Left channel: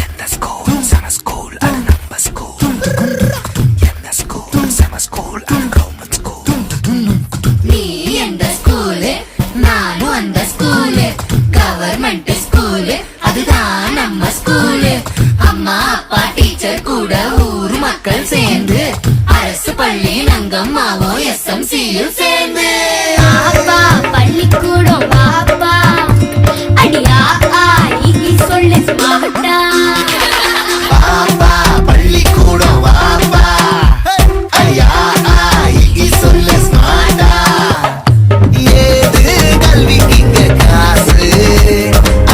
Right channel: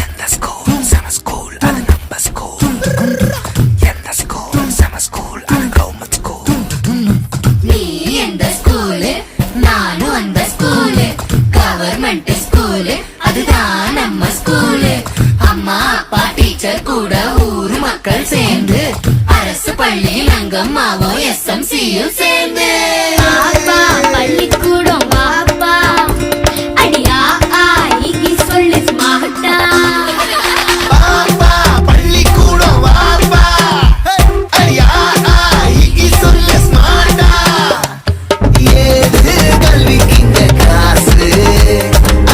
எந்த ஸ்கூல் சம ஸ்கூல் அது நம்ம ஸ்கூல், எந்த ஸ்கூல் சம ஸ்கூல் அது கவர்மெண்ட் ஸ்கூல். நீ எந்த ஸ்கூலு நானும் அந்த ஸ்கூலு, கவர்மெண்ட் ஸ்கூலு அதுதான் நம்ம ஸ்கூலு. அம்மா அப்பா டீச்சர் கூட ஊரு மக்கள் சேர்ந்து அரசு பள்ளியில் அங்கம்மாவும் SMCயும் சேர்ந்து அப்பா பள்ளிக்கூடம் வாப்பா, அடியா ஆகி சொல்லு மாட்டா. பாப்பா பள்ளிக்கூடம் வாப்பா, அடியா ஆகி சொல்லு ஸ்மார்ட்டா. ஏது கல்விக்கு இங்க காசு,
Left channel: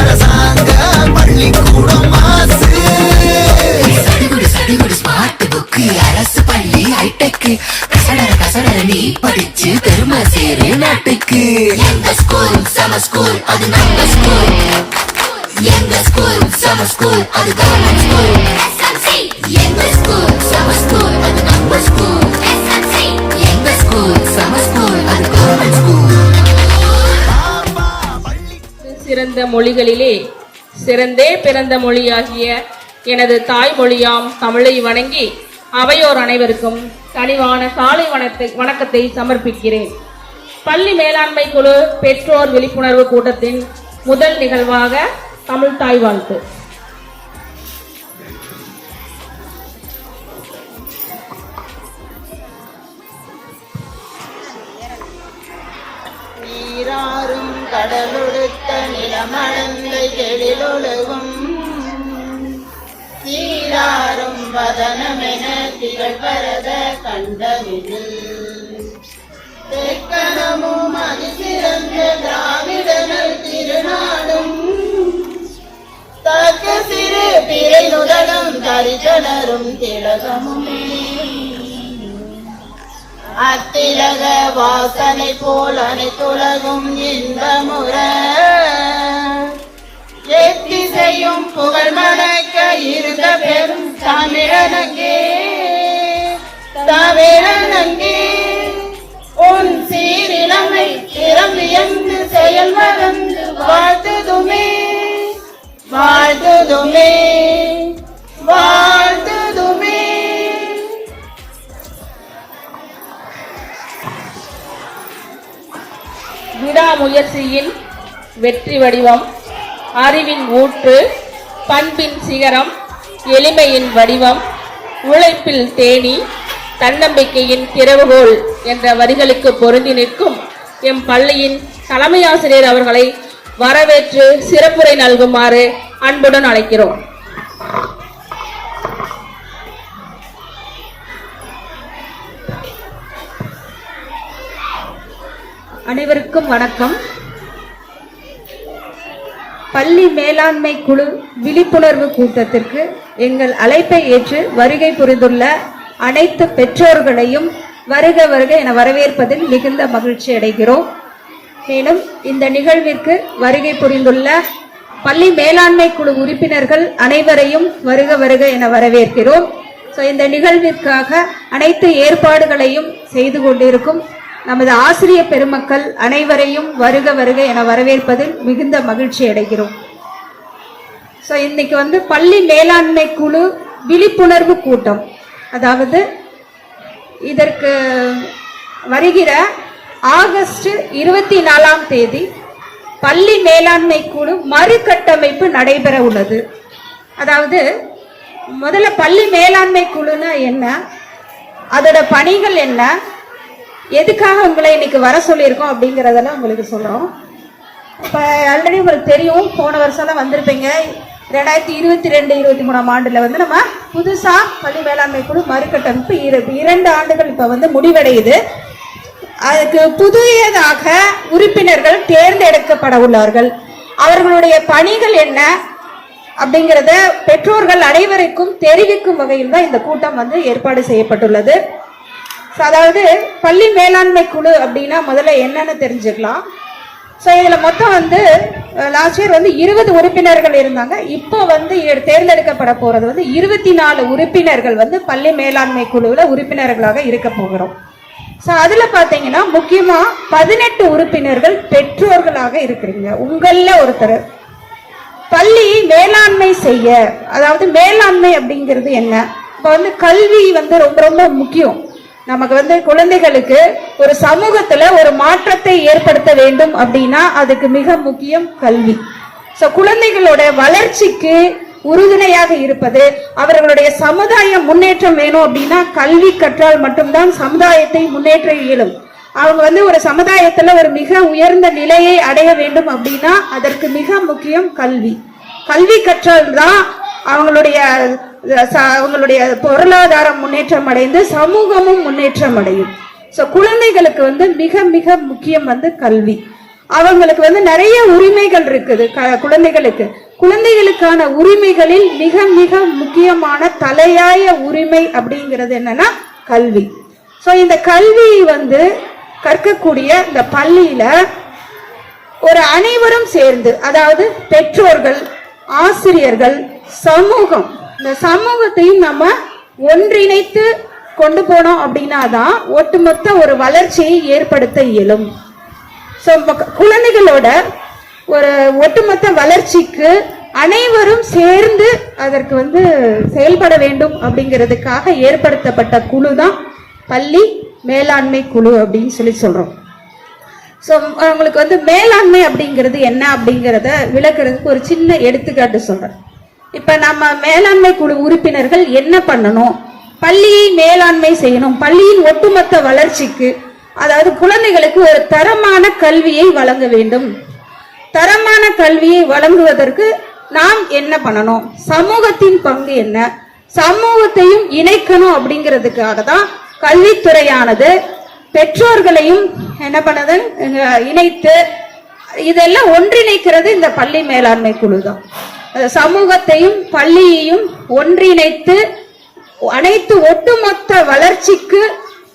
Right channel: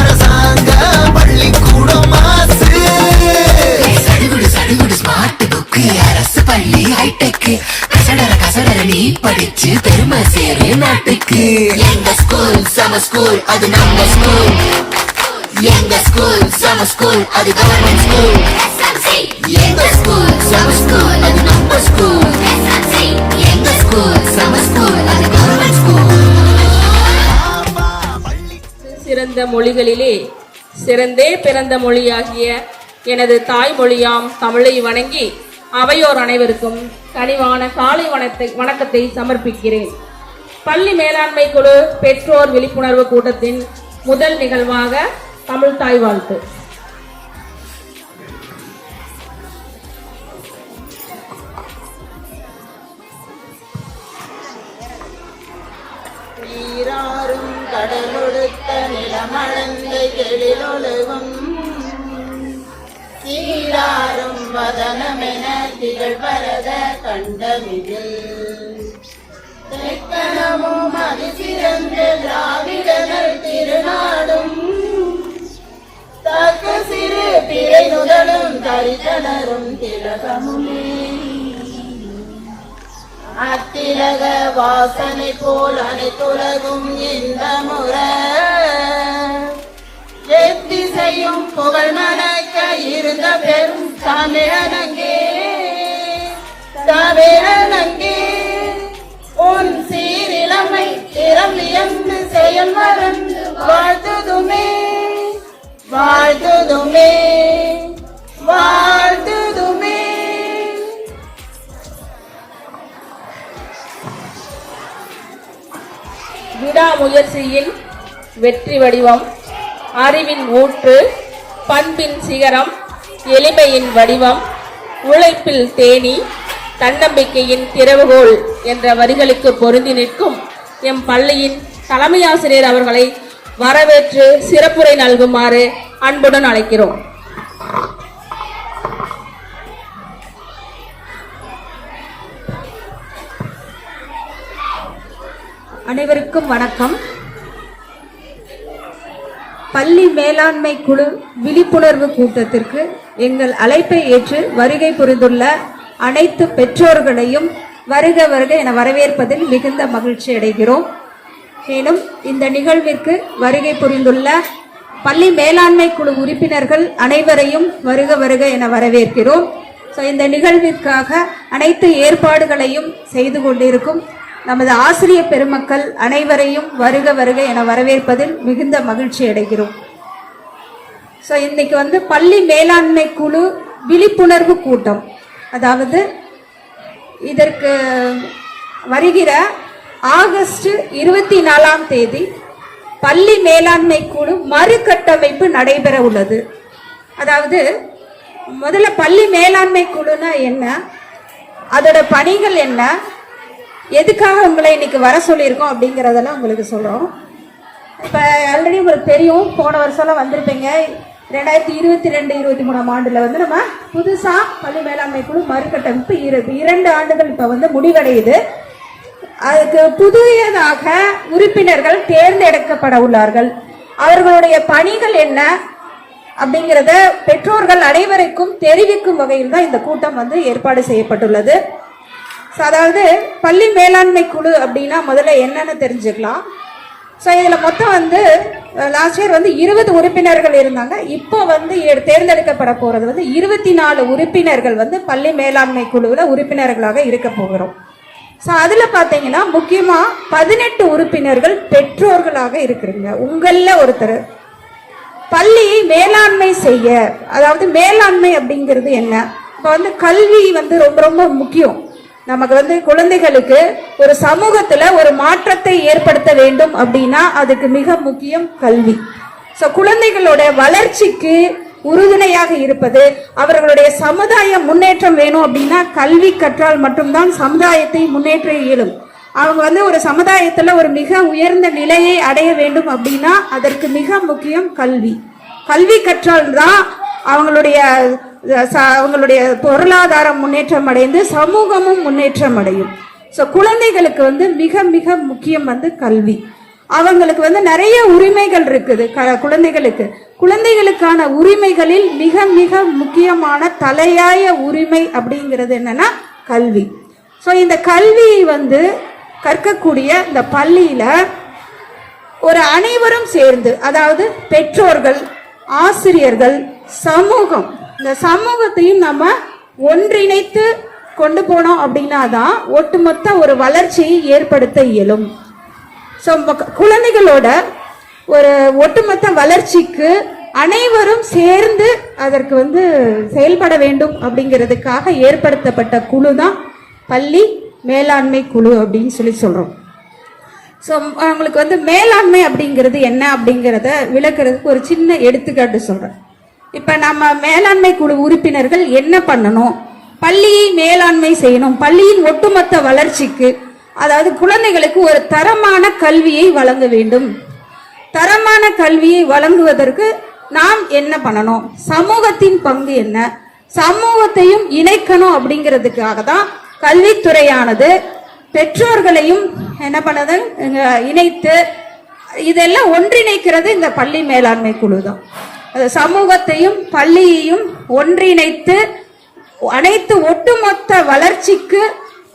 அரசாங்க பள்ளிக்கூடம் மாசு. சடுகுடு சடுகுடு ஸ்மார்ட் புக்கு, அரசு பள்ளி ஹைடெக், கசடர நீ படிச்சு பெருமை சேரு நாட்டுக்கு. எங்க ஸ்கூல் சம ஸ்கூல் அது நம்ம ஸ்கூல், எங்க ஸ்கூல் சம ஸ்கூல் அது கவர்மெண்ட் ஸ்கூல். எங்க ஸ்கூல் சம ஸ்கூல் அது நம்ம ஸ்கூல், எங்க ஸ்கூல் சம ஸ்கூல் அது கவர்மெண்ட் ஸ்கூல். சிறந்த மொழிகளிலே சிறந்தே பிறந்த மொழியாகிய எனது தாய்மொழியாம் தமிழை வணங்கி அவையோர் அனைவருக்கும் கனிவான காலை வணக்கத்தை சமர்ப்பிக்கிறேன். பள்ளி மேலாண்மை குழு பெற்றோர் விழிப்புணர்வு கூட்டத்தின் முதல் நிகழ்வாக தமிழ் தாய் வாழ்த்து. நீராறும் கடலொடுத்த நிலமளந்த எழிலொழுகும், சீராறும் வதனமென திகழ்வரத கண்டமிதில், தெக்கணமும் அதிசிறந்த திராவிடர்கள் திருநாடும், தக்க சிறு பிறை நுதலும் தரிசனரும் திலகமுமே. அத்திலக வாசனை போல் அனைத்துலகும் இந்த முறை, எத்திசையும் புகழ் மணக்க இருந்த பெரும் தமிழனங்கே தமிழனங்கே. உன் சீரிழமை திறம் வியந்து செயல் மறந்து வாழ்த்துதுமே வாழ்த்துதுமே வாழ்த்துதுமே. விடாமுயற்சியின் வெற்றி வடிவம், அறிவின் ஊற்று, பண்பின் சிகரம், எளிமையின் வடிவம், உழைப்பில் தேனி, தன்னம்பிக்கையின் திறவுகோல் என்ற வரிகளுக்கு பொருந்தி நிற்கும் எம் பள்ளியின் தலைமை ஆசிரியர் அவர்களை வரவேற்று சிறப்புரை நல்குமாறு அன்புடன் அழைக்கிறோம். அனைவருக்கும் வணக்கம். பள்ளி மேலாண்மை குழு விழிப்புணர்வு கூட்டத்திற்கு எங்கள் அழைப்பை ஏற்று வருகை புரிந்துள்ள அனைத்து பெற்றோர்களையும் வருக வருக என வரவேற்பதில் மிகுந்த மகிழ்ச்சி அடைகிறோம். மேலும் இந்த நிகழ்விற்கு வருகை புரிந்துள்ள பள்ளி மேலாண்மை குழு உறுப்பினர்கள் அனைவரையும் வருக வருக என வரவேற்கிறோம். இந்த நிகழ்விற்காக அனைத்து ஏற்பாடுகளையும் செய்து கொண்டிருக்கும் நமது ஆசிரியர் பெருமக்கள் அனைவரையும் வருக வருக என வரவேற்பதில் மிகுந்த மகிழ்ச்சி அடைகிறோம். இன்னைக்கு பள்ளி மேலாண்மை குழு விழிப்புணர்வு கூட்டம், அதாவது இதற்கு வருகிற ஆகஸ்ட் 24ஆம் தேதி பள்ளி மேலாண்மை குழு மறுகட்டமைப்பு நடைபெற உள்ளது. அதாவது முதல்ல பள்ளி மேலாண்மை குழுனா என்ன, அதோட பணிகள் என்ன, எதுக்காக உங்களை இன்னைக்கு வர சொல்லியிருக்கோம் அப்படிங்கிறதெல்லாம் உங்களுக்கு சொல்கிறோம். இப்போ ஆல்ரெடி உங்களுக்கு தெரியும், போன வருஷம்லாம் வந்திருப்பீங்க. 2022-23ஆம் ஆண்டில் நம்ம புதுசாக பள்ளி மேலாண்மை குழு மறுகட்டமைப்பு 2 ஆண்டுகள் இப்போ முடிவடையுது. அதுக்கு புதியதாக உறுப்பினர்கள் தேர்ந்தெடுக்கப்பட உள்ளார்கள். அவர்களுடைய பணிகள் என்ன அப்படிங்கிறத பெற்றோர்கள் அனைவருக்கும் தெரிவிக்கும் வகையில் தான் இந்த கூட்டம் ஏற்பாடு செய்யப்பட்டுள்ளது. அதாவது பள்ளி மேலாண்மை குழு அப்படின்னா முதல்ல என்னன்னு தெரிஞ்சுக்கலாம். இதில் மொத்தம் லாஸ்ட் இயர் 20 உறுப்பினர்கள் இருந்தாங்க. இப்போ தேர்ந்தெடுக்கப்பட போகிறது 24 உறுப்பினர்கள் பள்ளி மேலாண்மை குழுவில் உறுப்பினர்களாக இருக்க போகிறோம். அதில் பார்த்தீங்கன்னா முக்கியமாக 18 உறுப்பினர்கள் பெற்றோர்களாக இருக்கிறீங்க. உங்களில் ஒருத்தர் பள்ளியை மேலாண்மை செய்ய, அதாவது மேலாண்மை அப்படிங்கிறது என்ன? இப்ப வந்து கல்வி வந்து ரொம்ப ரொம்ப முக்கியம். நமக்கு வந்து குழந்தைகளுக்கு ஒரு சமூகத்துல ஒரு மாற்றத்தை ஏற்படுத்த வேண்டும் அப்படின்னா அதுக்கு மிக முக்கியம் கல்வி. சோ குழந்தைகளோட வளர்ச்சிக்கு உறுதுணையாக இருப்பது, அவர்களுடைய சமுதாய முன்னேற்றம் வேணும் அப்படின்னா கல்வி கற்றால் மட்டும்தான் சமுதாயத்தை முன்னேற்ற இயலும். அவங்க வந்து ஒரு சமுதாயத்துல ஒரு மிக உயர்ந்த நிலையை அடைய வேண்டும் அப்படின்னா அதற்கு மிக முக்கியம் கல்வி. கல்வி கற்றால் தான் அவங்களுடைய பொருளாதாரம் முன்னேற்றம் அடைந்து சமூகமும் முன்னேற்றம் அடையும். சோ குழந்தைகளுக்கு வந்து மிக மிக முக்கியம் வந்து கல்வி. அவங்களுக்கு வந்து நிறைய உரிமைகள் இருக்குது. குழந்தைகளுக்கான உரிமைகளில் மிக மிக முக்கியமான தலையாய உரிமை அப்படிங்கிறது என்னன்னா கல்வி. சோ இந்த கல்வி வந்து கற்கக்கூடிய இந்த பள்ளியில ஒரு அனைவரும் சேர்ந்து, அதாவது பெற்றோர்கள், ஆசிரியர்கள், சமூகம், இந்த சமூகத்தையும் நம்ம ஒன்றிணைத்து கொண்டு போனோம் அப்படின்னாதான் ஒட்டுமொத்த ஒரு வளர்ச்சியை ஏற்படுத்த இயலும். குழந்தைகளோட ஒரு ஒட்டுமொத்த வளர்ச்சிக்கு அனைவரும் சேர்ந்து அதற்கு வந்து செயல்பட வேண்டும் அப்படிங்கிறதுக்காக ஏற்படுத்தப்பட்ட குழு தான் பள்ளி மேலாண்மை குழு அப்படின்னு சொல்றோம். ஸோ உங்களுக்கு வந்து மேலாண்மை அப்படிங்கிறது என்ன அப்படிங்கிறத விளக்குறதுக்கு ஒரு சின்ன எடுத்துக்காட்டு சொல்றேன். இப்ப நம்ம மேலாண்மை குழு உறுப்பினர்கள் என்ன பண்ணணும்? பள்ளியை மேலாண்மை செய்யணும். பள்ளியின் ஒட்டுமொத்த வளர்ச்சிக்கு, அதாவது குழந்தைகளுக்கு ஒரு தரமான கல்வியை வழங்க வேண்டும். தரமான கல்வியை வழங்குவதற்கு நாம் என்ன பண்ணணும்? சமூகத்தின் பங்கு என்ன? சமூகத்தையும் இணைக்கணும். அப்படிங்கிறதுக்காக தான் கல்வித்துறையானது பெற்றோர்களையும் என்ன பண்ணது இணைத்து இதெல்லாம் ஒன்றிணைக்கிறது இந்த பள்ளி மேலாண்மை குழு தான். சமூகத்தையும் பள்ளியையும் ஒன்றிணைத்து அனைத்து ஒட்டுமொத்த வளர்ச்சிக்கு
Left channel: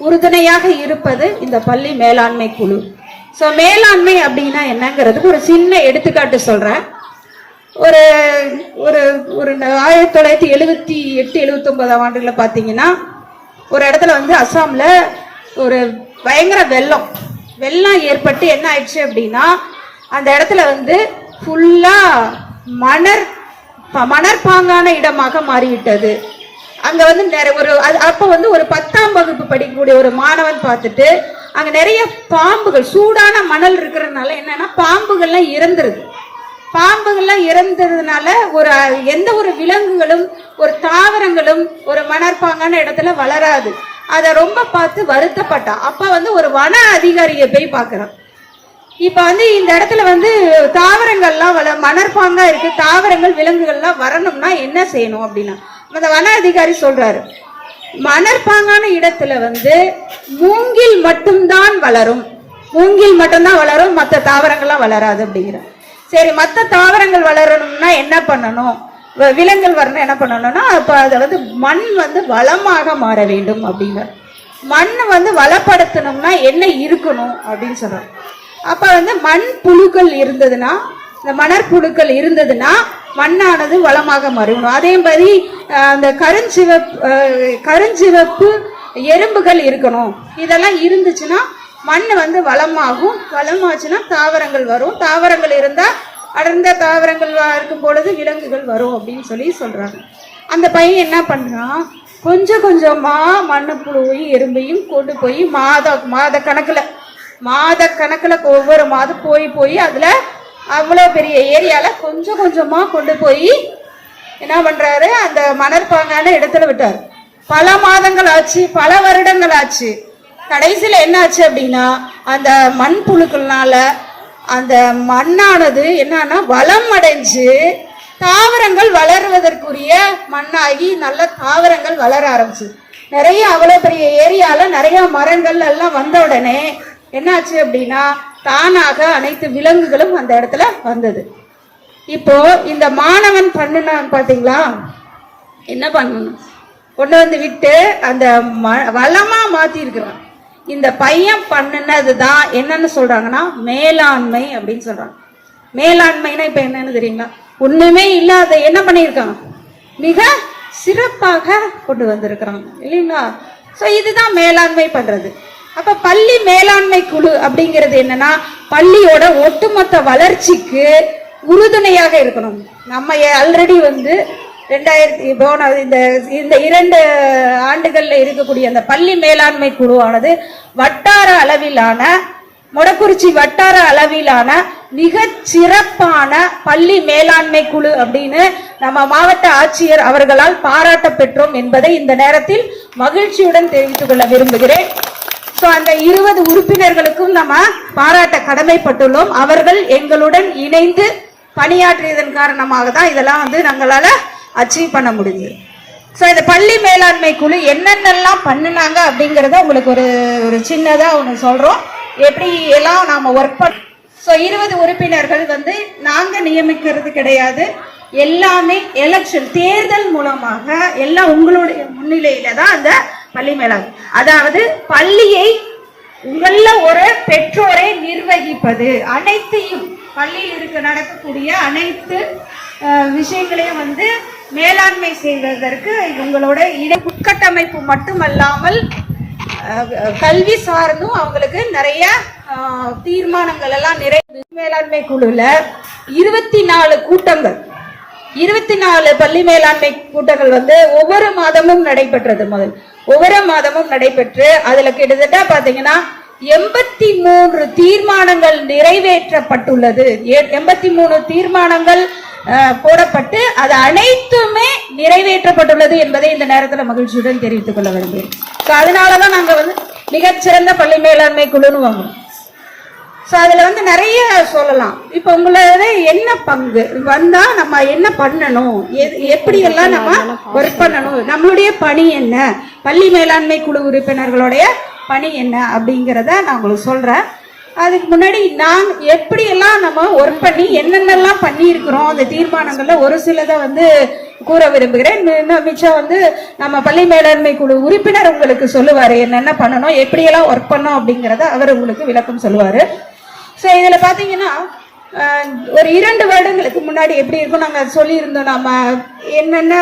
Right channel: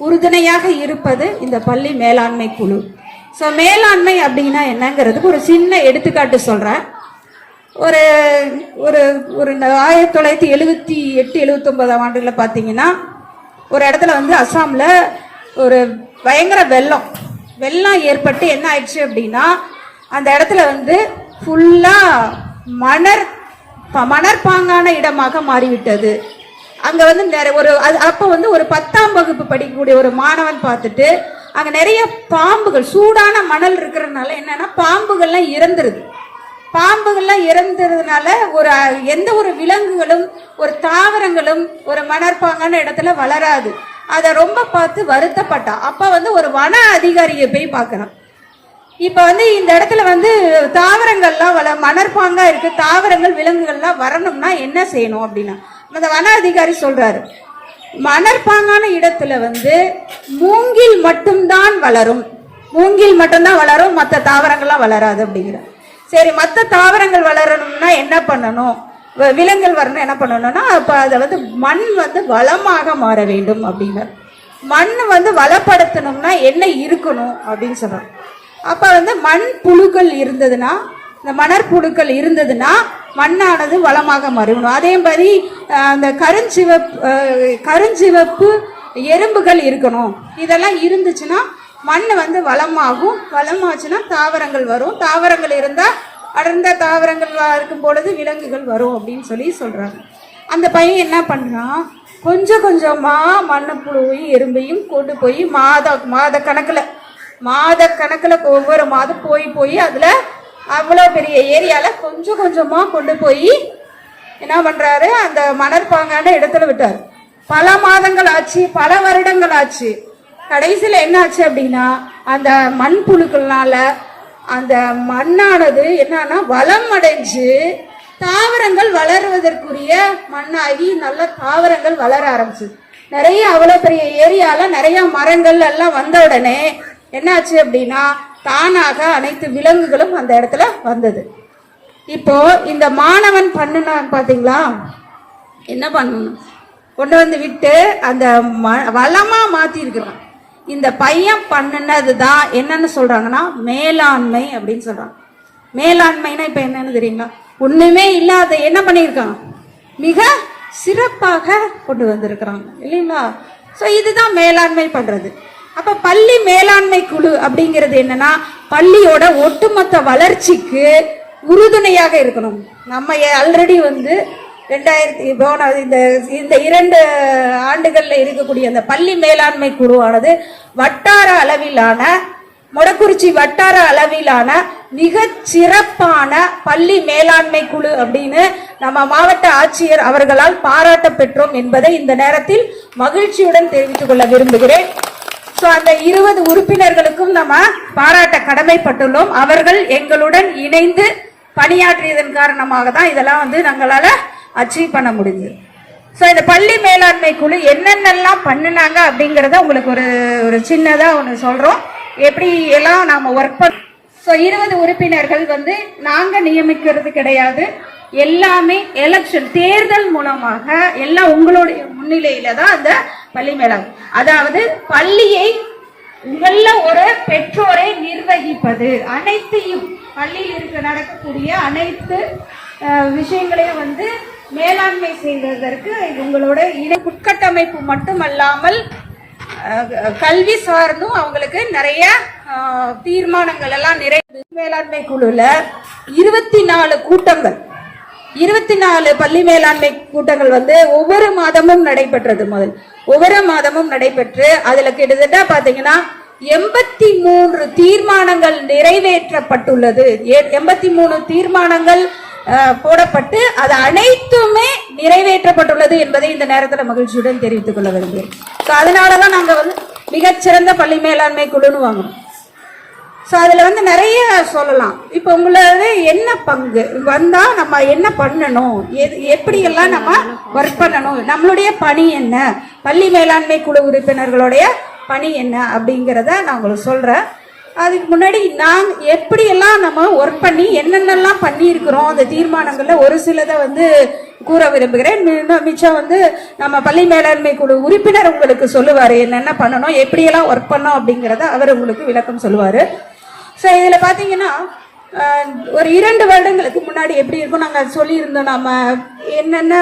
உறுதுணையாக இருப்பது இந்த பள்ளி மேலாண்மை குழு. சோ மேலாண்மை அப்படின்னா என்னங்கிறதுக்கு ஒரு சின்ன எடுத்துக்காட்டு சொல்றேன். ஒரு ஒரு ஒரு 1978-79 ஆண்டுல பாத்தீங்கன்னா ஒரு இடத்துல வந்து அசாம்ல ஒரு பயங்கர வெள்ளம் ஏற்பட்டு என்ன ஆயிடுச்சு அப்படின்னா அந்த இடத்துல வந்து ஃபுல்லா மணற்பாங்கான இடமாக மாறிவிட்டது. அங்க வந்து அப்ப வந்து ஒரு 10ஆம் வகுப்பு படிக்கக்கூடிய ஒரு மாணவன் பார்த்துட்டு அங்க நிறைய பாம்புகள், சூடான மணல் இருக்கிறதுனால என்னன்னா பாம்புகள்லாம் இறந்ததுனால ஒரு எந்த ஒரு விலங்குகளும் ஒரு தாவரங்களும் ஒரு மணற்பாங்கான இடத்துல வளராது. அத ரொம்ப பார்த்து வருத்தப்பட்டான். அப்ப வந்து ஒரு வன அதிகாரியை போய் பார்க்கறான். இப்ப வந்து இந்த இடத்துல வந்து தாவரங்கள்லாம் மணற்பாங்கா இருக்கு, தாவரங்கள் விலங்குகள்லாம் வரணும்னா என்ன செய்யணும் அப்படின்னா அந்த வன அதிகாரி சொல்றாரு, மணற்பாங்கான இடத்துல வந்து மூங்கில் மட்டும்தான் வளரும், மற்ற தாவரங்கள்லாம் வளராது அப்படிங்கிற. சரி, மற்ற தாவரங்கள் வளரணும்னா என்ன பண்ணணும்? விலங்குகள் வரணும் என்ன பண்ணணும்னா அப்ப அதை வந்து மண் வந்து வளமாக மாற வேண்டும் அப்படிங்கிற. மண் வந்து வளப்படுத்தணும்னா என்ன இருக்கணும் அப்படின்னு சொல்றாங்க. அப்ப வந்து மண் புழுக்கள் இருந்ததுன்னா, இந்த மணற்புழுக்கள் இருந்ததுன்னா மண்ணானது வளமாக மாறும். அதே மாதிரி அந்த கருஞ்சிவப்பு எறும்புகள் இருக்கணும். இதெல்லாம் இருந்துச்சுன்னா மண் வந்து வளமாகும். வளமாச்சுன்னா தாவரங்கள் வரும். தாவரங்கள் இருந்தா அடர்ந்த தாவரங்கள் இருக்கும் பொழுது விலங்குகள் வரும் அப்படின்னு சொல்றாங்க. அந்த பையன் என்ன பண்றான், கொஞ்சம் கொஞ்சமா மண்ணுப்புழுவையும் எறும்பையும் கொண்டு போய் மாத கணக்குல ஒவ்வொரு மாதம் போய் அதுல அவ்வளவு பெரிய ஏரியால கொஞ்சம் கொஞ்சமா கொண்டு போய் என்ன பண்றாரு, அந்த மணற்பாங்கான இடத்துல விட்டாரு. பல மாதங்கள் ஆச்சு, பல வருடங்கள் ஆச்சு. கடைசியில என்ன ஆச்சு அப்படின்னா அந்த மண்புழுக்கள்னால அந்த மண்ணானது என்னன்னா வளம் அடைஞ்சு தாவரங்கள் வளருவதற்குரிய மண்ணாகி நல்ல தாவரங்கள் வளர ஆரம்பிச்சு. நிறைய அவ்வளவு பெரிய ஏரியால நிறைய மரங்கள் எல்லாம் வந்த உடனே என்னாச்சு அப்படின்னா தானாக அனைத்து விலங்குகளும் அந்த இடத்துல வந்தது. இப்போ இந்த மாணவன் பண்ணுன பாத்தீங்களா, என்ன பண்ணணும், கொண்டு வந்து விட்டு அந்த வளமா மாத்தி இருக்கிறான். இந்த பையன் பண்ணுனதுதான் என்னன்னு சொல்றாங்கன்னா மேலாண்மை அப்படின்னு சொல்றாங்க. மேலாண்மைனா இப்ப என்னன்னு தெரியுங்களா, ஒண்ணுமே இல்லாத என்ன பண்ணிருக்காங்க, மிக சிறப்பாக கொண்டு வந்திருக்கிறாங்க இல்லைங்களா. சோ இதுதான் மேலாண்மை பண்றது. அப்ப பள்ளி மேலாண்மை குழு அப்படிங்கிறது என்னன்னா பள்ளியோட ஒட்டுமொத்த வளர்ச்சிக்கு உறுதுணையாக இருக்கணும். நம்ம ஆல்ரெடி வந்து 2000 போன இந்த 2 ஆண்டுகள்ல இருக்கக்கூடிய அந்த பள்ளி மேலாண்மை குழுவானது வட்டார அளவிலான மொடக்குறிச்சி வட்டார அளவிலான மிக சிறப்பான பள்ளி மேலாண்மை குழு அப்படின்னு நம்ம மாவட்ட ஆட்சியர் அவர்களால் பாராட்ட பெற்றோம் என்பதை இந்த நேரத்தில் மகிழ்ச்சியுடன் தெரிவித்துக் கொள்ள விரும்புகிறேன். அந்த 20 உறுப்பினர்களுக்கும் நம்ம பாராட்ட கடமைப்பட்டுள்ளோம். அவர்கள் எங்களுடன் இணைந்து பணியாற்றியதன் காரணமாக தான் இதெல்லாம் வந்து நாங்களால அச்சீவ் பண்ண முடிஞ்சது. இந்த பள்ளி மேலாண்மை குழு என்னென்னலாம் பண்ணினாங்க அப்படிங்கறத உங்களுக்கு ஒரு சின்னதா ஒன்று சொல்றோம். எப்படி எல்லாம் நாம ஒர்க் பண்ண 20 உறுப்பினர்கள் வந்து நாங்க நியமிக்கிறது கிடையாது. எல்லாமே எலெக்ஷன் தேர்தல் மூலமாக எல்லாம் உங்களுடைய முன்னிலையில தான் அந்த பள்ளி மேலாண்மை, அதாவது பள்ளியை உங்கள ஒரு பெற்றோரை நிர்வகிப்பது, அனைத்தையும் பள்ளியில் நடக்கக்கூடிய அனைத்து விஷயங்களையும் வந்து மேலாண்மை செய்வதற்கு இவங்களோட உட்கட்டமைப்பு மட்டுமல்லாமல் கல்வி சார்ந்தும் அவங்களுக்கு நிறைய தீர்மானங்கள் எல்லாம் மேலாண்மை குழுல 24 கூட்டங்கள், 24 பள்ளி மேலாண்மை கூட்டங்கள் வந்து ஒவ்வொரு மாதமும் நடைபெற்றது. ஒவ்வொரு மாதமும் நடைபெற்று அதுல கிட்டத்தட்ட பாத்தீங்கன்னா 83 தீர்மானங்கள் நிறைவேற்றப்பட்டுள்ளது. 83 தீர்மானங்கள் போடப்பட்டு அது அனைத்துமே நிறைவேற்றப்பட்டுள்ளது என்பதை இந்த நேரத்தில் மகிழ்ச்சியுடன் தெரிவித்துக் கொள்ள விரும்புகிறேன். அதனாலதான் நாங்க வந்து மிகச்சிறந்த பள்ளி மேலாண்மை குழுன்னு வாங்குறோம். அதுல வந்து நிறைய சொல்லலாம். இப்ப உங்களோட என்ன பங்கு வந்தா நம்ம என்ன பண்ணணும், எப்படி எல்லாம் நம்ம ஒர்க் பண்ணணும், நம்மளுடைய பணி என்ன, பள்ளி மேலாண்மை குழு உறுப்பினர்களுடைய பணி என்ன அப்படிங்கிறத நான் உங்களுக்கு சொல்றேன். அதுக்கு முன்னாடி நான் எப்படி எல்லாம் நம்ம ஒர்க் பண்ணி என்னென்னலாம் பண்ணி இருக்கிறோம் அந்த தீர்மானங்கள்ல ஒரு சிலதை வந்து கூற விரும்புகிறேன். மிச்சம் வந்து நம்ம பள்ளி மேலாண்மை குழு உறுப்பினர் உங்களுக்கு சொல்லுவாரு என்னென்ன பண்ணணும், எப்படியெல்லாம் ஒர்க் பண்ணோம் அப்படிங்கிறத அவர் உங்களுக்கு விளக்கம் சொல்லுவாரு. இதுல பாத்தீங்கன்னா ஒரு 2 வருடங்களுக்கு முன்னாடி எப்படி இருக்கும் நாங்க சொல்லியிருந்தோம், நம்ம என்னென்ன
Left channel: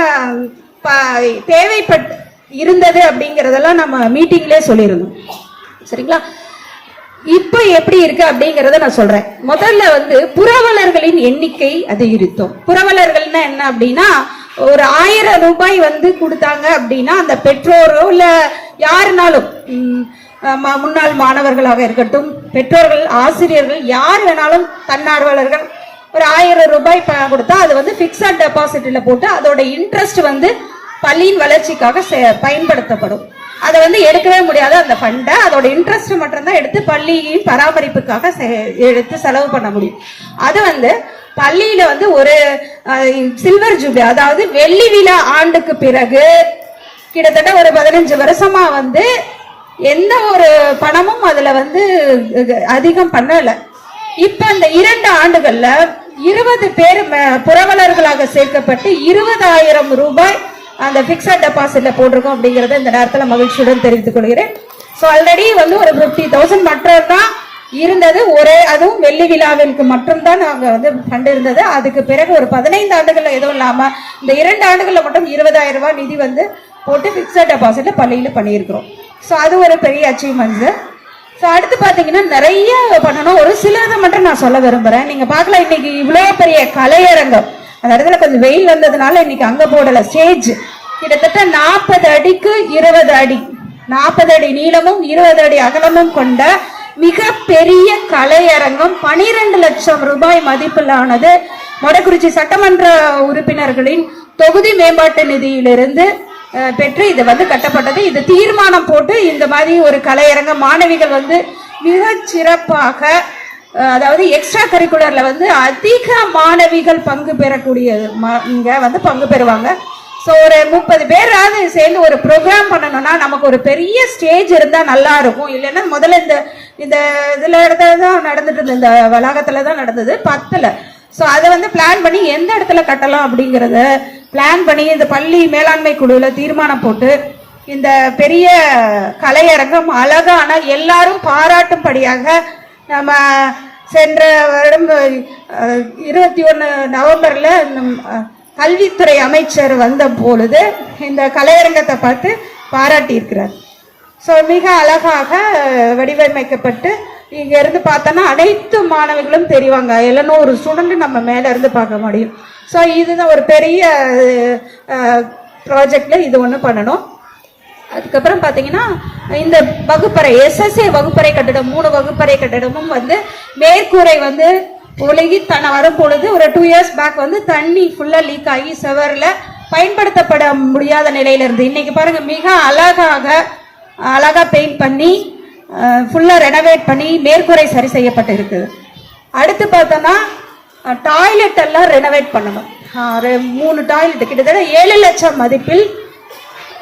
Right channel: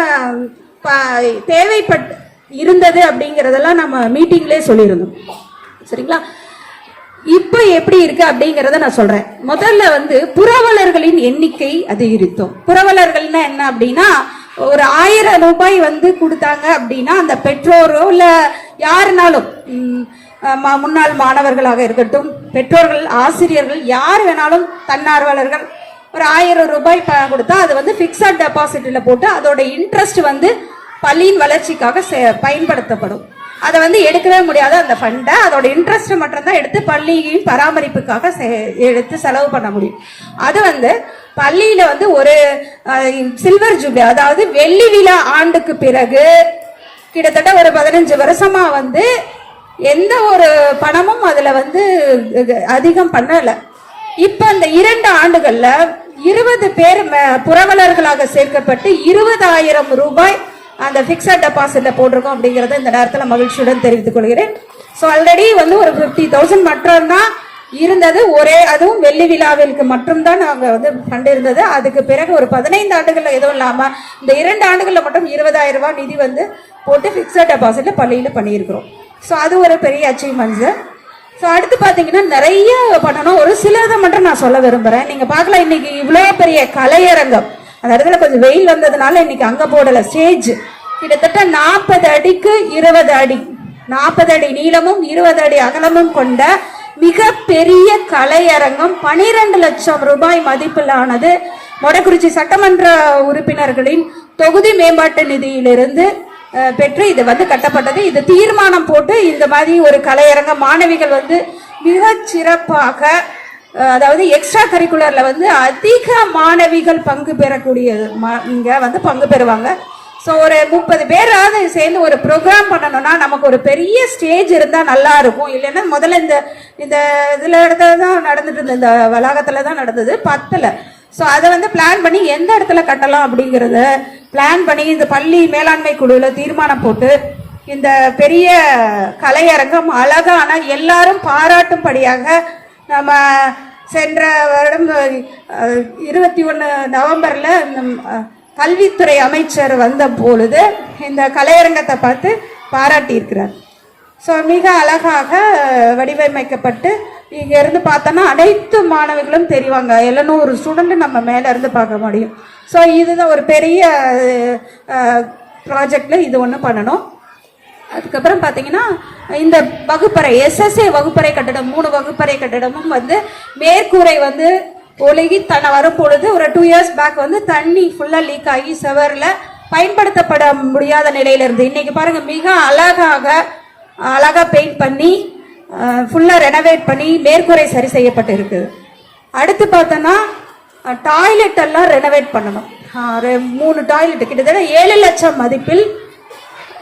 தேவைப்பட்டு இருந்தது அப்படிங்கறதெல்லாம் நம்ம மீட்டிங்லயே சொல்லியிருந்தோம். சரிங்களா? இப்ப எப்படி இருக்கு அப்படிங்கறத நான் சொல்றேன். முதல்ல வந்து புரவலர்களின் எண்ணிக்கை அதிகரித்தோம். புரவலர்கள்னா என்ன அப்படின்னா, ஒரு 1000 ரூபாய் வந்து கொடுத்தாங்க அப்படின்னா அந்த பெற்றோரோ இல்ல யாருனாலும், முன்னாள் மாணவர்களாக இருக்கட்டும், பெற்றோர்கள், ஆசிரியர்கள், யார் வேணாலும் தன்னார்வலர்கள் ஒரு 1000 ரூபாய் கொடுத்தா அது வந்து பிக்ஸட் டெபாசிட்ல போட்டு அதோட இன்ட்ரெஸ்ட் வந்து பள்ளியின் வளர்ச்சிக்காக பயன்படுத்தப்படும். அதை வந்து எடுக்கவே முடியாது. அந்த ஃபண்டை அதோட இன்ட்ரெஸ்ட் மட்டும் தான் எடுத்து பள்ளியின் பராமரிப்புக்காக எடுத்து செலவு பண்ண முடியும். அது வந்து பள்ளியில வந்து ஒரு சில்வர் ஜூப்ளி, அதாவது வெள்ளி விழா ஆண்டுக்கு பிறகு கிட்டத்தட்ட ஒரு 15 வருஷமா வந்து எந்த ஒரு பணமும் அதுல வந்து அதிகம் பண்ணல. இப்ப இந்த 2 ஆண்டுகள்ல 20 பேர் புரவலர்களாக சேர்க்கப்பட்டு 20,000 ரூபாய் அந்த பிக்ஸட் டெபாசிட்ல போட்டிருக்கோம் அப்படிங்கறத இந்த நேரத்தில் மகிழ்ச்சியுடன் தெரிவித்துக் கொள்கிறேன். ஆல்ரெடி வந்து ஒரு 50,000 மட்டும் தான் இருந்தது. அதுவும் வெள்ளி விழாவிற்கு மட்டும்தான் நாங்க வந்து ஃபண்ட் இருந்தது. அதுக்கு பிறகு ஒரு 15 ஆண்டுகள்ல எதுவும் இல்லாம இந்த 2 ஆண்டுகள்ல மட்டும் 20,000 ரூபாய் நிதி வந்து போட்டு பிக்ஸட் டெபாசிட்ல பள்ளியில பண்ணியிருக்கிறோம். அது ஒரு பெரிய அச்சீவ்மெண்ட். அடுத்து பாத்தீங்கன்னா நிறைய பண்ணணும். ஒரு சிலதை மட்டும் நான் சொல்ல விரும்புறேன். நீங்க பாக்கலாம், இன்னைக்கு இவ்வளவு பெரிய கலையரங்கம், அந்த இடத்துல கொஞ்சம் வெயில் வந்ததுனால இன்னைக்கு அங்க போடல. ஸ்டேஜ் கிட்டத்தட்ட 40 அடிக்கு 20 அடி, 40 அடி நீளமும் 20 அடி அகலமும் கொண்ட மிக பெரிய கலையரங்கம் 12 லட்சம் ரூபாய் மதிப்பிலானது மொடக்குறிச்சி சட்டமன்ற உறுப்பினர்களின் தொகுதி மேம்பாட்டு நிதியிலிருந்து பெற்று இது வந்து கட்டப்பட்டது. இது தீர்மானம் போட்டு இந்த மாதிரி ஒரு கலையரங்கம் மாணவிகள் வந்து மிக சிறப்பாக, அதாவது எக்ஸ்ட்ரா கரிக்குலர்ல வந்து அதிக மாணவிகள் பங்கு பெறக்கூடிய இங்க வந்து பங்கு பெறுவாங்க. ஒரு 30 பேராவது சேர்ந்து ஒரு ப்ரோக்ராம் பண்ணணும்னா நமக்கு ஒரு பெரிய ஸ்டேஜ் இருந்தா நல்லா இருக்கும். இல்லைன்னா முதல்ல இந்த இதுல தான் நடந்துட்டு இருந்தது, இந்த வளாகத்துல தான் நடந்தது 10ல. அதை வந்து பிளான் பண்ணி எந்த இடத்துல கட்டலாம் அப்படிங்கறத பிளான் பண்ணி இந்த பள்ளி மேலாண்மை குழுல தீர்மானம் போட்டு இந்த பெரிய கலையரங்கம் அழகான எல்லாரும் பாராட்டும்படியாக நம்ம சென்ற வருடம் 21 நவம்பர்ல கல்வித்துறை அமைச்சர் வந்த பொழுது இந்த கலையரங்கத்தை பார்த்து பாராட்டி இருக்கிறார். மிக அழகாக வடிவமைக்கப்பட்டு இங்க இருந்து பார்த்தோன்னா அனைத்து மாணவிகளும் தெரிவாங்க. 700 ஸ்டூடெண்ட் நம்ம மேல இருந்து பார்க்க முடியும். ஸோ இதுதான் ஒரு பெரிய ப்ராஜெக்ட்ல இது ஒன்று பண்ணணும். அதுக்கப்புறம் பார்த்தீங்கன்னா இந்த வகுப்பறை SSA வகுப்பறை கட்டிடம் 3 வகுப்பறை கட்டிடமும் வந்து மேற்கூரை வந்து ஒழுகி வரும் பொழுது ஒரு 2 years பேக் வந்து தண்ணி ஃபுல்லா லீக் ஆகி செவர்ல பயன்படுத்தப்பட முடியாத நிலையில இருந்து இன்னைக்கு பாருங்க மிக அழகா பெயிண்ட் பண்ணி ஃபுல்லா ரெனோவேட் பண்ணி மேற்கூரை சரி செய்யப்பட்டு இருக்குது. அடுத்து பார்த்தோன்னா டாய்லெட் எல்லாம் ரெனோவேட் பண்ணணும். 3 டாய்லெட் கிட்டத்தட்ட 7 லட்சம் மதிப்பில்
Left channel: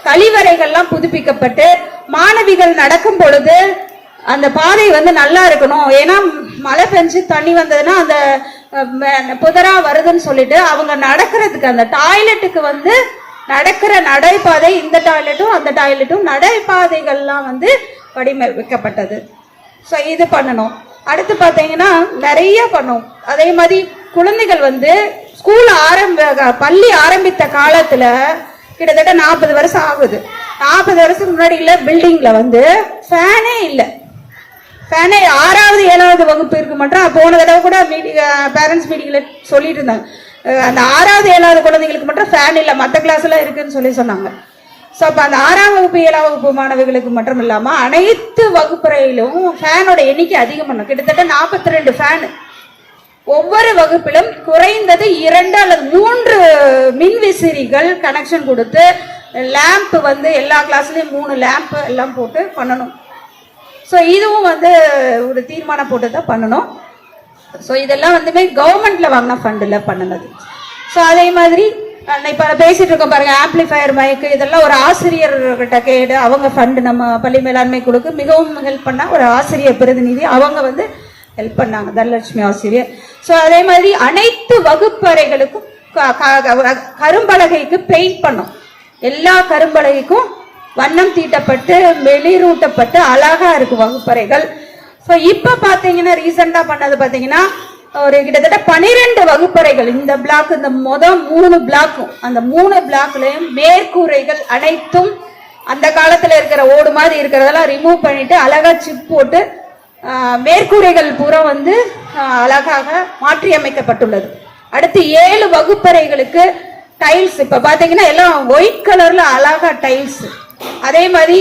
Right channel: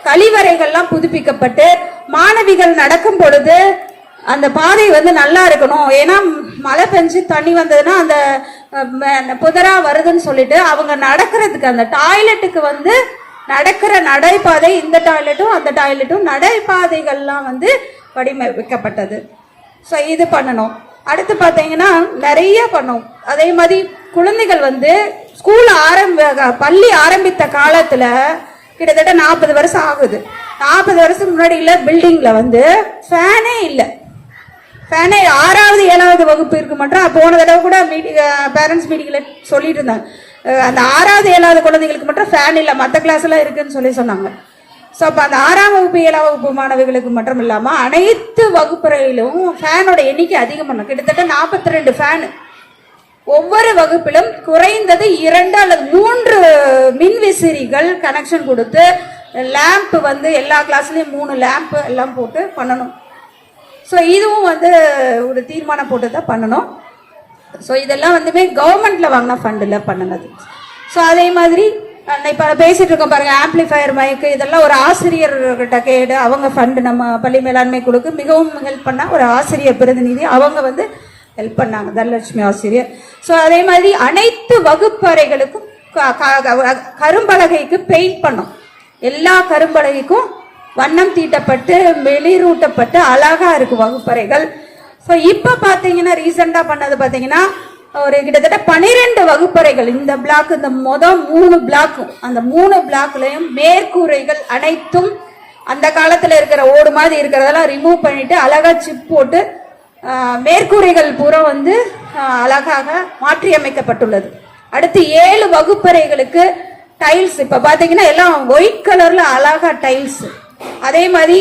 கழிவறைகள்லாம் புதுப்பிக்கப்பட்டு மாணவிகள் நடக்கும் பொழுது அந்த பாதை வந்து நல்லா இருக்கணும். ஏன்னா மழை பெஞ்சு தண்ணி வந்ததுன்னா அந்த புதரா வருதுன்னு சொல்லிட்டு அவங்க நடக்கிறதுக்கு அந்த டாய்லெட்டுக்கு வந்து நடக்கிற நடைபாதை இந்த டாய்லெட்டும் அந்த டாய்லெட்டும் நடைபாதைகள்லாம் வந்து வடிவமைக்கப்பட்டது. ஸோ இது பண்ணணும். அடுத்து பார்த்தீங்கன்னா நிறைய பண்ணும். அதே மாதிரி குழந்தைகள் வந்து பள்ளி ஆரம்பித்த காலத்துல கிட்டத்தட்ட 40 வருஷம் ஆகுது. 40 வருஷம் முன்னாடி பில்டிங்ல வந்து ஃபேனே இல்லை. ஃபேனே 6வது 7வது வகுப்பு இருக்கு மட்டும் போன தடவை கூட பேரண்ட்ஸ் மீட்டிங்ல சொல்லிட்டு இருந்தாங்க. அந்த 6வது 7வது குழந்தைங்களுக்கு மட்டும் ஃபேன் இல்லை, மற்ற கிளாஸ் எல்லாம் இருக்குன்னு சொன்னாங்க. ஸோ அப்போ அந்த 6ஆம் வகுப்பு 7ஆம் வகுப்பு மாணவிகளுக்கு மட்டும் இல்லாமல் அனைத்து வகுப்பறையிலும் ஃபேனோட எண்ணிக்கை அதிகம் பண்ணும். கிட்டத்தட்ட 42 ஃபேன் ஒவ்வொரு வகுப்பிலும் குறைந்தது 2 அல்லது 3 மின்விசிறிகள் கனெக்ஷன் கொடுத்து லேம்ப் வந்து எல்லா கிளாஸ்லயும் 3 லேம்ப் எல்லாம் போட்டு பண்ணணும். ஸோ இதுவும் வந்து ஒரு தீர்மானம் போட்டு தான் பண்ணணும். ஸோ இதெல்லாம் வந்துமே கவர்மெண்ட்ல வாங்கின ஃபண்டில் பண்ணினது. ஸோ அதே மாதிரி இப்போ பேசிட்டு இருக்கோம் பாருங்க, ஆம்பிளிஃபயர் மைக்கு இதெல்லாம் ஒரு ஆசிரியர்கிட்ட கேடு அவங்க ஃபண்டு நம்ம பள்ளி மேலாண்மை குழுக்கு மிகவும் ஹெல்ப் பண்ண ஒரு ஆசிரியர் பிரதிநிதி அவங்க வந்து ஹெல்ப் பண்ணாங்க, தனலட்சுமி ஆசிரியர். ஸோ அதே மாதிரி அனைத்து வகுப்பறைகளுக்கும் கரும்பலகைக்கு பெயிண்ட் பண்ணும். எல்லா கரும்பலகைக்கும் வண்ணம் தீட்டப்பட்டு வெளிரூட்டப்பட்டு அழகா இருக்கு வகுப்பறைகள். ஸோ இப்போ பார்த்தீங்கன்னா ரீசெண்டா பண்ணது பார்த்தீங்கன்னா ஒரு கிட்டத்தட்ட 12 வகுப்பறைகள் இந்த பிளாக், இந்த மொதல் 3 பிளாக்கும் அந்த 3 பிளாக்லயும் மேற்கூரைகள் அனைத்தும் அந்த காலத்துல இருக்கிற ஓடு மாதிரி இருக்கிறதெல்லாம் ரிமூவ் பண்ணிட்டு அழகா சிப் போட்டு மேற்கூரைகள் பூரா வந்து அழகாக மாற்றி அமைக்கப்பட்டுள்ளது. அடுத்து 7 வகுப்பறைகளுக்கு டைல்ஸ் இப்ப பாத்தீங்கன்னா எல்லாம் ஒயிட் கலர்ல அழகா டைல்ஸ். அதே மாதிரி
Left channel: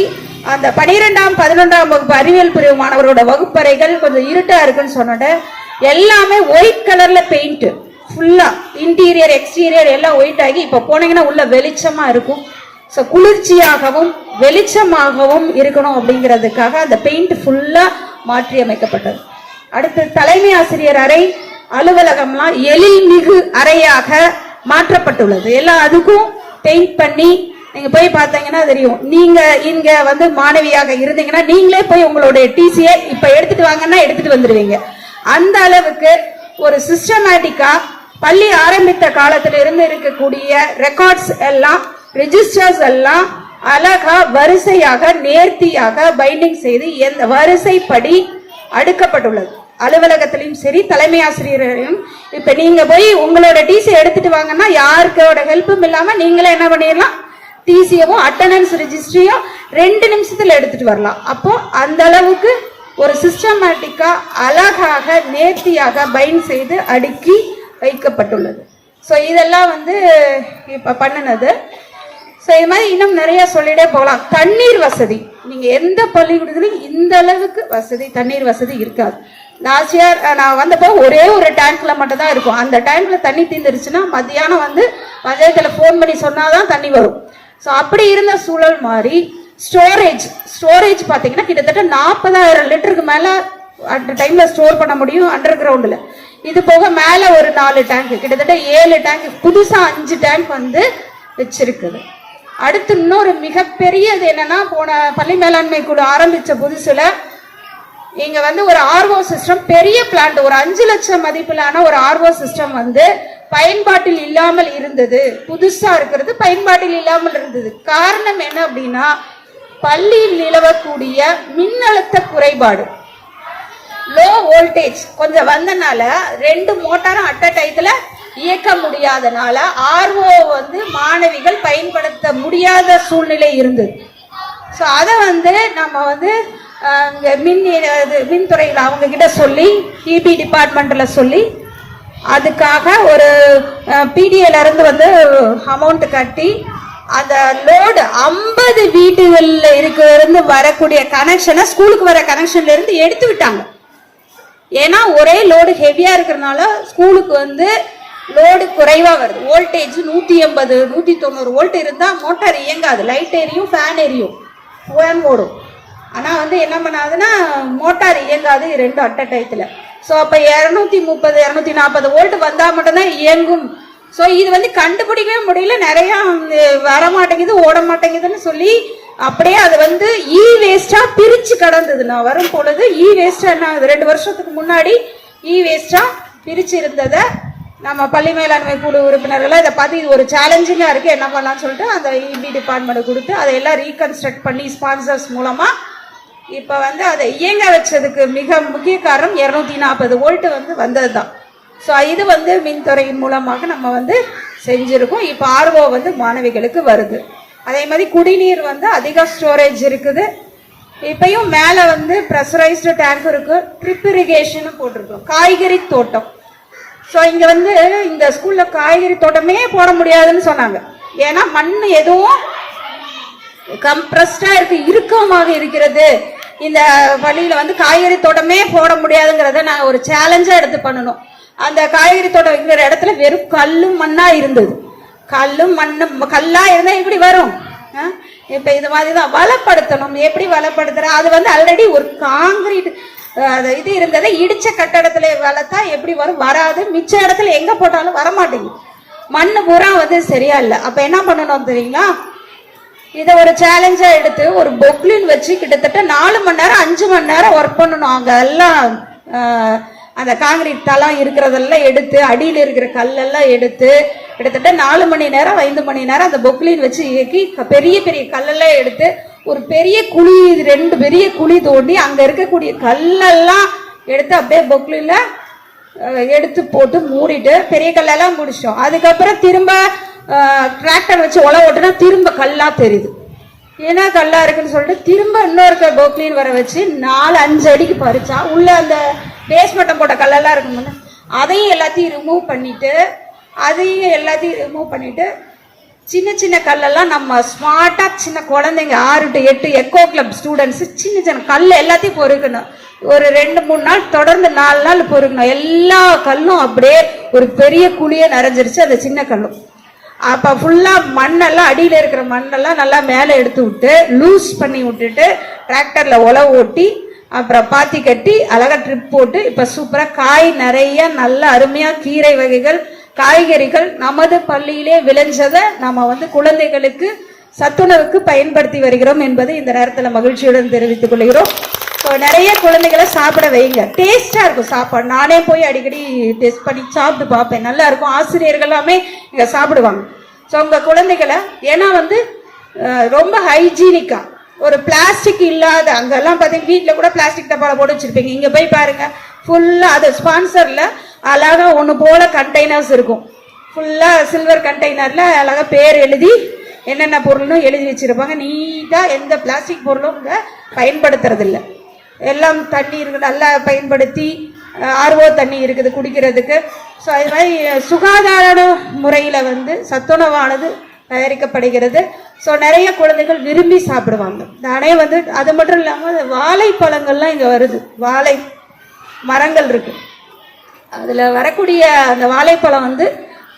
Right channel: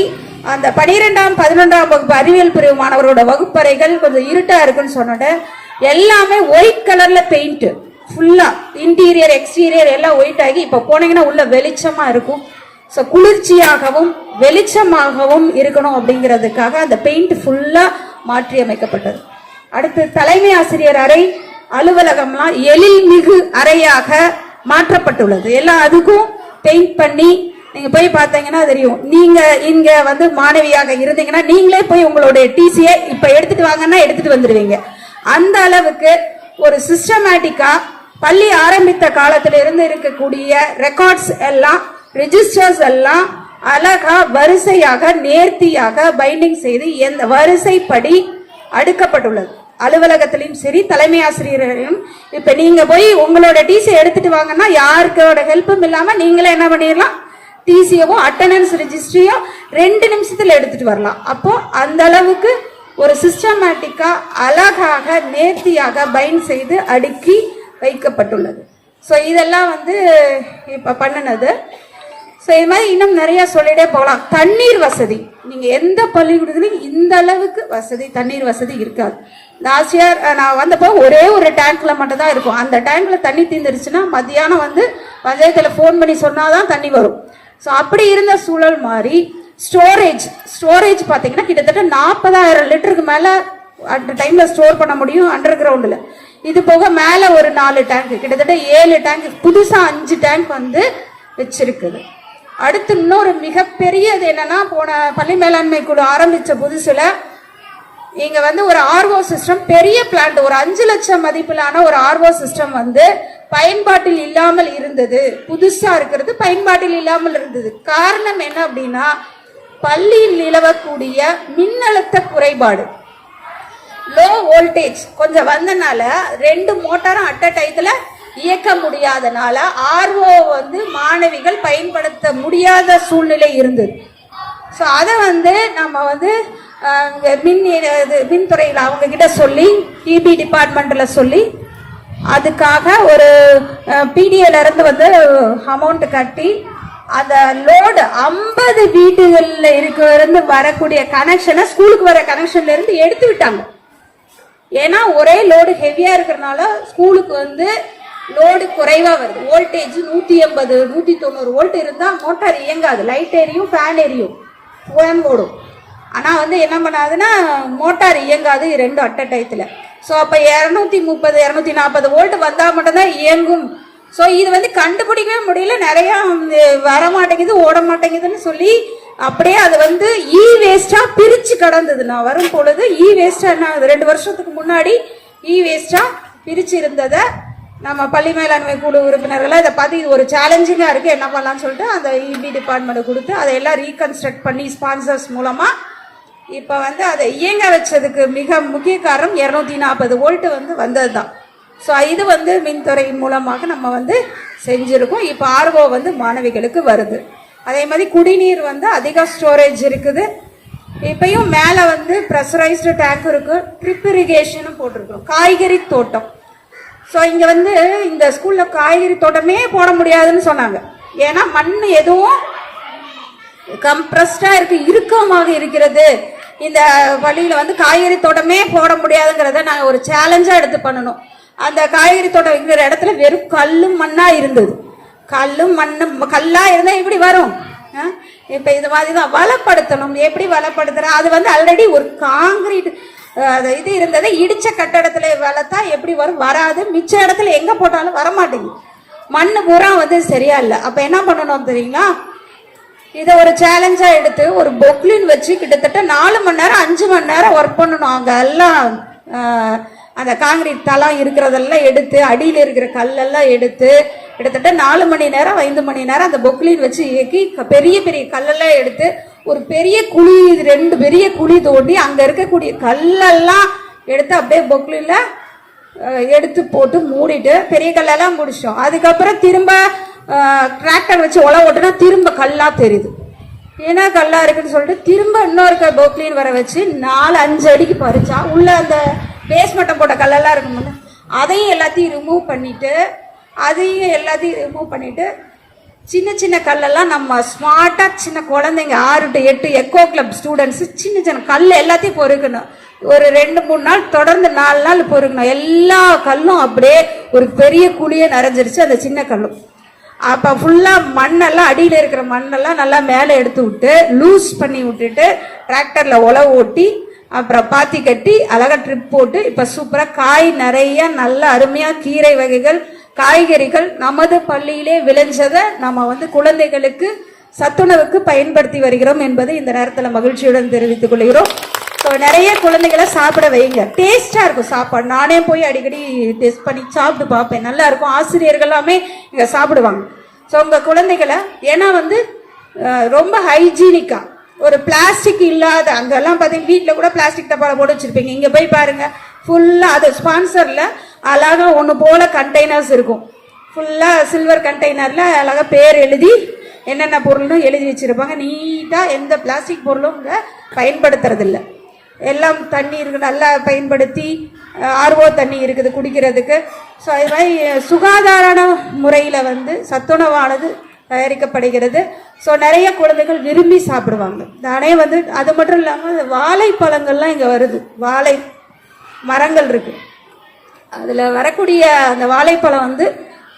அந்த 12ஆம் 11ஆம் வகுப்பு அறிவியல் பிரிவு மாணவரோட வகுப்பறைகள் கொஞ்சம் இருட்டா இருக்குன்னு சொன்னேன், எல்லாமே ஒயிட் கலர்ல பெயிண்ட் ஃபுல்லா இன்டீரியர் எக்ஸ்டீரியர் எல்லாம் ஒயிட் ஆகி இப்ப போனீங்கன்னா உள்ள வெளிச்சமா இருக்கும். ஸோ குளிர்ச்சியாகவும் வெளிச்சமாகவும் இருக்கணும் அப்படிங்கிறதுக்காக அந்த பெயிண்ட் ஃபுல்லா மாற்றி அமைக்கப்பட்டது. அடுத்து தலைமை ஆசிரியர் அறை அலுவலகம்லாம் எழில்மிகு அறையாக மாற்றப்பட்டுள்ளது. எல்லாம் அதுக்கும் பெயிண்ட் பண்ணி நீங்க போய் பார்த்தீங்கன்னா தெரியும். நீங்க இங்க வந்து மாணவியாக இருந்தீங்கன்னா நீங்களே போய் உங்களுடைய டிசியை இப்ப எடுத்துட்டு வாங்கன்னா எடுத்துட்டு வந்துடுவீங்க. அந்த அளவுக்கு ஒரு சிஸ்டமேட்டிக்கா பள்ளி ஆரம்பித்த காலத்துல இருந்து இருக்கக்கூடிய ரெக்கார்ட்ஸ் எல்லாம் ரெஜிஸ்டர்ஸ் எல்லாம் அழகா வரிசையாக நேர்த்தியாக பைண்டிங் செய்து எந்த வரிசைப்படி அடுக்கப்பட்டுள்ளது. அலுவலகத்திலையும் சரி தலைமை ஆசிரியரையும் இப்ப நீங்க போய் உங்களோட டிசி எடுத்துட்டு வாங்கன்னா யாருக்கோட ஹெல்ப்பும் இல்லாம நீங்களே என்ன பண்ணிடலாம், டிசியவும் அட்டண்டன்ஸ் ரெஜிஸ்ட்ரியும் 2 நிமிஷத்துல எடுத்துட்டு வரலாம். அப்போ அந்த அளவுக்கு ஒரு சிஸ்டமேட்டிக்கா அழகாக நேர்த்தியாக பைண்ட் செய்து அடுக்கி வைக்கப்பட்டுள்ளது. ஸோ இதெல்லாம் வந்து இப்ப பண்ணினது. ஸோ இது மாதிரி இன்னும் நிறைய சொல்லிட்டே போகலாம். தண்ணீர் வசதி நீங்க எந்த பள்ளிக்கூடத்துலையும் இந்த அளவுக்கு வசதி தண்ணீர் வசதி இருக்காது. லாஸ்ட் இயர் நான் வந்தப்போ ஒரே ஒரு டேங்க்ல மட்டும் தான் இருக்கும். அந்த டேங்க்ல தண்ணி தீர்ந்துருச்சுன்னா மத்தியானம் வந்து பஞ்சாயத்துல ஃபோன் பண்ணி சொன்னாதான் தண்ணி வரும். ஸோ அப்படி இருந்த சூழல் மாதிரி ஸ்டோரேஜ் பார்த்தீங்கன்னா கிட்டத்தட்ட 40,000 லிட்டருக்கு மேல அட் டைம்ல ஸ்டோர் பண்ண முடியும் அண்டர் கிரவுண்ட்ல. இது போக மேல ஒரு 4 டேங்க் கிட்டத்தட்ட 7 டேங்க் புதுசா 5 டேங்க் வந்து வச்சிருக்குது. அடுத்து இன்னொரு மிகப்பெரியது என்னன்னா போன பள்ளி மேலாண்மை குழு ஆரம்பிச்ச புதுசுல இங்க வந்து ஒரு ஆர்ஓ சிஸ்டம் பெரிய பிளான்ட் ஒரு 5 லட்சம் மதிப்பிலான ஒரு ஆர்ஓ சிஸ்டம் வந்து பயன்பாட்டில் இல்லாமல் இருந்தது. புதுசா இருக்கிறது பயன்பாட்டில் இல்லாமல் இருந்தது. காரணம் என்ன அப்படின்னா பள்ளியில் நிலவக்கூடிய மின்னழுத்த குறைபாடு, லோ வோல்டேஜ் கொஞ்சம் வந்தனால 2 மோட்டாரும் அட்ட டயத்துல இயக்க முடியாதனால ஆர்ஓ வந்து மாணவிகள் பயன்படுத்த முடியாத சூழ்நிலை இருந்தது. ஸோ அதை வந்து நம்ம வந்து மின்துறையில் அவங்க கிட்ட சொல்லி இபி டிபார்ட்மெண்ட்ல சொல்லி அதுக்காக ஒரு பிடிஏல இருந்து வந்து அமௌண்ட் கட்டி அந்த லோடு 50 வீடுகள்ல இருந்து வரக்கூடிய கனெக்ஷனை ஸ்கூலுக்கு வர கனெக்ஷன்ல இருந்து எடுத்து விட்டாங்க. ஏன்னா ஒரே லோடு ஹெவியா இருக்கிறதுனால ஸ்கூலுக்கு வந்து லோடு குறைவா வருது. வோல்டேஜ் 180 190 வோல்ட் இருந்தா மோட்டார் இயங்காது, லைட் எரியும், ஃபேன் எரியும், ஃபேன் ஓடும். ஆனா வந்து என்ன பண்ணாதுன்னா மோட்டார் இயங்காது 2 அட் டயத்துல. ஸோ அப்போ 230 240 வோல்ட் வந்தா மட்டும்தான் இயங்கும். ஸோ இது வந்து கண்டுபிடிக்கவே முடியல, நிறைய வர மாட்டேங்குது, ஓட மாட்டேங்குதுன்னு சொல்லி அப்படியே அது வந்து இ வேஸ்டா பிரிச்சு கடந்தது. நான் வரும் பொழுது இ வேஸ்டா என்ன 2 வருஷத்துக்கு முன்னாடி இ வேஸ்டா பிரிச்சு இருந்ததை நம்ம பள்ளி மேலாண்மை குழு உறுப்பினர்கள் இதை பார்த்து இது ஒரு சேலஞ்சிங்கா இருக்கு, என்ன பண்ணலாம்னு சொல்லிட்டு அந்த இபி டிபார்ட்மெண்ட் கொடுத்து அதையெல்லாம் ரீகன்ஸ்ட்ரக்ட் பண்ணி ஸ்பான்சர்ஸ் மூலமா இப்ப வந்து அதை இயங்க வச்சதுக்கு மிக முக்கிய காரணம் 240 வோல்ட் வந்து வந்ததுதான். ஸோ இது வந்து மின்துறை மூலமாக நம்ம வந்து செஞ்சிருக்கோம். இப்போ ஆர்ஓ வந்து மாணவிகளுக்கு வருது. அதே மாதிரி குடிநீர் வந்து அதிக ஸ்டோரேஜ் இருக்குது. இப்பயும் மேலே வந்து ப்ரெஷரைஸ்டு டேங்க் இருக்கு, ட்ரிப் இரிகேஷன் போட்டிருக்கோம். காய்கறி தோட்டம். ஸோ இங்கே வந்து இந்த ஸ்கூலில் காய்கறி தோட்டமே போட முடியாதுன்னு சொன்னாங்க. ஏன்னா மண் எதுவும் கம்ப்ரஸ்டா இருக்கு, இறுக்கமாக இருக்கிறது. இந்த வழியில வந்து காய்கறி தோட்டமே போட முடியாதுங்கிறத நான் ஒரு சேலஞ்சா எடுத்து பண்ணணும். அந்த காய்கறி தோட்டம் இருக்கிற இடத்துல வெறும் கல்லும் மண்ணா இருந்தது. கல்லும் மண்ணும் கல்லா இருந்தா எப்படி வரும்? இப்ப இது மாதிரிதான் வளப்படுத்தணும். எப்படி வளப்படுத்துற? அது வந்து ஆல்ரெடி ஒரு காங்கிரீட் இது இருந்ததை இடிச்ச கட்டடத்துல வளர்த்தா எப்படி வரும்? வராது. மிச்ச இடத்துல எங்க போட்டாலும் வரமாட்டேங்குது. மண்ணு பூரா வந்து சரியா இல்லை. அப்ப என்ன பண்ணணும் தெரியுங்களா? இதை ஒரு சேலஞ்சா எடுத்து ஒரு பொக்லின் வச்சு கிட்டத்தட்ட 4 மணி நேரம் 5 மணி நேரம் ஒர்க் பண்ணணும். அங்க எல்லாம் அந்த காங்கிரீட் தளம் இருக்கிறதெல்லாம் எடுத்து அடியில் இருக்கிற கல்லெல்லாம் எடுத்து கிட்டத்தட்ட 4 மணி நேரம் 5 மணி நேரம் அந்த பொக்லின் வச்சு இயக்கி பெரிய பெரிய கல்லெல்லாம் எடுத்து ஒரு பெரிய குழி 2 பெரிய குழி தோண்டி அங்க இருக்கக்கூடிய கல்லெல்லாம் எடுத்து அப்படியே பொக்லின்ல எடுத்து போட்டு மூடிட்டு பெரிய கல்லெல்லாம் முடிச்சோம். அதுக்கப்புறம் திரும்ப டிராக்டர் வச்சு உழவு ஓட்டுனா திரும்ப கல்லா தெரியுது. ஏன்னா கல்லா இருக்குன்னு சொல்லிட்டு திரும்ப இன்னொரு பொக்லின் வர வச்சு 4-5 அடிக்கு பறிச்சா உள்ள அந்த பேஸ்மட்டம் போட்ட கல்லெல்லாம் இருக்குன்னு அதையும் எல்லாத்தையும் ரிமூவ் பண்ணிட்டு சின்ன சின்ன கல்லெல்லாம் நம்ம ஸ்மார்ட்டா சின்ன குழந்தைங்க 6 to 8 எக்கோ கிளப் ஸ்டூடெண்ட்ஸ் சின்ன சின்ன கல் எல்லாத்தையும் பொறுக்கணும். ஒரு 2-3 நாள் தொடர்ந்து 4 நாள் பொறுக்கணும். எல்லா கல்லும் அப்படியே ஒரு பெரிய குழியே நிறைஞ்சிருச்சு அந்த சின்ன கல்லும். அப்ப ஃபுல்லா மண்ணெல்லாம் அடியில இருக்கிற மண்ணெல்லாம் நல்லா மேலே எடுத்து விட்டு லூஸ் பண்ணி விட்டுட்டு டிராக்டர்ல உழவு ஓட்டி அப்புறம் பாத்தி கட்டி அழகா ட்ரிப் போட்டு இப்ப சூப்பரா காய் நிறைய நல்ல அருமையா கீரை வகைகள் காய்கறிகள் நமது பள்ளியிலே விளைஞ்சதை நம்ம வந்து குழந்தைகளுக்கு சத்துணவுக்கு பயன்படுத்தி வருகிறோம் என்பதை இந்த நேரத்தில் மகிழ்ச்சியுடன் தெரிவித்துக் கொள்கிறோம். நிறைய குழந்தைகளை சாப்பிட வைங்க. டேஸ்டா இருக்கும் சாப்பாடு. நானே போய் அடிக்கடி டெஸ்ட் பண்ணி சாப்பிட்டு பார்ப்பேன். நல்லா இருக்கும். ஆசிரியர்கள் எல்லாமே இங்க சாப்பிடுவாங்க. ஸோ உங்க குழந்தைகளை ஏன்னா வந்து ரொம்ப ஹைஜீனிக்கா ஒரு பிளாஸ்டிக் இல்லாத அங்கெல்லாம் பார்த்தீங்கன்னா வீட்டில் கூட பிளாஸ்டிக் டப்பால போட்டு வச்சிருப்பீங்க. இங்க போய் பாருங்க ஃபுல்லா அது ஸ்பான்சர்ல அழகா ஒன்று போல கண்டெய்னர்ஸ் இருக்கும். ஃபுல்லா சில்வர் கண்டெய்னர்ல அழகா பேர் எழுதி என்னென்ன பொருள்னு எழுதி வச்சிருப்பாங்க. நீட்டா எந்த பிளாஸ்டிக் பொருளும் இங்க பயன்படுத்துறது இல்லை. எல்லாம் தண்ணீர் நல்லா பயன்படுத்தி ஆர்ஓ தண்ணி இருக்குது குடிக்கிறதுக்கு. ஸோ அது மாதிரி சுகாதார முறையில் வந்து சத்துணவானது தயாரிக்கப்படுகிறது. ஸோ நிறைய குழந்தைகள் விரும்பி சாப்பிடுவாங்க. நானே வந்து அது மட்டும் இல்லாமல் வாழைப்பழங்கள்லாம் இங்கே வருது. வாழை மரங்கள் இருக்கு. அதில் வரக்கூடிய அந்த வாழைப்பழம் வந்து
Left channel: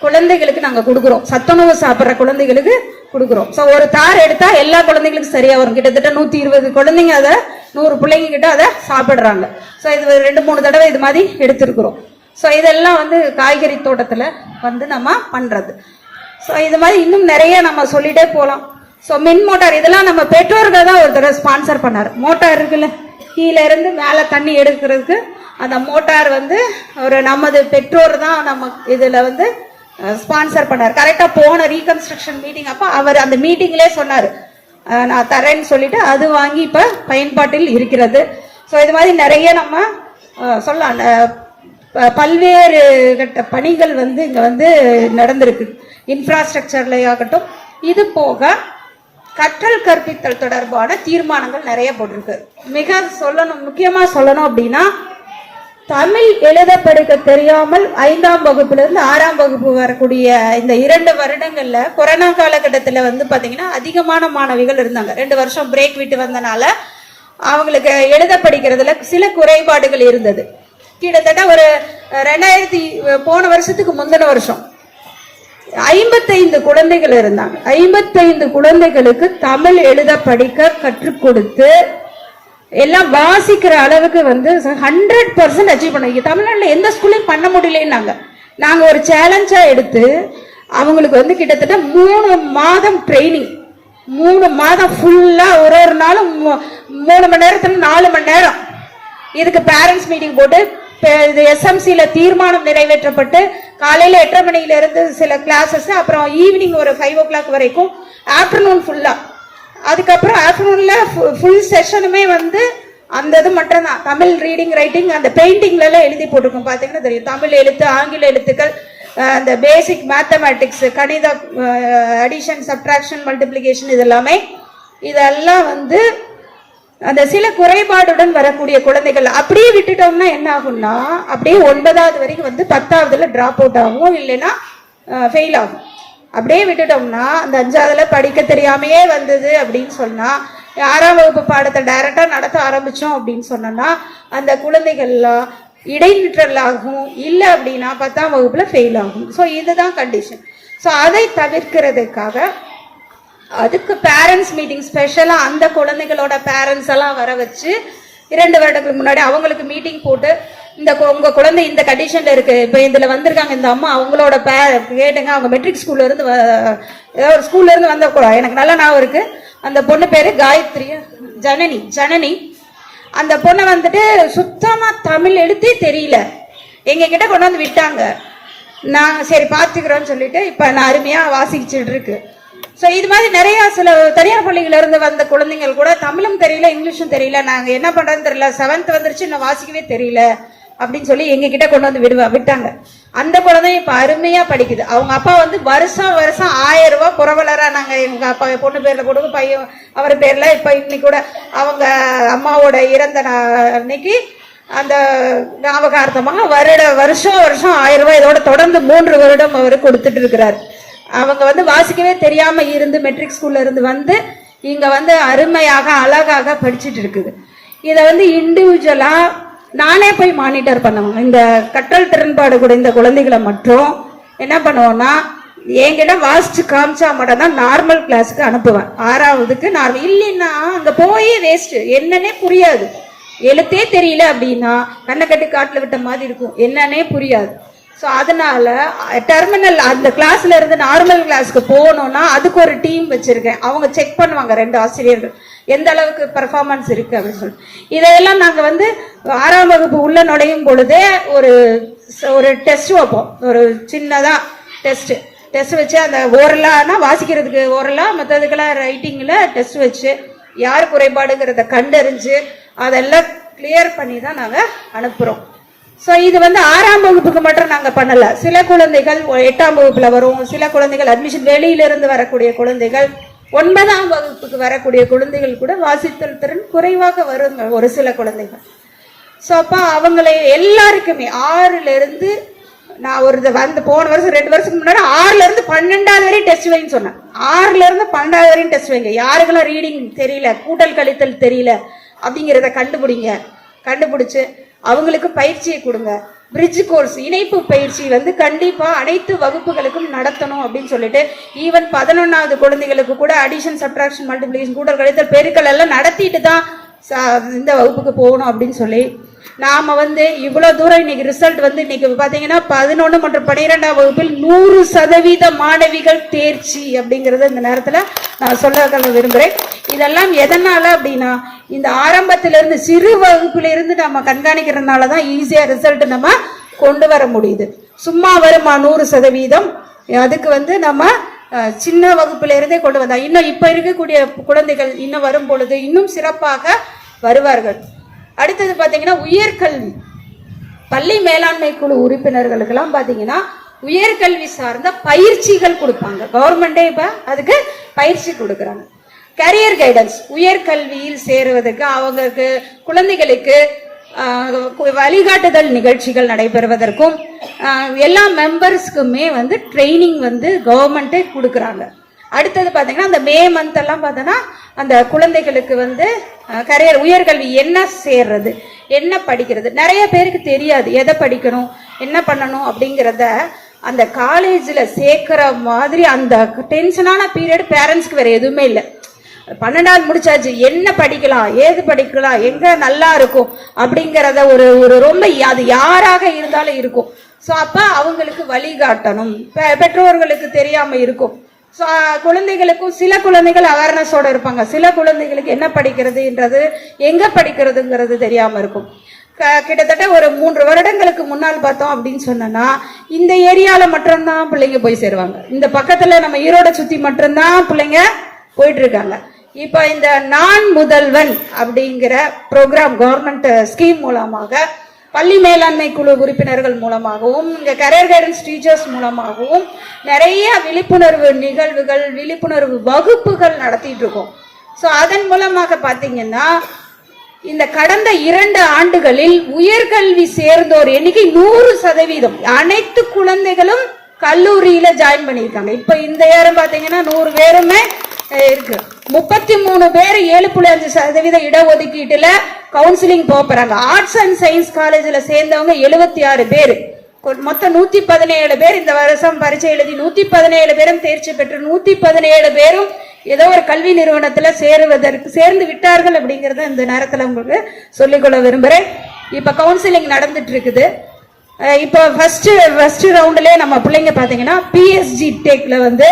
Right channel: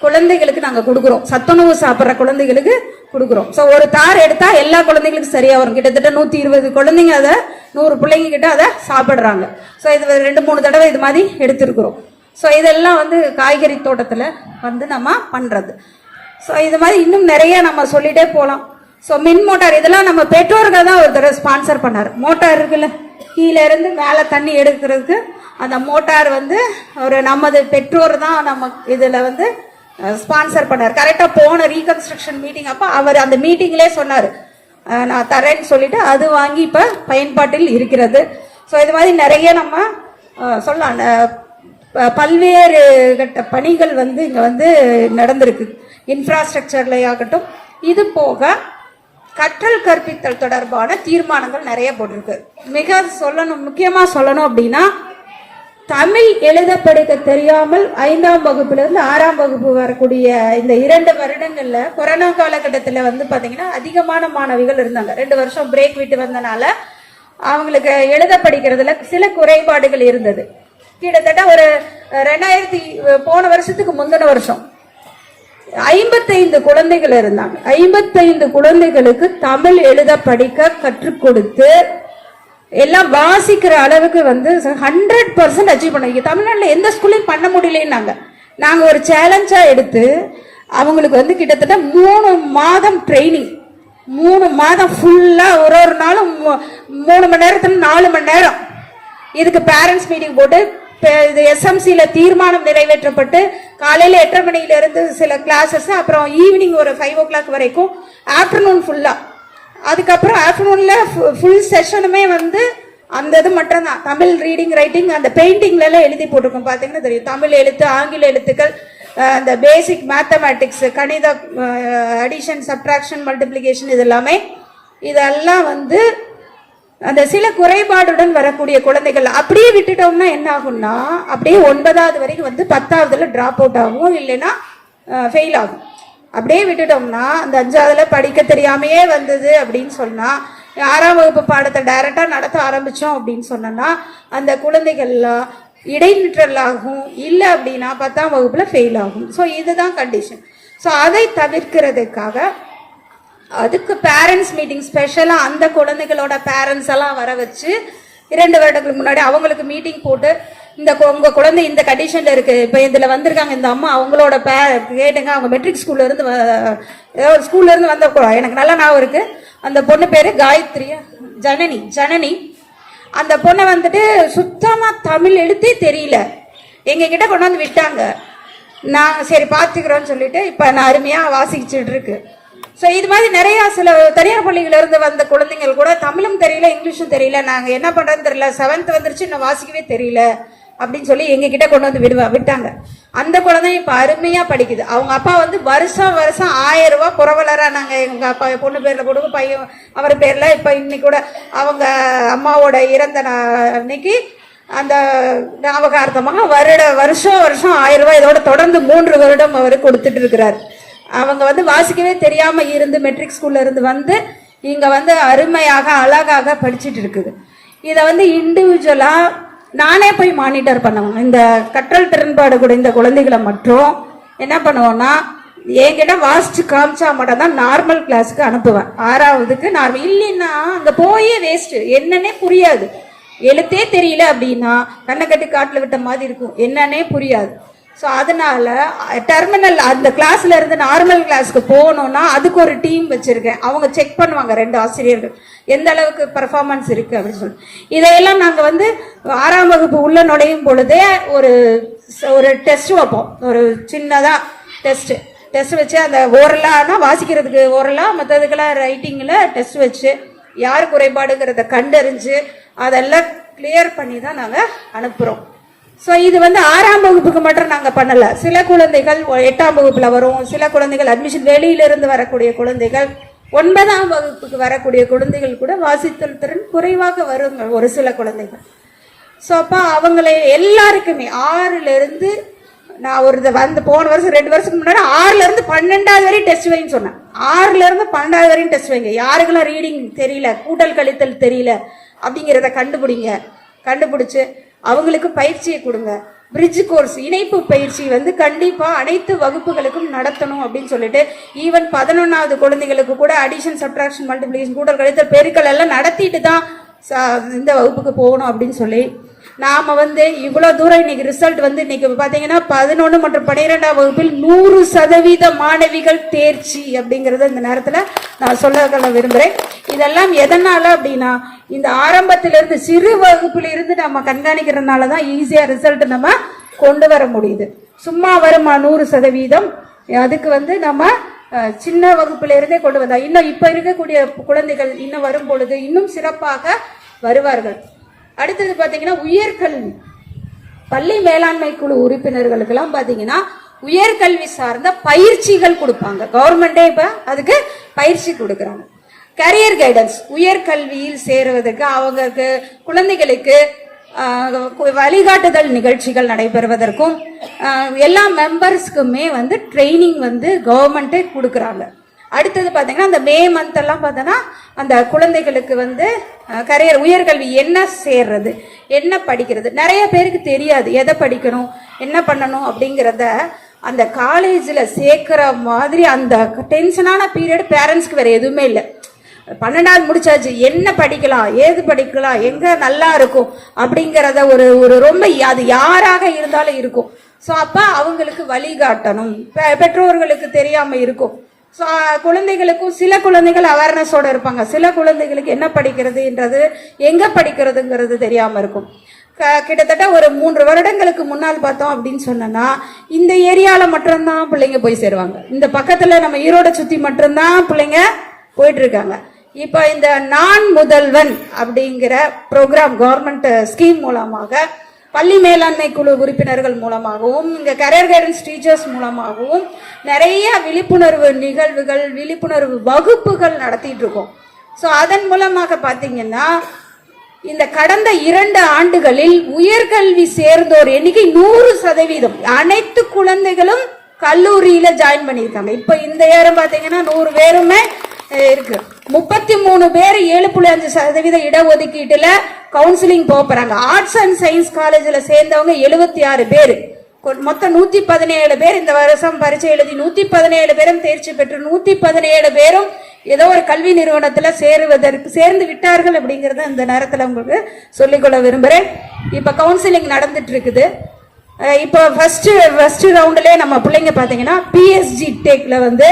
குழந்தைகளுக்கு நாங்கள் கொடுக்குறோம். சத்துணவு சாப்பிட்ற குழந்தைகளுக்கு கொடுக்குறோம். ஸோ ஒரு தார் எடுத்தா எல்லா குழந்தைகளுக்கும் சரியா வரும். கிட்டத்தட்ட 120 குழந்தைங்க அதை 100 பிள்ளைங்க கிட்ட அதை சாப்பிடுறாங்க. ஸோ இது 2-3 தடவை இது மாதிரி எடுத்திருக்கிறோம். ஸோ இதெல்லாம் வந்து காய்கறி தோட்டத்தில் வந்து நம்ம பண்றது. ஸோ இது மாதிரி இன்னும் நிறைய நம்ம சொல்லிட்டே போகலாம். ஸோ மின் மோட்டார் இதெல்லாம் நம்ம பெற்றோர்கள் தான் ஒரு தடவை ஸ்பான்சர் பண்ணார். மோட்டார் இருக்குல்ல கீழே இருந்து மேலே தண்ணி எடுக்கிறதுக்கு அந்த மோட்டார் வந்து ஒரு நமது பெற்றோர் தான் நம்ம இதுல வந்து ஸ்பான்சர் பண்ணார். கரெக்டா போன ரீகன்ஸ்ட்ரக்ஷன் மீட்டிங் அப்ப அவர் அந்த மீட்டிங்லேயே சொன்னாரு நான் தரேன்னு சொல்லிட்டு அது வாங்கி இப்ப பயன்பாட்டில் இருக்கிறது. ஸோ இது மாதிரி நிறைய நம்ம சொல்லலாம். பல்வேறு கட்ட பணிகள் வந்து இங்க வந்து நடந்திருக்கு. இன்ஃப்ராஸ்ட்ரக்சர்ல ஆகட்டும். இது போக கற்றல் கற்பித்தல் தொடர்பான தீர்மானங்கள் நிறைய போட்டிருக்கு. முக்கியமா சொல்லணும் அப்படின்னா, தமிழ் எழுத படிக்க தெரியாமல் 5ஆம் வகுப்பிலிருந்து 6ஆம் வகுப்பு வரக்கூடிய இந்த 2 வருடங்கள்ல கொரோனா காலகட்டத்தில் வந்து பாத்தீங்கன்னா அதிகமான மாணவிகள் இருந்தாங்க. 2 வருஷம் பிரேக் விட்டு வந்தனால அவங்களுக்கு எழுத படிக்கிறதுல சில குறைபாடுகள் இருந்தது. கிட்டத்தட்ட ஒரு 2000 போன வருஷத்துக்கு முந்தின வருஷம் 55 குழந்தைகள் இருந்தாங்க. 55 குழந்தைகளுக்கு தமிழ் எழுத படிக்க கற்றுக் கொடுத்து எல்லாம் வாசிக்கிற அளவுக்கு வந்து 100% அச்சீவ் பண்ணுவீங்க. தமிழ்நாட்டில் எந்த ஸ்கூல்லையும் பண்ண முடியலன்னாங்க. நாங்கள் ஒரு சேலஞ்சா எடுத்து அவங்களுக்கு வந்து கிட்டத்தட்ட 3 மாதம் ட்ரைனிங், 3 மாதம் ஃபுல்லா ஒரு நாளும் 3 மணி நேரத்துல 4 மணி நேரம் இதுக்கு பேரண்ட்ஸ் மீட்டிங் போட்டு SMCல தீர்மானம் நிறைவேற்றப்பட்டு காலையில 8:30 மணில இருந்து சில கிளாஸஸ், அப்புறம் ஈவினிங் ஒரு 5 o'clock வரைக்கும், ஆஃப்டர்நூன் ஃபுல்லா. அதுக்கப்புறம் ஆஃப்டர்நூன்ல ஃபுல் செஷனுமே வந்து அந்த இது மட்டும்தான், தமிழ் ரீடிங் ரைட்டிங் அந்த பெயிண்டிங்ல எல்லாம் எழுதி போட்டிருக்கும். பாத்தீங்கன்னா தெரியும், தமிழ் எழுத்து, ஆங்கில எழுத்துக்கள், அந்த பேசிக் மேத்தமேட்டிக்ஸ், கணித, அடிஷன், சப்ட்ராக்ஷன், மல்டிப்ளிகேஷன், இதெல்லாம் வந்து அந்த சில குறைபாடுடன் வரக்கூடிய குழந்தைகள் அப்படியே விட்டுட்டோம்னா என்ன ஆகும்னா, அப்படியே 9வது வரைக்கும் வந்து 10வதுல டிராப் அவுட் ஆகும், இல்லைன்னா ஃபெயில் ஆகும். அப்படியே விட்டுட்டோம்னா அந்த 5வதுல படிக்க தெரியாமையே வந்தது அப்படின்னு சொன்னா, 6ஆம் வகுப்பு பாடத்தை டைரக்டா நடத்த ஆரம்பிச்சோம் அப்படின்னு சொன்னா அந்த குழந்தைகள்லாம் இடைநிற்றல் ஆகும், இல்லை அப்படின்னா 10ஆம் வகுப்புல ஃபெயில் ஆகும். ஸோ இதுதான் கண்டிஷன். ஸோ அதை தவிர்க்கிறதுக்காக அதுக்கு பேரண்ட்ஸ் மீட்டிங் ஸ்பெஷலா அந்த குழந்தைகளோட பேரண்ட்ஸ் எல்லாம் வர வச்சு 2 வருடங்களுக்கு முன்னாடி அவங்களுக்கு மீட்டிங் போட்டு, உங்க குழந்தை இந்த கண்டிஷன்ல இருக்கு, இப்ப இதுல வந்திருக்காங்க இந்த அம்மா, அவங்களோட கேட்டுங்க, அவங்க மெட்ரிக் ஸ்கூல்ல இருந்து ஏதோ ஒரு ஸ்கூல்ல இருந்து வந்த, எனக்கு நல்லா ஞாபகம் இருக்கு, அந்த பொண்ணு பேரு காயத்ரி, ஜனனி. அந்த பொண்ணை வந்துட்டு சுத்தமா தமிழ் எழுத்தே தெரியல, எங்க கிட்ட கொண்டு வந்து விட்டாங்க. நான் சரி பாத்துக்கிறோன்னு சொல்லிட்டு இப்ப நான் அருமையா வாசிச்சுட்டு இருக்கு. ஸோ இது மாதிரி நிறைய சில தனியார் பள்ளிகள் இருந்து வந்த குழந்தைகள் கூட தமிழும் தெரியல, இங்கிலீஷும் தெரியல, நாங்க என்ன பண்றதுன்னு தெரியல, 7th வந்துருச்சு, இன்னும் வாசிக்கவே தெரியல அப்படின்னு சொல்லி எங்க கிட்ட கொண்டு வந்து விட்டாங்க. அந்த குழந்தை இப்ப அருமையா படிக்குது. அவங்க அப்பா வந்து வருஷம் 1000 ரூபாய் புரவலரா நாங்க எங்க அப்பா பொண்ணு பேர்ல கொடுக்க, பையன் அவர் பேர்ல இப்ப இன்னைக்கு கூட அவங்க அம்மாவோட இறந்த அன்னைக்கு அந்த ஞாபகார்த்தமாக வருஷம் 1000 ரூபாய் இதோட தொடர்ந்து 3 வருடம் அவர் கொடுத்துட்டு இருக்கிறார். அவங்க வந்து வாசிக்கவே தெரியாம இருந்து மெட்ரிக் ஸ்கூல்ல இருந்து வந்து இங்க வந்து அருமையாக அழகாக படிச்சுட்டு இருக்குது. இதை வந்து இண்டிவிஜுவலா நானே போய் மானிட்டர் பண்ணுவாங்க. இந்த கற்றல் திறன்பாடு கூட இந்த குழந்தைகளை மட்டும் என்ன பண்ணுவோம்னா, என்கிட்ட வாசிச்சு காமிச்சா மட்டும் தான் நார்மல் கிளாஸுக்கு அனுப்புவேன். 6வதுக்கு நார்மல், இல்லைன்னா அங்க போய் வேஸ்ட், என்னன்னே புரியாது. எழுத்தே தெரியல அப்படின்னா கண்ணை கட்டி காட்டுல விட்ட மாதிரி இருக்கும், என்னன்னே புரியாது. ஸோ அதனால டெர்மினல் அந்த கிளாஸ்ல இருந்து நார்மல் கிளாஸ்க்கு போகணும்னா அதுக்கு ஒரு டீம் வச்சிருக்கேன். அவங்க செக் பண்ணுவாங்க, 2 ஆசிரியர்கள், எந்த அளவுக்கு பெர்ஃபார்மன்ஸ் இருக்கு அப்படின்னு சொல்லி. இதையெல்லாம் நாங்க வந்து 6ஆம் வகுப்பு உள்ள நுழையும் பொழுதே ஒரு டெஸ்ட் வைப்போம். ஒரு சின்னதா டெஸ்ட் வச்சு, அந்த ஓரலானா வாசிக்கிறதுக்கு ஓரலா, மற்றதுக்கெல்லாம் ரைட்டிங்ல டெஸ்ட் வச்சு யார் குறைபாடுங்கிறத கண்டறிஞ்சு அதெல்லாம் கிளியர் பண்ணி தான் நாங்க அனுப்புறோம். ஸோ இது வந்து 6ஆம் வகுப்புக்கு மட்டும் நாங்க பண்ணல. சில குழந்தைகள் 8ஆம் வகுப்புல வரும், சில குழந்தைகள் அட்மிஷன் வெளியில இருந்து வரக்கூடிய குழந்தைகள், 9ஆம் வகுப்புக்கு வரக்கூடிய குழந்தைகள் கூட வாசித்தல் திறன் குறைவாக வரும் ஒரு சில குழந்தைகள். ஸோ அப்ப அவங்களை எல்லாருக்குமே 6ல இருந்து, நான் ஒரு போன வருஷம் 2 வருஷத்துக்கு முன்னாடி 6ல இருந்து 12வது வரையும் டெஸ்ட் வைன்னு சொன்னேன். 6ல இருந்து 12வது வரையும் டெஸ்ட் வைங்க. யாருக்கெல்லாம் ரீடிங் தெரியல, கூட்டல் கழித்தல் தெரியல அப்படிங்கிறத கண்டுபிடிச்சு அவங்களுக்கு பயிற்சியை கொடுங்க. பிரிட்ஜ் கோர்ஸ், இணைப்பு பயிற்சி வந்து கண்டிப்பா அனைத்து வகுப்புகளுக்கும் நடத்தணும் அப்படின்னு சொல்லிட்டு, ஈவன் 11வது குழந்தைகளுக்கு கூட அடிஷன், சப்ட்ராக்ஷன், மல்டிப்ளிகேஷன், கூட்டல் கழித்தல், பெருக்கல் எல்லாம் நடத்திட்டு தான் இந்த வகுப்புக்கு போகணும் அப்படின்னு சொல்லி நாம வந்து இவ்வளவு தூரம் இன்னைக்கு ரிசல்ட் வந்து இன்னைக்கு பாத்தீங்கன்னா 11 மற்றும் 12ஆம் வகுப்பில் 100% மாணவிகள் தேர்ச்சி அப்படிங்கறத இந்த நேரத்துல நான் சொல்ல விரும்புறேன். இதெல்லாம் எதனால அப்படின்னா, இந்த ஆரம்பத்தில இருந்து சிறு வகுப்புல இருந்து நம்ம கண்காணிக்கிறதுனாலதான் ஈஸியா ரிசல்ட் நம்ம கொண்டு வர முடியுது. சும்மா வருமா 100%? அதுக்கு வந்து நம்ம சின்ன வகுப்புல இருந்தே கொண்டு வந்தா இன்னும் இப்ப இருக்கக்கூடிய குழந்தைகள் இன்னும் வரும் பொழுது இன்னும் சிறப்பாக வருவார்கள். அடுத்தது பாத்தீங்கன்னா உயர்கல்வி, பள்ளி மேலாண்மை குழு உறுப்பினர்களுக்கு எல்லாம் பாத்தீங்கன்னா உயர்கல்வி சார்ந்த பயிற்சிகள் கொடுப்பாங்க. கவர்மெண்டே இப்ப அதுக்கு பயிற்சி கொடுக்கறாங்க. கரியர் கைடன்ஸ், உயர்கல்வியில் சேருவதற்கு அவங்களுக்கு குழந்தைகளுக்கு வழிகாட்டுதல் நிகழ்ச்சிகள் நடைபெறுவதற்கும் எல்லா மெம்பர்ஸ்க்குமே வந்து ட்ரைனிங் வந்து கவர்மெண்ட்டே கொடுக்குறாங்க. அடுத்தது பார்த்தீங்கன்னா அந்த மே மந்த் எல்லாம் பார்த்தோன்னா அந்த குழந்தைகளுக்கு வந்து கரியர் உயர்கல்வி என்ன சேர்றது, என்ன படிக்கிறது, நிறைய பேருக்கு தெரியாது எதை படிக்கணும் என்ன பண்ணணும் அப்படிங்கிறத. அந்த காலேஜில் சேர்க்கிற மாதிரி அந்த டென்ஷனான பீரியட் பேரண்ட்ஸ்க்கு வேற எதுவுமே இல்லை. 12வது முடிச்சாச்சு, என்ன படிக்கலாம், ஏது படிக்கலாம், எங்க நல்லா இருக்கும் அப்படிங்கிறத ஒரு ரொம்ப அது யாராக இருந்தாலும் இருக்கும். ஸோ அப்ப அவங்களுக்கு வழிகாட்டணும், பெற்றோர்களுக்கு தெரியாம இருக்கும். ஸோ குழந்தைகளுக்கும் சில குழந்தைகள் அவேர்னஸோட இருப்பாங்க, சில குழந்தைகளுக்கு என்ன படிக்கிறதுன்றது எங்க படிக்கிறதுங்கிறது தெரியாம இருக்கும். கிட்டத்தட்ட ஒரு 3 வருடங்களுக்கு முன்னால் பார்த்தோம் அப்படின்னு சொன்னா இந்த ஏரியால மட்டும்தான் பிள்ளைங்க போய் சேருவாங்க. இந்த பக்கத்துல நம்ம ஈரோட சுத்தி மட்டும்தான் பிள்ளைங்க போயிட்டு இருக்காங்க. இப்ப இந்த நான் முதல்வன் அப்படிங்கிற ப்ரோக்ராம் கவர்மெண்ட் ஸ்கீம் மூலமாக பள்ளி மேலாண்மை குழு உறுப்பினர்கள் மூலமாகவும் இங்க கரியர் கைடன்ஸ் டீச்சர்ஸ் மூலமாகவும் நிறைய விழிப்புணர்வு நிகழ்வுகள், விழிப்புணர்வு வகுப்புகள் நடத்திட்டு இருக்கோம். ஸோ அதன் மூலமாக பாத்தீங்கன்னா இந்த கடந்த 2 ஆண்டுகளில் உயர்கல்வி சேர்ந்தோர் எண்ணிக்கை 100%. அனைத்து குழந்தைகளும் கல்லூரியில ஜாயின் பண்ணியிருக்காங்க. இப்ப இந்த ஏரம் பாத்தீங்கன்னா 100 பேருமே இருக்கு. 33 பேர் 7.5% இடஒதுக்கீட்டுல கவுன்சிலிங் போறாங்க. ஆர்ட்ஸ் அண்ட் சயின்ஸ் காலேஜ்ல சேர்ந்தவங்க 76 பேர். மொத்தம் 117 பேர் இந்த வருஷம் பரீட்சை எழுதி 117 பேரும் தேர்ச்சி பெற்று 117 பேரும் ஏதோ ஒரு கல்வி நிறுவனத்துல சேர்ந்து விட்டார்கள் அப்படிங்கறத இந்த நேரத்துல உங்களுக்கு சொல்லிக்கொள்ள விரும்புறேன். இப்ப கவுன்சிலிங் நடந்துட்டு இருக்குது. இப்போ ஃபர்ஸ்ட் ரவுண்ட்ல நம்ம பிள்ளைங்க பாத்தீங்கன்னா பிஎஸ்ஜி டெக்ல வந்து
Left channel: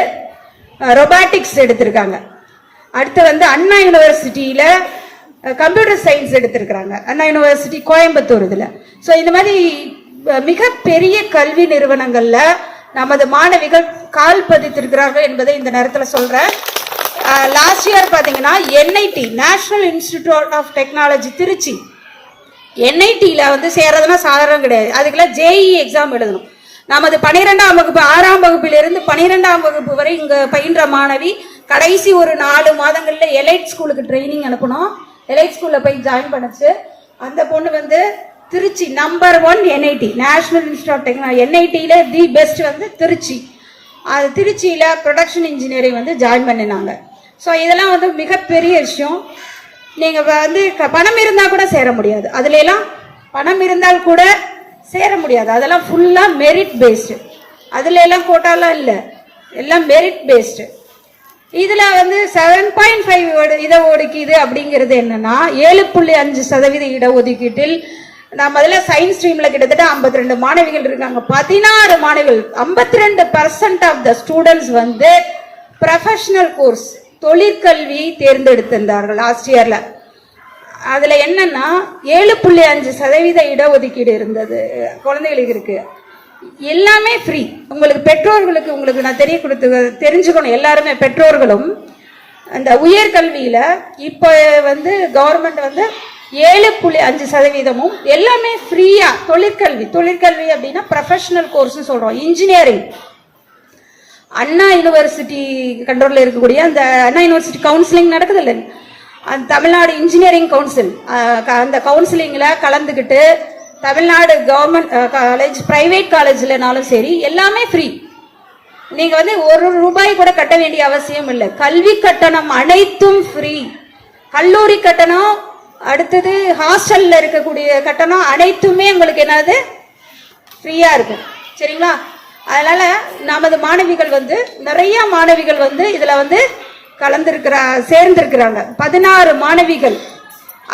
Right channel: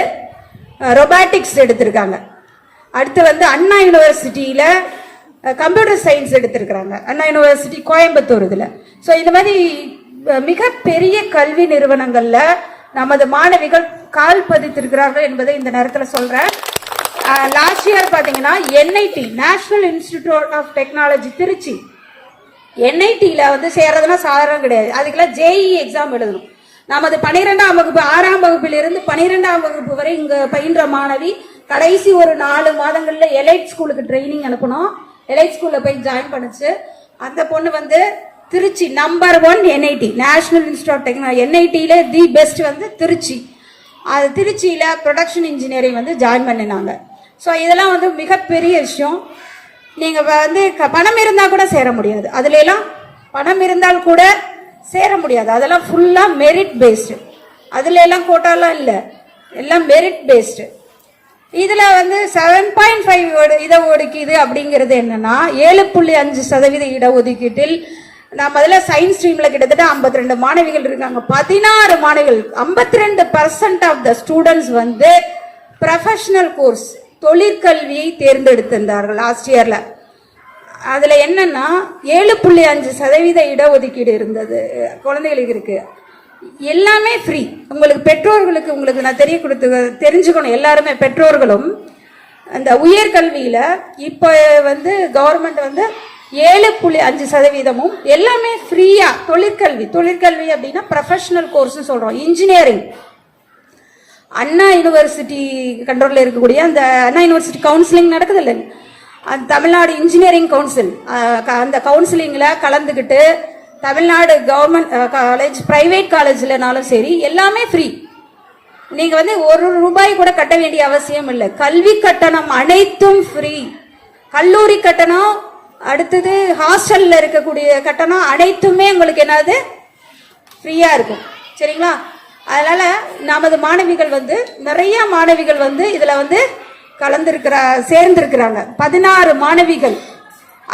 ரொபாட்டிக்ஸ் எடுத்திருக்காங்க. அடுத்து வந்து அண்ணா யூனிவர்சிட்டியில கம்ப்யூட்டர் சயின்ஸ் எடுத்திருக்கிறாங்க, அண்ணா யூனிவர்சிட்டி கோயம்புத்தூர் இதுல. ஸோ இந்த மாதிரி மிகப்பெரிய கல்வி நிறுவனங்கள்ல நமது மாணவிகள் கால் பதித்திருக்கிறார்கள் என்பதை இந்த நேரத்தில் சொல்றேன். லாஸ்ட் இயர் பாத்தீங்கன்னா NIT National Institute of Technology Trichy, என்ஐடியில வந்து சேர்றதுன்னா சாதாரணம் கிடையாது. அதுக்கெல்லாம் ஜேஇ எக்ஸாம் எழுதணும். நமது 12ஆம் வகுப்பு 6ஆம் வகுப்பிலிருந்து 12ஆம் வகுப்பு வரை இங்க பயின்ற மாணவி கடைசி ஒரு 4 மாதங்கள்ல எலைட் ஸ்கூலுக்கு ட்ரைனிங் அனுப்பணும். எலைட் ஸ்கூல்ல போய் ஜாயின் பண்ணுச்சு. அந்த பொண்ணு வந்து Trichy number 1 NIT National Institute of Technology, என்ஐடியில தி பெஸ்ட் வந்து திருச்சி. அது திருச்சியில ப்ரொடக்ஷன் இன்ஜினியரிங் வந்து ஜாயின் பண்ணினாங்க. ஸோ இதெல்லாம் வந்து மிகப்பெரிய விஷயம். நீங்க வந்து பணம் இருந்தா கூட சேர முடியாது, அதுல எல்லாம் பணம் இருந்தால் கூட சேர முடியாது. அதெல்லாம் ஃபுல்லா மெரிட் பேஸ்டு, அதுல எல்லாம் கோட்டாலாம் இல்லை, எல்லாம் மெரிட் பேஸ்டு. இதுல வந்து 7.5 இடஒதுக்கீடு அப்படிங்கிறது என்னன்னா 7.5% இடஒதுக்கீட்டில் நான் முதல்ல சயின்ஸ் ஸ்ட்ரீம்ல கிட்டத்தட்ட 52 மாணவிகள் இருக்காங்க. 16 மாணவிகள் 52% ஆஃப் த ஸ்டூடெண்ட்ஸ் வந்து ப்ரொஃபஷனல் கோர்ஸ் தொழிற்கல்வியை தேர்ந்தெடுத்திருந்தார்கள் லாஸ்ட் இயர்ல. அதுல என்னன்னா 7.5% இடஒதுக்கீடு இருந்தது குழந்தைகளுக்கு இருக்கு. எல்லாமே ஃப்ரீ. உங்களுக்கு பெற்றோர்களுக்கு உங்களுக்கு நான் தெரிஞ்சுக்கணும், எல்லாருமே பெற்றோர்களும் அந்த உயர்கல்வியில இப்ப வந்து கவர்மெண்ட் வந்து 7.5% எல்லாமே ஃப்ரீயா. தொழிற்கல்வி அப்படின்னா ப்ரொஃபஷனல் கோர்ஸ் சொல்றோம். இன்ஜினியரிங் அண்ணா யூனிவர்சிட்டி கண்ட்ரோல்ல இருக்கக்கூடிய அந்த அண்ணா யூனிவர்சிட்டி கவுன்சிலிங் நடக்குது இல்லை, தமிழ்நாடு இன்ஜினியரிங் கவுன்சில், அந்த கவுன்சிலிங்ல கலந்துக்கிட்டு தமிழ்நாடு கவர்மெண்ட் காலேஜ் பிரைவேட் காலேஜ்லனாலும் சரி எல்லாமே ஃப்ரீ. நீங்க வந்து ₹1 கூட கட்ட வேண்டிய அவசியம் இல்லை. கல்வி கட்டணம் அனைத்தும் ஃப்ரீ. கல்லூரி கட்டணம், அடுத்தது ஹாஸ்டல்ல இருக்கக்கூடிய கட்டணம் அனைத்துமே உங்களுக்கு என்னது ஃப்ரீயா இருக்கும். சரிங்களா? அதனால நமது மாணவிகள் வந்து நிறைய மாணவிகள் வந்து இதுல வந்து சேர்ந்திருக்கிறாங்க. 16 மாணவிகள்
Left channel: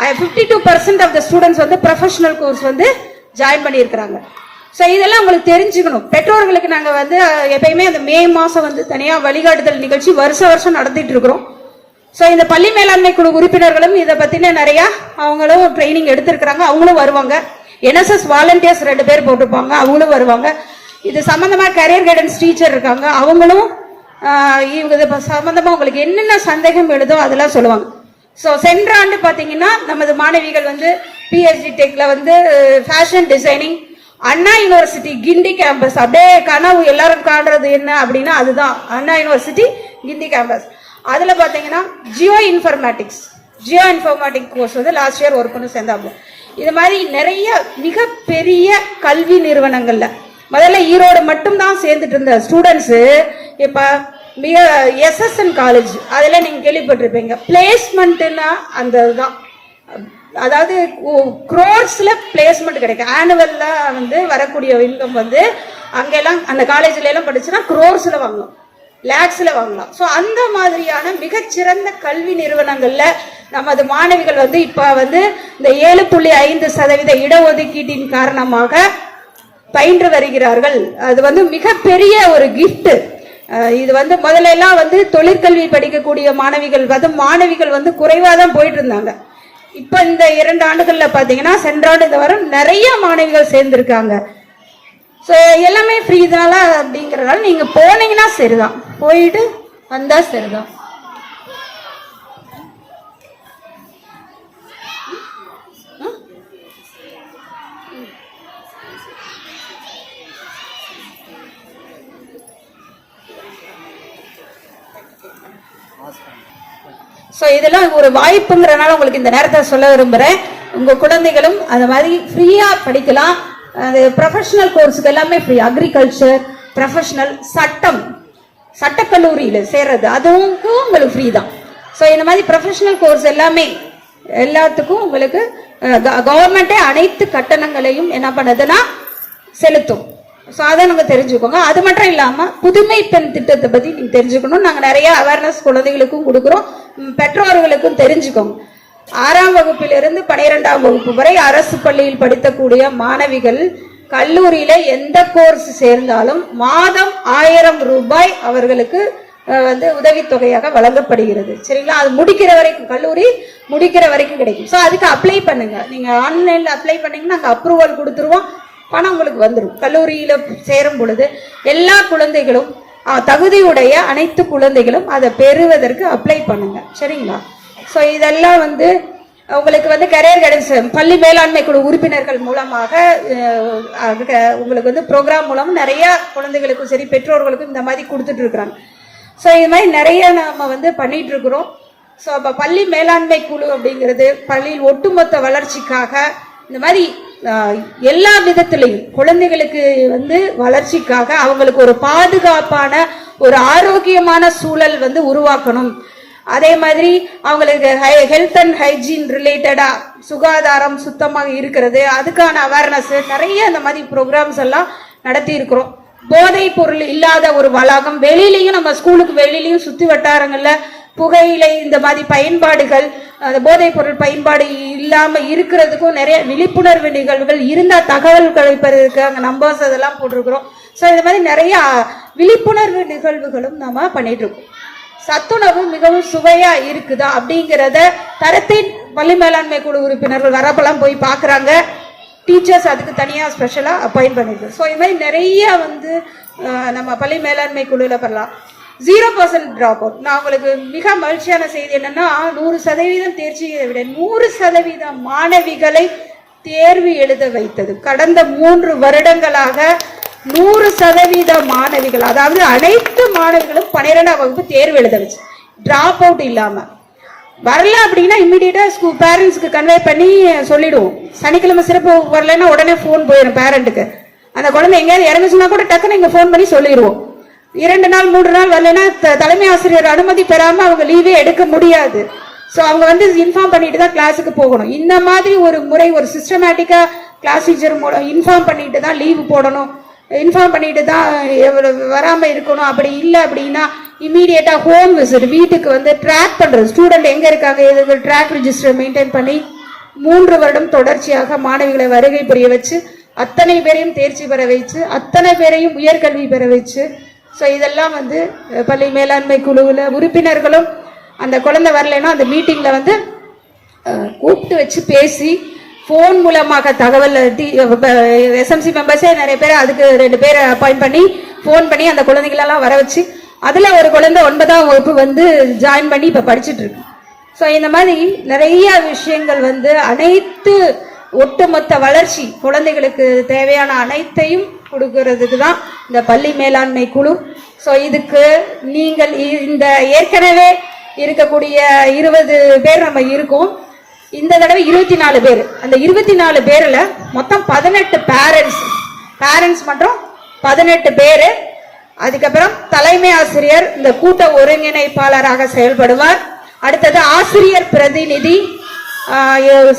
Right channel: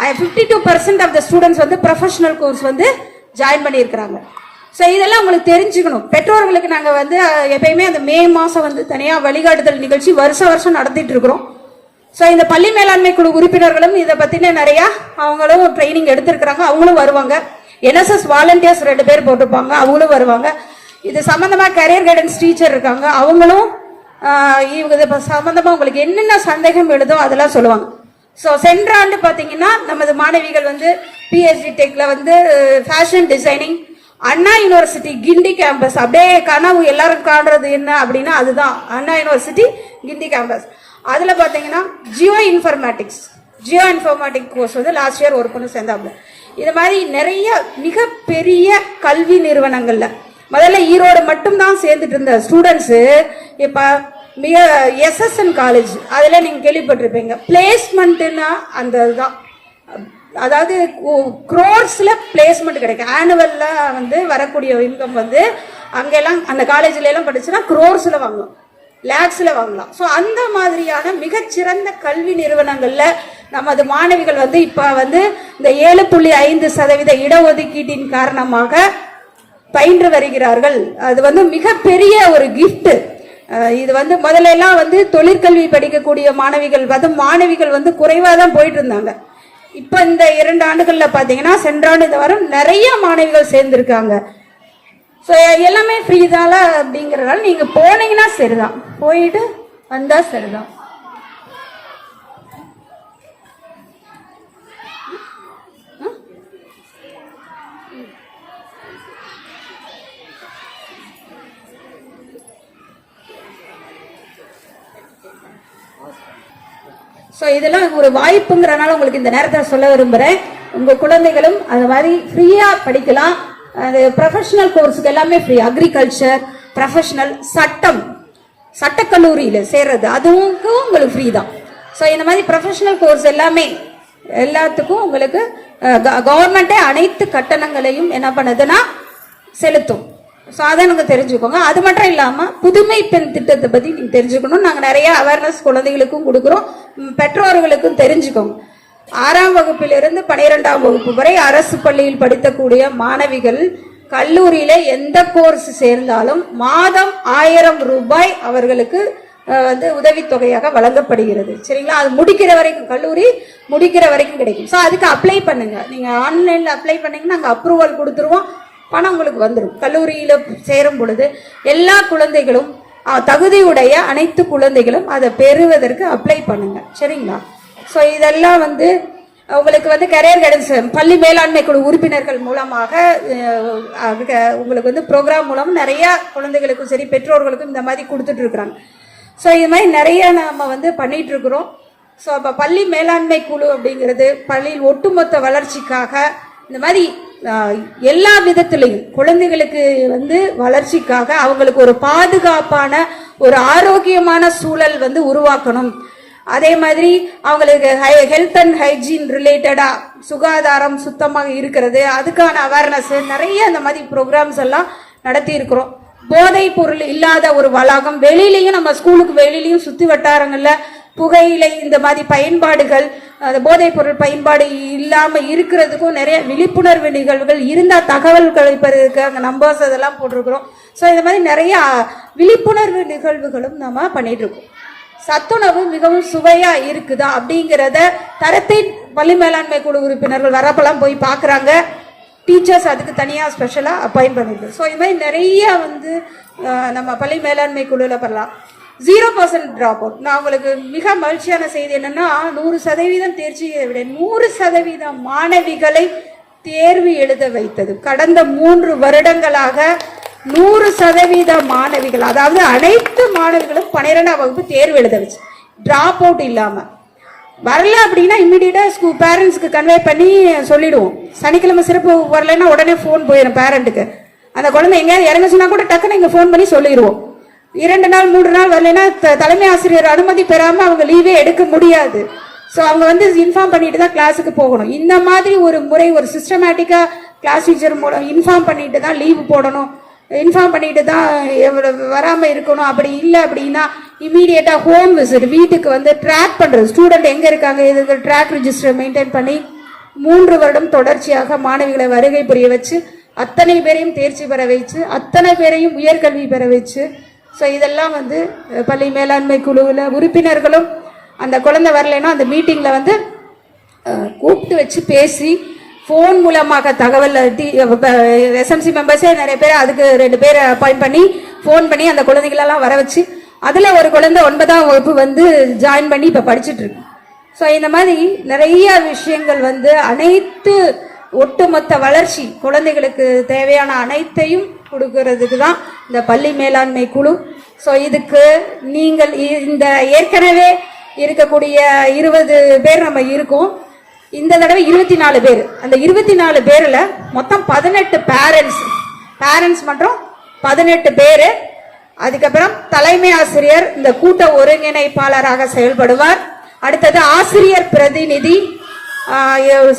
52% ஆஃப் த ஸ்டூடெண்ட்ஸ் வந்து ப்ரொஃபஷனல் கோர்ஸ் வந்து ஜாயின் பண்ணியிருக்கிறாங்க. ஸோ இதெல்லாம் உங்களுக்கு தெரிஞ்சுக்கணும். பெற்றோர்களுக்கு நாங்கள் வந்து எப்பயுமே அந்த மே மாதம் வந்து தனியாக வழிகாட்டுதல் நிகழ்ச்சி வருஷம் நடத்திட்டு இருக்கிறோம். ஸோ இந்த பள்ளி மேலாண்மை குழு உறுப்பினர்களும் இதை பற்றின நிறையா அவங்களும் ட்ரைனிங் எடுத்திருக்கிறாங்க, அவங்களும் வருவாங்க. என்எஸ்எஸ் வாலண்டியர்ஸ் 2 பேர் போட்டிருப்பாங்க, அவங்களும் வருவாங்க. இது சம்பந்தமாக கரியர் கைடன்ஸ் டீச்சர் இருக்காங்க, அவங்களும் இவங்க சம்பந்தமாக உங்களுக்கு என்னென்ன சந்தேகம் எழுதோ அதெல்லாம் சொல்லுவாங்க. ஸோ சென்ற ஆண்டு பார்த்தீங்கன்னா நமது மாணவிகள் வந்து பிஎஸ்டி டெக்ல வந்து ஃபேஷன் டிசைனிங் அண்ணா யூனிவர்சிட்டி கிண்டி கேம்பஸ், அப்படியே கனவு எல்லாரும் காண்றது என்ன அப்படின்னா அதுதான் அண்ணா யூனிவர்சிட்டி கிண்டி கேம்பஸ். அதுல பாத்தீங்கன்னா ஜியோ இன்ஃபர்மேட்டிக் கோர்ஸ் வந்து லாஸ்ட் இயர் ஒரு பொண்ணு சேர்ந்தாங்க. இது மாதிரி நிறைய மிகப்பெரிய கல்வி நிறுவனங்கள்ல முதல்ல ஈரோடு மட்டும்தான் சேர்ந்துட்டு இருந்த ஸ்டூடெண்ட்ஸ் இப்ப மிக SSN காலேஜ் அதுல நீங்க கேள்விப்பட்டிருப்பீங்க. பிளேஸ்மெண்ட்னா அந்த இதுதான், அதாவது குரோர்ஸ்ல பிளேஸ்மெண்ட் கிடைக்கும். ஆனுவல்ல வந்து வரக்கூடிய இன்கம் வந்து அங்கெல்லாம் அந்த காலேஜ்ல எல்லாம் படிச்சுன்னா குரோர்ஸ்ல வாங்கலாம், லேக்ஸ்ல வாங்கலாம். ஸோ அந்த மாதிரியான மிகச்சிறந்த கல்வி நிறுவனங்கள்ல நமது மாணவிகள் வந்து இப்ப வந்து இந்த 7.5% இடஒதுக்கீட்டின் காரணமாக பயின்று வருகிறார்கள். அது வந்து மிகப்பெரிய ஒரு கிஃப்ட். இது வந்து முதல்ல எல்லாம் வந்து தொழிற்கல்வி படிக்கக்கூடிய மாணவிகள் வந்து குறைவா தான் போயிட்டு இருந்தாங்க. இப்ப இந்த 2 ஆண்டுகள்ல பாத்தீங்கன்னா சென்ற ஆண்டு இந்த வாரம் நிறைய மாணவிகள் சேர்ந்திருக்காங்க. ஸோ எல்லாமே ஃப்ரீ தான அப்படிங்கறதால நீங்க போனீங்கன்னா சரிதான், போயிட்டு வந்தா சரிதான். ஸோ இதெல்லாம் ஒரு வாய்ப்புங்கிறனால உங்களுக்கு இந்த நேரத்தில் சொல்ல விரும்புகிறேன். உங்கள் குழந்தைகளும் அந்த மாதிரி ஃப்ரீயாக படிக்கலாம். அது ப்ரொஃபஷனல் கோர்ஸுக்கு எல்லாமே ஃப்ரீ. அக்ரிகல்ச்சர், ப்ரொஃபஷனல், சட்டக்கல்லூரியில் சேர்றது அதுவும் உங்களுக்கு ஃப்ரீ தான். ஸோ இந்த மாதிரி ப்ரொஃபஷனல் கோர்ஸ் எல்லாத்துக்கும் உங்களுக்கு கவர்மெண்ட்டே அனைத்து கட்டணங்களையும் என்ன பண்ணுதுன்னா செலுத்தும். ஸோ அதை நாங்கள் தெரிஞ்சுக்கோங்க. அது மட்டும் இல்லாமல் புதுமை பெண் திட்டத்தை பற்றி நீங்கள் தெரிஞ்சுக்கணும். நாங்கள் நிறைய அவேர்னஸ் குழந்தைகளுக்கும் கொடுக்குறோம், பெற்றோர்களுக்கும் தெரிஞ்சுக்கோங்க. 6ஆம் வகுப்பிலிருந்து 12ஆம் வகுப்பு வரை அரசு பள்ளியில் படிக்கக்கூடிய மாணவிகள் கல்லூரியில எந்த கோர்ஸ் சேர்ந்தாலும் மாதம் 1000 ரூபாய் அவர்களுக்கு வந்து உதவித்தொகையாக வழங்கப்படுகிறது. சரிங்களா? அது முடிக்கிற வரைக்கும், கல்லூரி முடிக்கிற வரைக்கும் கிடைக்கும். ஸோ அதுக்கு அப்ளை பண்ணுங்க. நீங்க ஆன்லைன்ல அப்ளை பண்ணீங்கன்னா நாங்கள் அப்ரூவல் கொடுத்துருவோம், பணம் உங்களுக்கு வந்துடும். கல்லூரியில சேரும் பொழுது எல்லா குழந்தைகளும், தகுதியுடைய அனைத்து குழந்தைகளும் அதை பெறுவதற்கு அப்ளை பண்ணுங்க. சரிங்களா? ஸோ இதெல்லாம் வந்து உங்களுக்கு வந்து கரியர் கைடன்ஸ் பள்ளி மேலாண்மை குழு உறுப்பினர்கள் மூலமாக உங்களுக்கு வந்து ப்ரோக்ராம் மூலம் நிறைய குழந்தைகளுக்கும் சரி பெற்றோர்களுக்கும் இந்த மாதிரி கொடுத்துட்டு இருக்கிறாங்க. ஸோ இது மாதிரி நிறைய நாம வந்து பண்ணிட்டு இருக்கிறோம். ஸோ அப்போ பள்ளி மேலாண்மை குழு அப்படிங்கிறது பள்ளியின் ஒட்டுமொத்த வளர்ச்சிக்காக இந்த மாதிரி எல்லா விதத்திலையும் குழந்தைகளுக்கு வந்து வளர்ச்சிக்காக அவங்களுக்கு ஒரு பாதுகாப்பான ஒரு ஆரோக்கியமான சூழல் வந்து உருவாக்கணும். அதே மாதிரி அவங்களுக்கு ஹெல்த் அண்ட் ஹைஜீன் ரிலேட்டடா சுகாதாரம் சுத்தமாக இருக்கிறது, அதுக்கான அவேர்னஸ் நிறைய அந்த மாதிரி ப்ரோக்ராம்ஸ் எல்லாம் நடத்தி இருக்கிறோம். போதைப் பொருள் இல்லாத ஒரு வளாகம், வெளியிலையும் நம்ம ஸ்கூலுக்கு வெளியிலையும் சுத்தி வட்டாரங்கள்ல புகையிலை இந்த மாதிரி பயன்பாடுகள், அந்த போதைப் பொருள் பயன்பாடு இல்லாம இருக்கிறதுக்கும் நிறைய விழிப்புணர்வு நிகழ்வுகள் இருந்தா தகவல்களை பெறதுக்கு அங்க நம்பர்ஸ் அதெல்லாம் போட்டிருக்கிறோம். ஸோ இந்த மாதிரி நிறைய விழிப்புணர்வு நிகழ்வுகளும் நம்ம பண்ணிட்டு இருக்கோம். சத்துணவு மிகவும் சுவையா இருக்குதா அப்படிங்கிறத தரத்தின் பள்ளி மேலாண்மை குழு உறுப்பினர்கள் வரப்பெல்லாம் போய் பாக்குறாங்க. டீச்சர்ஸ் அதுக்கு தனியா ஸ்பெஷலா அப்பாயிண்ட் பண்ணிருக்கு. ஸோ இது மாதிரி நிறைய வந்து நம்ம பள்ளி மேலாண்மை குழுல பண்ணலாம். 0% டிராப் அவுட். நான் உங்களுக்கு மிக மகிழ்ச்சியான செய்தி என்னன்னா 100% தேர்ச்சியை விட 100% மாணவிகளை தேர்வு எழுத வைத்தது. கடந்த 3 வருடங்களாக 100% மாணவிகள், அதாவது அனைத்து மாணவிகளும் 12ஆம் வகுப்பு தேர்வு எழுத வச்சு டிராப் அவுட் இல்லாம வரல அப்படின்னா இம்மிடியா ஸ்கூல் பேரண்ட்ஸ்க்கு கன்வே பண்ணி சொல்லிடுவோம். சனிக்கிழமை சிறப்பு வரலன்னா உடனே போன் போயிடும் பேரண்ட்டுக்கு. அந்த குழந்தை எங்கேயாவது இறங்குச்சுன்னா கூட டக்குன்னு இங்க போன் பண்ணி சொல்லிடுவோம். 2 நாள் 3 நாள் வரலன்னா தலைமை ஆசிரியர் அனுமதி பெறாம அவங்க லீவே எடுக்க முடியாது. ஸோ அவங்க வந்து இன்ஃபார்ம் பண்ணிட்டு தான் கிளாஸுக்கு போகணும். இந்த மாதிரி ஒரு முறை, ஒரு சிஸ்டமேட்டிக்கா கிளாஸ் டீச்சர் மூலம் இன்ஃபார்ம் பண்ணிட்டு தான் லீவு போடணும், இன்ஃபார்ம் பண்ணிட்டு தான் வராம இருக்கணும். அப்படி இல்லை அப்படின்னா இமீடியட்டா ஹோம் விசிட், வீட்டுக்கு வந்து ட்ராக் பண்றது, ஸ்டூடெண்ட் எங்க இருக்காங்க இதுக்கு ட்ராக் ரிஜிஸ்டர் மெயின்டைன் பண்ணி 3 வருடம் தொடர்ச்சியாக மாணவிகளை வருகை புரிய வச்சு அத்தனை பேரையும் தேர்ச்சி பெற வச்சு அத்தனை பேரையும் உயர்கல்வி பெற வச்சு. ஸோ இதெல்லாம் வந்து பள்ளி மேலாண்மை குழுவில் உறுப்பினர்களும் அந்த குழந்தை வரலைன்னா அந்த மீட்டிங்ல வந்து கூப்பிட்டு வச்சு பேசி போன் மூலமாக தகவல் SMC மெம்பர்ஸே நிறைய பேர், அதுக்கு 2 பேரை அப்பாயிண்ட் பண்ணி போன் பண்ணி அந்த குழந்தைகளெல்லாம் வர வச்சு அதுல ஒரு குழந்தை 9ஆம் வகுப்பு வந்து ஜாயின் பண்ணி இப்ப படிச்சுட்டு இருக்கு. ஸோ இந்த மாதிரி நிறைய விஷயங்கள் வந்து அனைத்து ஒட்டுமொத்த வளர்ச்சி குழந்தைகளுக்கு தேவையான அனைத்தையும் கொடுக்கறதுக்கு தான் இந்த பள்ளி மேலாண்மை குழு. ஸோ இதுக்கு நீங்கள் இந்த ஏற்கனவே இருக்கக்கூடிய 20 பேர் நம்ம இருக்கோம். இந்த தடவை 24 பேர். அந்த 24 பேர்ல மொத்தம் 18 பேரண்ட்ஸ் மற்றும் 18 பேரு. அதுக்கப்புறம் தலைமை ஆசிரியர் இந்த கூட்ட ஒருங்கிணைப்பாளராக செயல்படுவார். அடுத்தது ஆசிரியர் பிரதிநிதி.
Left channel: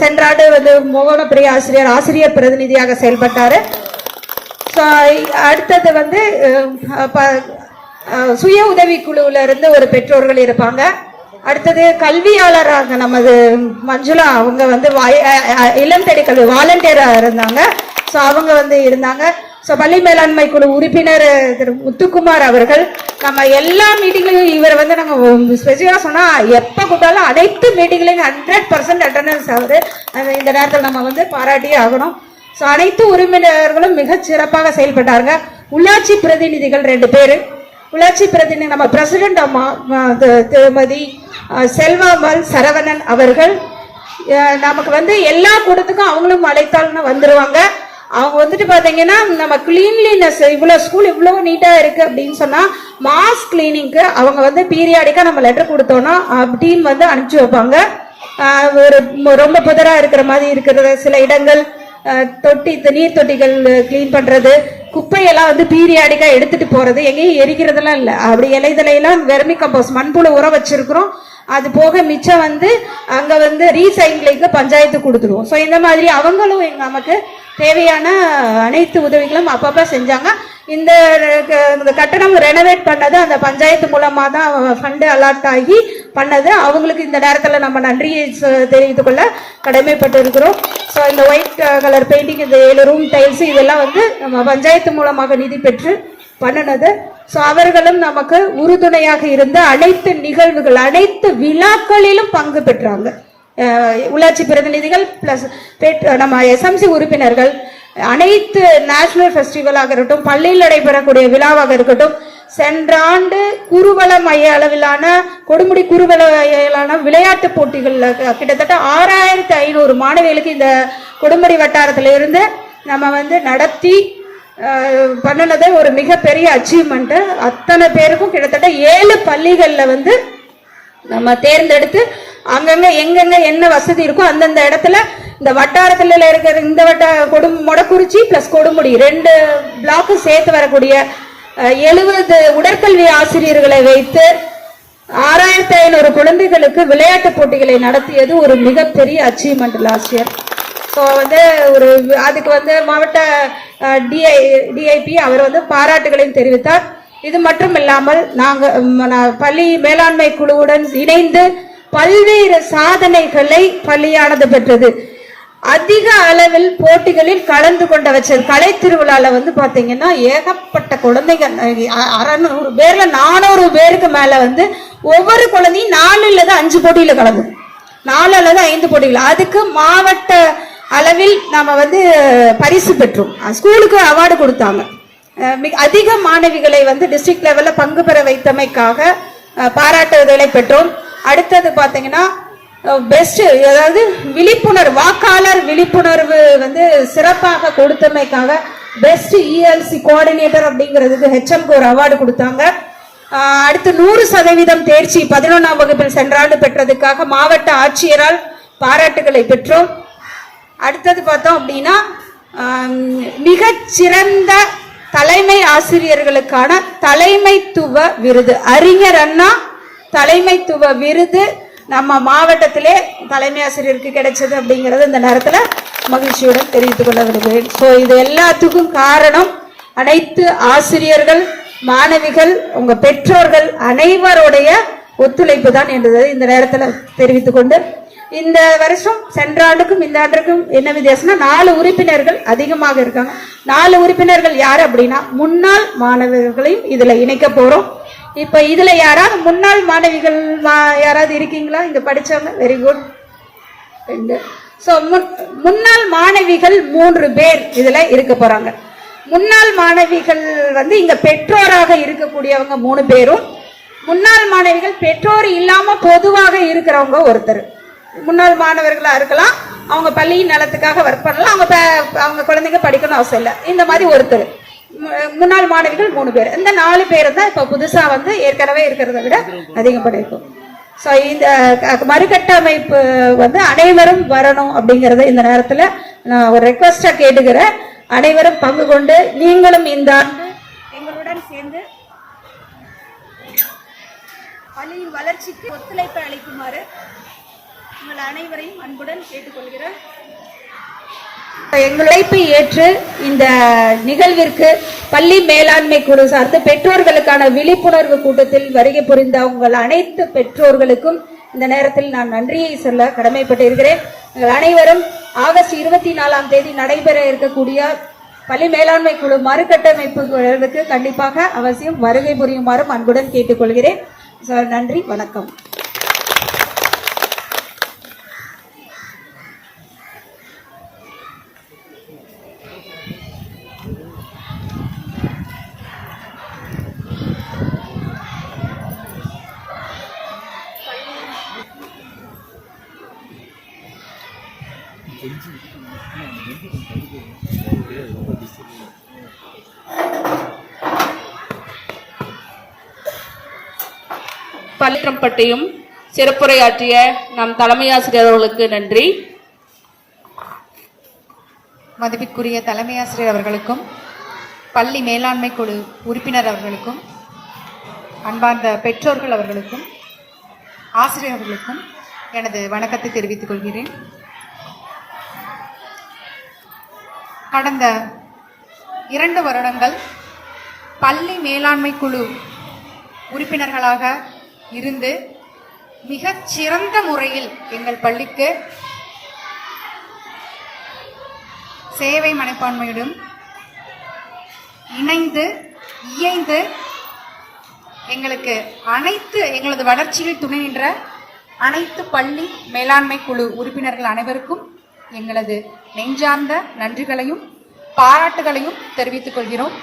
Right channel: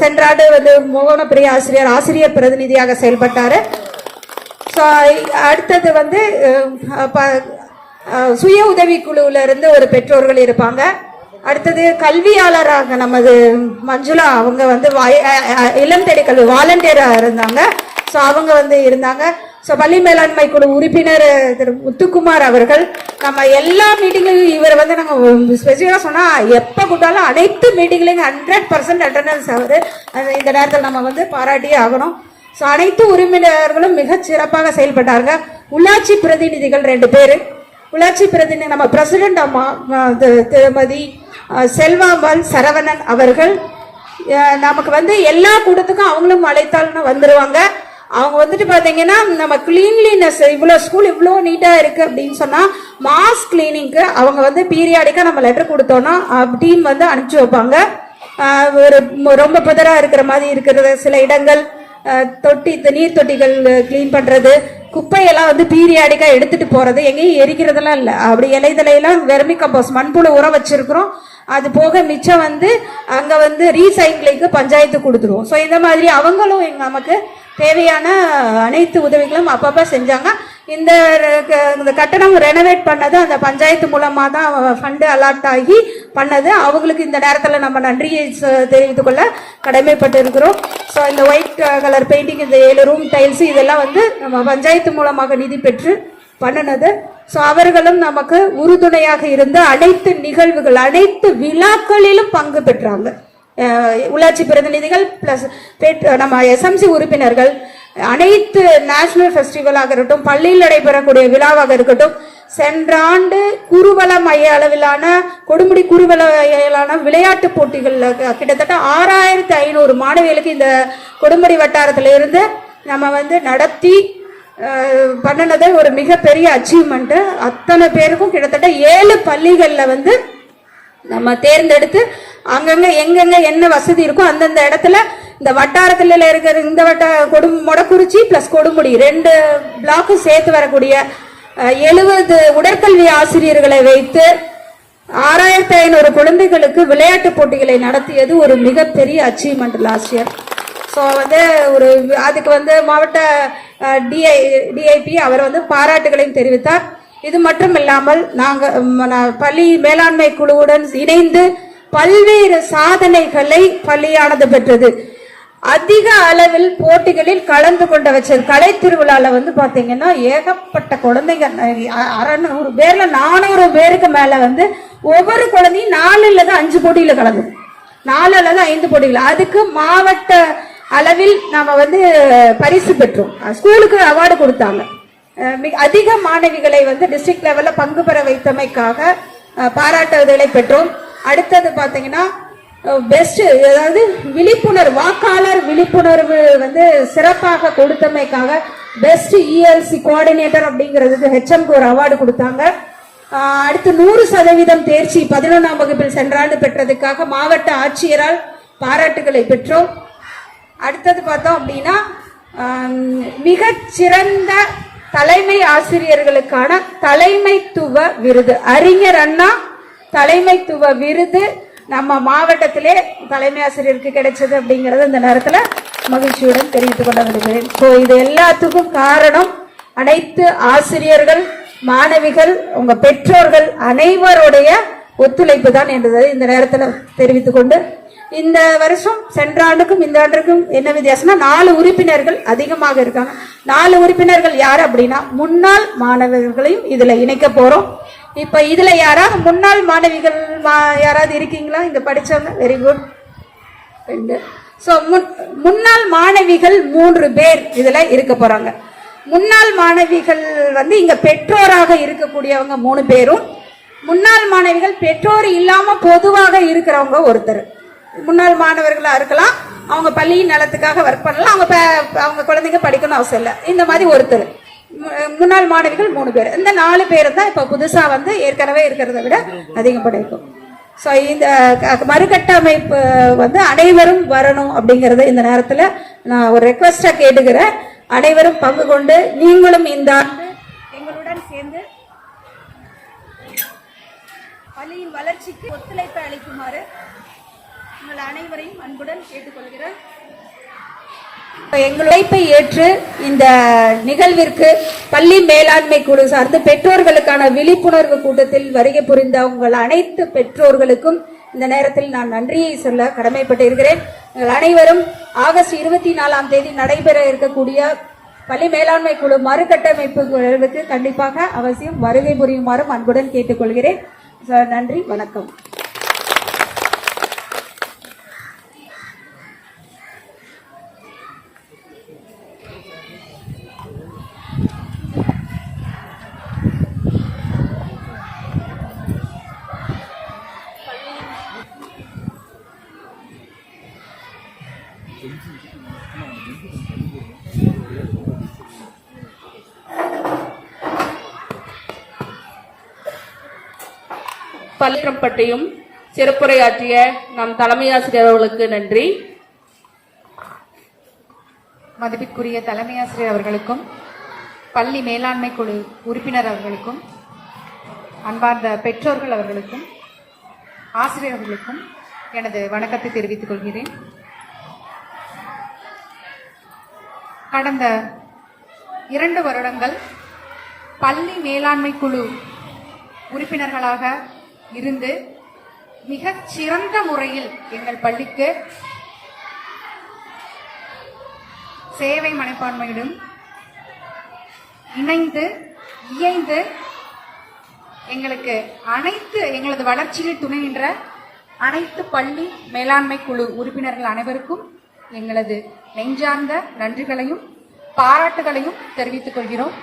சென்ற ஆண்டு வந்து மோகனப்பிரிய ஆசிரியர் பிரதிநிதியாக செயல்பட்டாரு. அடுத்தது வந்து சுய உதவி குழுவில இருந்து ஒரு பெற்றோர்கள் இருப்பாங்க. அடுத்தது கல்வியாளராக நமது மஞ்சுளா, அவங்க வந்து இளம் தேடி கல்வி வாலண்டியரா இருந்தாங்க. ஸோ அவங்க வந்து இருந்தாங்க. ஸோ பள்ளி மேலாண்மை குழு உறுப்பினர் திரு முத்துக்குமார் அவர்கள் நம்ம எல்லா மீட்டிங்லையும் இவர் வந்து நாங்கள் ஸ்பெசிஃபிக்காக சொன்னால் எப்போ கூட்டாலும் அனைத்து மீட்டிங்லையும் 100% அட்டண்டன்ஸ் ஆகுது. இந்த நேரத்தில் நம்ம வந்து பாராட்டியே ஆகணும். ஸோ அனைத்து உறுப்பினர்களும் மிக சிறப்பாக செயல்பட்டாங்க. உள்ளாட்சி பிரதிநிதிகள் 2 பேர். உள்ளாட்சி பிரதிநிதி நம்ம பிரசிடென்ட் அம்மா திருமதி செல்வாமல் சரவணன் அவர்கள் நமக்கு வந்து எல்லா கூட்டத்துக்கும் அவங்களும் அழைத்தாலும் வந்துருவாங்க. அவங்க வந்துட்டு பாத்தீங்கன்னா நம்ம கிளீன்லினஸ் இவ்வளவு ஸ்கூல் இவ்வளவு நீட்டா இருக்கு அப்படின்னு சொன்னா மாஸ் கிளீனிங்க்கு அவங்க வந்து பீரியாடிக்கா நம்ம லெட்டர் கொடுத்தோம்னா டீம் வந்து அனுப்பிச்சு வைப்பாங்க. ஒரு ரொம்ப புதரா இருக்கிற மாதிரி இருக்கிறது சில இடங்கள், நீர் தொட்டிகள் கிளீன் பண்றது, குப்பையெல்லாம் வந்து பீரியாடிக்கா எடுத்துட்டு போறது, எங்கேயும் எரிக்கிறதெல்லாம் இல்லை. அப்படி இலைதலையெல்லாம் வெர்மி கம்போஸ்ட் மண்புழு உரம் வச்சிருக்கிறோம். அது போக மிச்சம் வந்து அங்க வந்து ரீசைக்கிளிங்க்கு பஞ்சாயத்து கொடுத்துருவோம். ஸோ இந்த மாதிரி அவங்களும் நமக்கு தேவையான அனைத்து உதவிகளும் அப்பப்ப செஞ்சாங்க. இந்த கட்டணம் ரெனோவேட் பண்ணது அந்த பஞ்சாயத்து மூலமா தான் ஃபண்டு அலாட் ஆகி பண்ணது. அவங்களுக்கு இந்த நேரத்தில் நம்ம நன்றியை தெரிவித்துக் கொள்ள கடமைப்பட்டு இருக்கிறோம். ஸோ இந்த ஒயிட் கலர் பெயிண்டிங், இந்த 7 ரூம் டைல்ஸ் இதெல்லாம் வந்து நம்ம பஞ்சாயத்து மூலமாக நிதி பெற்று பண்ணினது. ஸோ அவர்களும் நமக்கு உறுதுணையாக இருந்த அனைத்து நிகழ்வுகள் அனைத்து விழாக்களிலும் பங்கு பெற்றாங்க. உள்ளாட்சி பிரதிநிதிகள் பிளஸ் நம்ம எஸ்எம்சி உறுப்பினர்கள் அனைத்து நேஷனல் ஃபெஸ்டிவலாக இருக்கட்டும், பள்ளியில் நடைபெறக்கூடிய விழாவாக இருக்கட்டும், சென்ற ஆண்டு குருவல மைய அளவிலான கொடுமுடி குருவல மையிலான விளையாட்டு போட்டிகள்ல கிட்டத்தட்ட 6500 மாணவிகளுக்கு இந்த கொடுமுடி வட்டாரத்திலிருந்து நம்ம வந்து நடத்தி பண்ணினது ஒரு மிகப்பெரிய அச்சீவ்மெண்ட். அத்தனை பேருக்கும் கிட்டத்தட்ட 7 பள்ளிகள்ல வந்து நம்ம தேர்ந்தெடுத்து அங்கங்க எங்கெங்க என்ன வசதி இருக்கோ அந்தந்த இடத்துல இந்த வட்டாரத்துல இருக்கிற இந்த மொடக்குறிச்சி பிளஸ் கொடுமுடி 2 பிளாக்கும் சேர்த்து வரக்கூடிய 70 உடற்கல்வி ஆசிரியர்களை வைத்து 6500 குழந்தைகளுக்கு விளையாட்டு போட்டிகளை நடத்தியது ஒரு மிகப்பெரிய அச்சீவ்மெண்ட் லாஸ்ட் இயர். ஸோ வந்து அதுக்கு வந்து மாவட்ட டிஐபி அவர் வந்து பாராட்டுகளையும் தெரிவித்தார். இது மட்டும் இல்லாமல் நாங்கள் பள்ளி மேலாண்மை குழுவுடன் இணைந்து பல்வேறு சாதனைகளை பள்ளியானது பெற்றது. அதிக அளவில் போட்டிகளில் கலந்து கொண்ட வச்சது. கலை திருவிழால வந்து பாத்தீங்கன்னா ஏகப்பட்ட குழந்தைங்க 600 பேர்ல 400 பேருக்கு மேல வந்து ஒவ்வொரு குழந்தையும் 4 அல்லது 5 போட்டியில கலந்து 4 அல்லது 5 போட்டிகள். அதுக்கு மாவட்ட அளவில் நாம வந்து பரிசு பெற்றோம். ஸ்கூலுக்கு அவார்டு கொடுத்தாங்க. அதிக மாணவிகளை வந்து டிஸ்ட்ரிக்ட் லெவல்ல பங்கு பெற வைத்தமைக்காக பாராட்டுதலை பெற்றோம். அடுத்தது பாத்தீங்கன்னா பெஸ்ட், அதாவது விழிப்புணர்வு, வாக்காளர் விழிப்புணர்வு வந்து சிறப்பாக கொடுத்தமைக்காக பெஸ்ட் இஎல்சி கோஆர்டினேட்டர் அப்படிங்கிறதுக்கு ஹெச்எம்க்கு ஒரு அவார்டு கொடுத்தாங்க. அடுத்து 100% தேர்ச்சி 11ஆம் வகுப்பில் சென்ற ஆண்டு பெற்றதுக்காக மாவட்ட ஆட்சியரால் பாராட்டுகளை பெற்றோம். அடுத்தது பார்த்தோம் அப்படின்னா மிகச்சிறந்த தலைமை ஆசிரியர்களுக்கான தலைமைத்துவ விருது, அறிஞர் அண்ணா தலைமைத்துவ விருது நம்ம மாவட்டத்திலே தலைமை ஆசிரியருக்கு கிடைச்சது அப்படிங்கிறது இந்த நேரத்தில் மகிழ்ச்சியுடன் தெரிவித்துக் கொள்ள விரும்புகிறேன். ஸோ இது எல்லாத்துக்கும் காரணம் அனைத்து ஆசிரியர்கள், மாணவிகள், உங்க பெற்றோர்கள் அனைவருடைய ஒத்துழைப்பு தான் என்பதை இந்த நேரத்தில் தெரிவித்துக் கொண்டு, இந்த வருஷம் சென்ற ஆண்டுக்கும் இந்த ஆண்டுக்கும் என்ன வித்தியாசம்னா 4 உறுப்பினர்கள் அதிகமாக இருக்காங்க. 4 உறுப்பினர்கள் யார் அப்படின்னா முன்னாள் மாணவர்களையும் இதுல இணைக்க போறோம். இப்ப இதுல யாராவது முன்னாள் மாணவிகள் யாராவது இருக்கீங்களா இங்க படிச்சவங்க? Very good. சோ முன்னாள் மாணவிகள் 3 பேர் இதுல இருக்க போறாங்க. முன்னாள் மாணவிகள் வந்து இங்க பெற்றோராக இருக்கக்கூடியவங்க 3 பேரும், முன்னாள் மாணவிகள் பெற்றோர் இல்லாம பொதுவாக இருக்கிறவங்க ஒருத்தர். முன்னாள் மாணவர்களா இருக்கலாம், அவங்க பள்ளியின் நலத்துக்காக ஒர்க் பண்ணலாம், அவங்க குழந்தைங்க படிக்கணும் அவசியம் இல்லை, இந்த மாதிரி ஒருத்தர். முன்னாள் மாணவிகள் 3 பேர். இந்த 4 பேரை தான் இப்ப புதுசா வந்து ஏற்கனவே இருக்கிறத விட அதிகம் படிக்கும். ஸோ இந்த மறுகட்டமைப்பு வந்து அனைவரும் வரணும் அப்படிங்கறத இந்த நேரத்தில் நான் ஒரு ரெக்வஸ்டா கேட்டுக்கிறேன். அனைவரும் பங்கு கொண்டு நீங்களும் இந்த ஆண்டு எங்களுடன் சேர்ந்து பள்ளியின் வளர்ச்சிக்கு ஒத்துழைப்பு அளிக்குமாறு உங்கள் அனைவரையும் அன்புடன் கேட்டுக்கொள்கிறேன். எங்கள் அழைப்பை ஏற்று இந்த நிகழ்விற்கு பள்ளி மேலாண்மை குழு சார்ந்து பெற்றோர்களுக்கான விழிப்புணர்வு கூட்டத்தில் வருகை புரிந்த உங்கள் அனைத்து பெற்றோர்களுக்கும் இந்த நேரத்தில் நான் நன்றியை சொல்ல கடமைப்பட்டிருக்கிறேன். அனைவரும் ஆகஸ்ட் 24 நடைபெற இருக்கக்கூடிய பள்ளி மேலாண்மை குழு மறுகட்டமைப்பு குழுவுக்கு கண்டிப்பாக அவசியம் வருகை புரியுமாறும் அன்புடன் கேட்டுக்கொள்கிறேன். நன்றி, வணக்கம். பள்ளிரம்பட்டியும் சிறப்புரையாற்றிய நம் தலைமை ஆசிரியர் அவர்களுக்கு நன்றி. மதிப்பிற்குரிய தலைமை ஆசிரியர் அவர்களுக்கும் பள்ளி மேலாண்மை குழு உறுப்பினர் அவர்களுக்கும் அன்பார்ந்த பெற்றோர்கள் அவர்களுக்கும் ஆசிரியர்களுக்கும் எனது வணக்கத்தை தெரிவித்துக் கொள்கிறேன். கடந்த 2 வருடங்கள் பள்ளி மேலாண்மை குழு உறுப்பினர்களாக இருந்து மிகச் சிறந்த முறையில் எங்கள் பள்ளிக்கு சேவை மனப்பான்மையுடன் இணைந்து இயைந்து எங்களது வளர்ச்சியில் துணை நின்ற அனைத்து பள்ளி மேலாண்மை குழு உறுப்பினர்கள் அனைவருக்கும் எங்களது நெஞ்சார்ந்த நன்றிகளையும் பாராட்டுகளையும் தெரிவித்துக் கொள்கிறோம்.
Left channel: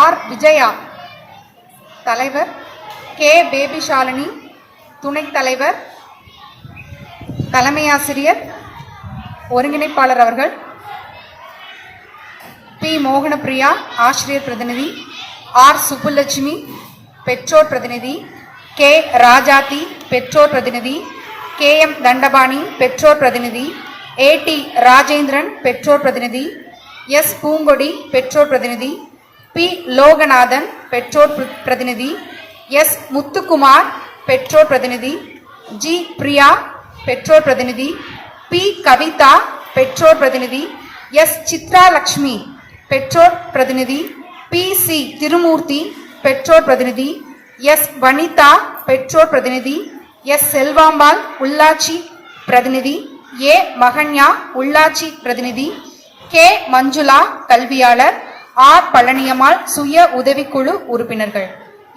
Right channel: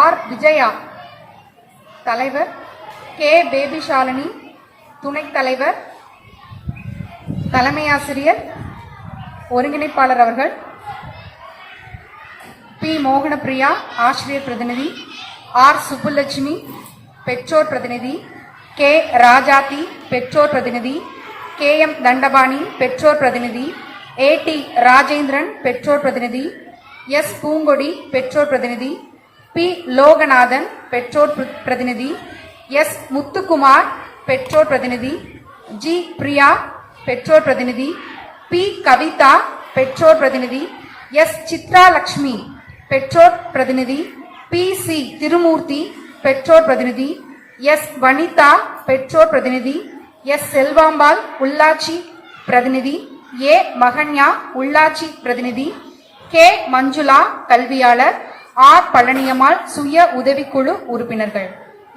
ஆர் விஜயா தலைவர், கே பேபி ஷாலினி துணைத் தலைவர், தலைமை ஆசிரியர் ஒருங்கிணைப்பாளர் அவர்கள், பி மோகனப்பிரியா ஆசிரியர் பிரதிநிதி, ஆர் சுப்புலட்சுமி பெற்றோர் பிரதிநிதி, கே ராஜாத்தி பெற்றோர் பிரதிநிதி, கே எம் தண்டபாணி பெற்றோர் பிரதிநிதி, ஏ டி ராஜேந்திரன் பெற்றோர் பிரதிநிதி, எஸ் பூங்கொடி பெற்றோர் பிரதிநிதி, பி லோகநாதன் பெற்றோர் பிரதிநிதி, எஸ் முத்துக்குமார் பெற்றோர் பிரதிநிதி, ஜி பிரியா பெற்றோர் பிரதிநிதி, பி கவிதா பெற்றோர் பிரதிநிதி, எஸ் சித்ராலட்சுமி பெற்றோர் பிரதிநிதி, பி சி திருமூர்த்தி பெற்றோர் பிரதிநிதி, எஸ் வனிதா பெற்றோர் பிரதிநிதி, எஸ் செல்வாம்பாள் உள்ளாட்சி பிரதிநிதி, ஏ மகன்யா உள்ளாட்சி பிரதிநிதி, கே மஞ்சுளா கல்வியாளர், ஆர் பழனியம்மாள் சுய உதவிக்குழு உறுப்பினர்கள்.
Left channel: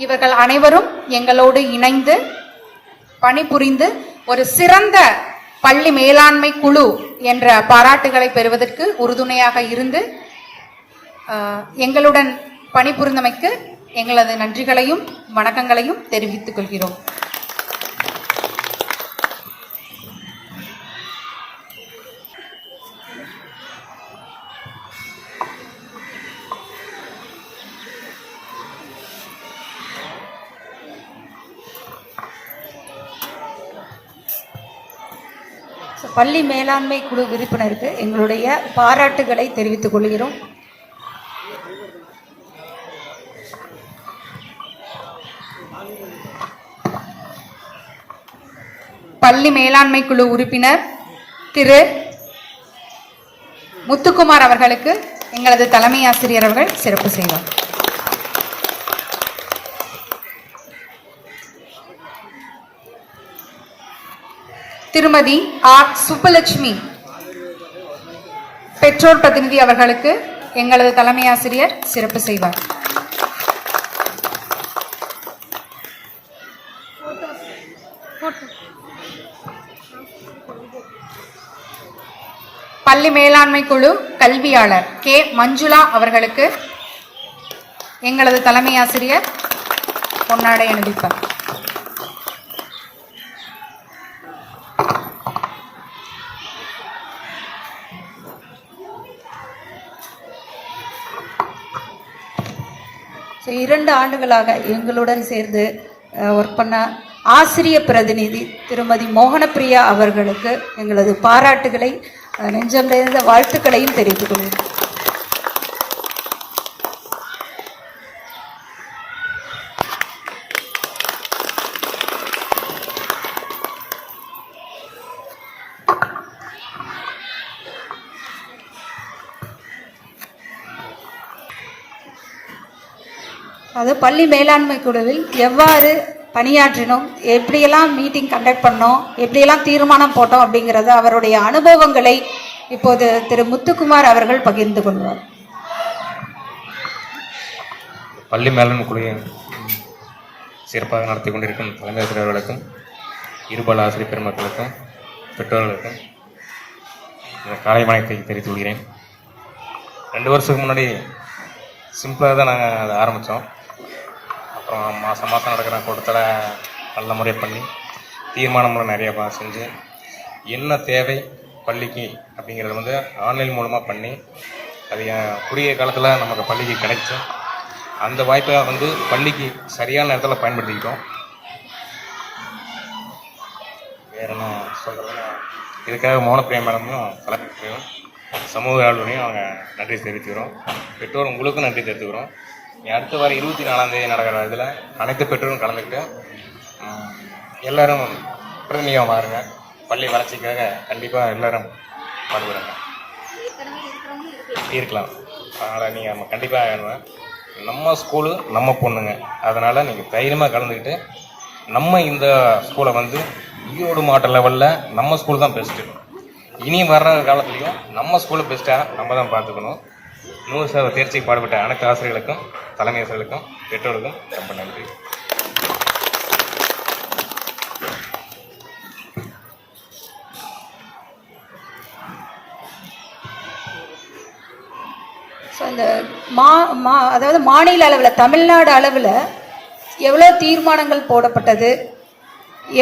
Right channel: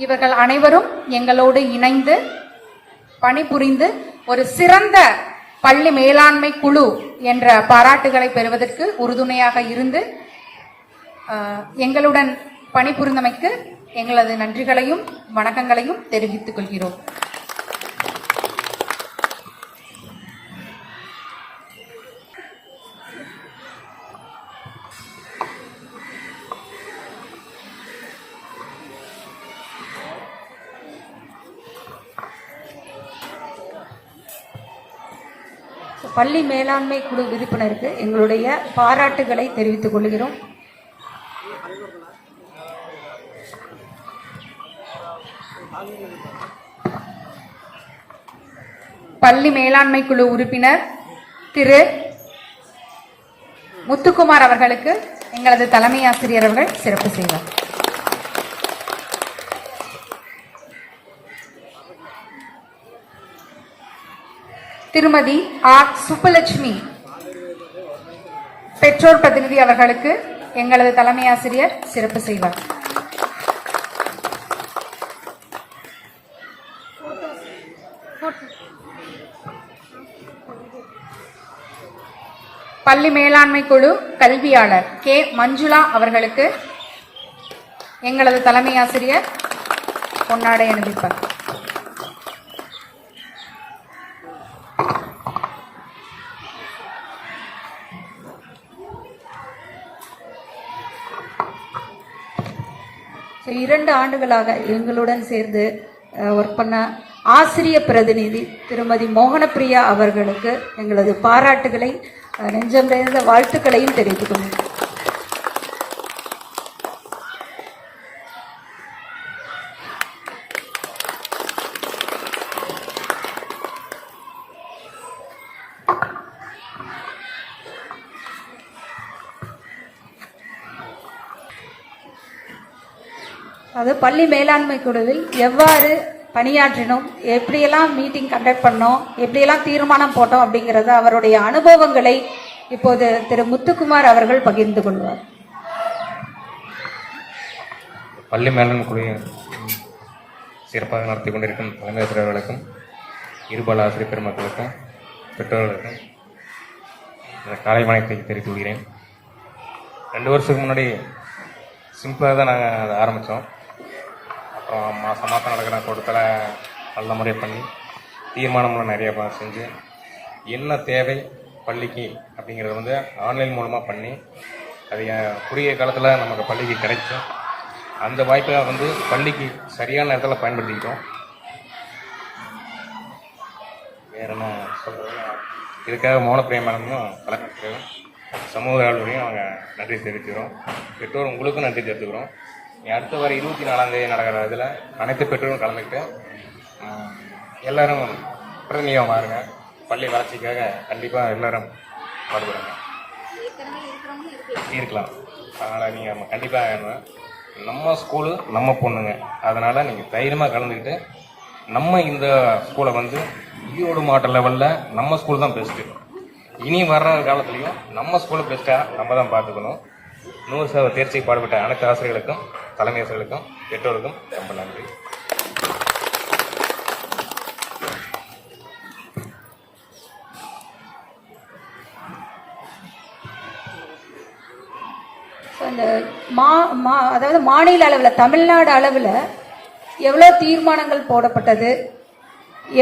இவர்கள் அனைவரும் எங்களோடு இணைந்து பணிபுரிந்து ஒரு சிறந்த பள்ளி மேலாண்மை குழு என்ற பாராட்டுகளை பெறுவதற்கு உறுதுணையாக இருந்து எங்களுடன் பணிபுரிந்தமைக்கு எங்களது நன்றிகளையும் வணக்கங்களையும் தெரிவித்துக் கொள்கிறோம். பள்ளி மேலாண்மை குழு உறுப்பினருக்கு எங்களுடைய பாராட்டுகளை தெரிவித்துக் கொள்கிறோம். பள்ளி மேலாண்மை குழு உறுப்பினர் திரு முத்துக்குமார் அவர்களுக்கு எங்களது தலைமை ஆசிரியர் அவர்கள் சிறப்பு செய்வார். திருமதி ஆர் சுப்புலட்சுமி பெற்றோர் பிரதிநிதி அவர்களுக்கு எங்களது தலைமை ஆசிரியர் சிறப்பு செய்வார். பள்ளி மேலாண்மை குழு கல்வியாளர் கே மஞ்சுளா அவர்களுக்கு எங்களது தலைமை ஆசிரியர் பொன்னாடை அணிவிப்பார். 2 ஆண்டுகளாக எங்களுடன் சேர்ந்து ஒர்க் பண்ண ஆசிரிய பிரதிநிதி திருமதி மோகனப்பிரியா அவர்களுக்கு எங்களது பாராட்டுகளை நெஞ்சம் நிறைந்த வாழ்த்துக்களையும் தெரிவித்துக் கொள்கிறேன். அது பள்ளி மேலாண்மை குழுவில் எவ்வாறு பணியாற்றினோம், எப்படியெல்லாம் மீட்டிங் கண்டக்ட் பண்ணோம், எப்படியெல்லாம் தீர்மானம் போட்டோம் அப்படிங்கிறத அவருடைய அனுபவங்களை இப்போது திரு முத்துக்குமார் அவர்கள் பகிர்ந்து கொள்வார். பள்ளி மேலாண்மை குழுவை சிறப்பாக நடத்தி கொண்டிருக்கும் தலைமை ஆசிரியர்களுக்கும் இருபால் ஆசிரியர் பெருமக்களுக்கும் பெற்றோர்களுக்கும் காலை வணக்கத்தை தெரிவித்து கொள்கிறேன். 2 வருஷத்துக்கு முன்னாடி சிம்பிளாக தான் நாங்கள் அதை ஆரம்பித்தோம். அப்புறம் மாதம் நடக்கிற கூட்டத்தில் நல்ல முறை பண்ணி தீர்மானங்களும் நிறைய செஞ்சு என்ன தேவை பள்ளிக்கு அப்படிங்கிறது வந்து ஆன்லைன் மூலமாக பண்ணி அது குறுகிய காலத்தில் நமக்கு பள்ளிக்கு கிடைக்கும். அந்த வாய்ப்பை வந்து பள்ளிக்கு சரியான நேரத்தில் பயன்படுத்திக்கிட்டோம். வேறு என்ன சொல்கிறது, இதுக்காக மோகனப்பிரியா மேடமும் தலைமையும் சமூக ஆளுநரையும் அவங்க நன்றி தெரிவித்துக்கிறோம். பெற்றோர் உங்களுக்கும் நன்றி தெரிவித்துக்கிறோம். அடுத்த வாரம் 24ஆம் தேதி நடக்கிற இதில் அனைத்து பெற்றோரும் கலந்துக்கிட்டு எல்லோரும் பிரதிநிதியாக மாறுங்க. பள்ளி வளர்ச்சிக்காக கண்டிப்பாக எல்லோரும் பாடுபடுங்க. இருக்கலாம். அதனால் நீங்கள் கண்டிப்பாக நம்ம ஸ்கூலு நம்ம பொண்ணுங்க, அதனால் நீங்கள் தைரியமாக கலந்துக்கிட்டு நம்ம இந்த ஸ்கூலை வந்து ஈரோடு மாவட்ட லெவலில் நம்ம ஸ்கூல் தான் பெஸ்ட்டு. இனி வர்ற காலத்துலேயும் நம்ம ஸ்கூலை பெஸ்ட்டாக நம்ம தான் பார்த்துக்கணும். 100% தேர்ச்சிக்கு பாடுபட்ட அனைத்து ஆசிரியர்களுக்கும் தலைமை ஆசிரியர்களுக்கும் பெற்றோருக்கும் ரொம்ப நன்றி. ஸோ இந்த அதாவது மாநில அளவில் தமிழ்நாடு அளவில் எவ்வளோ தீர்மானங்கள் போடப்பட்டது,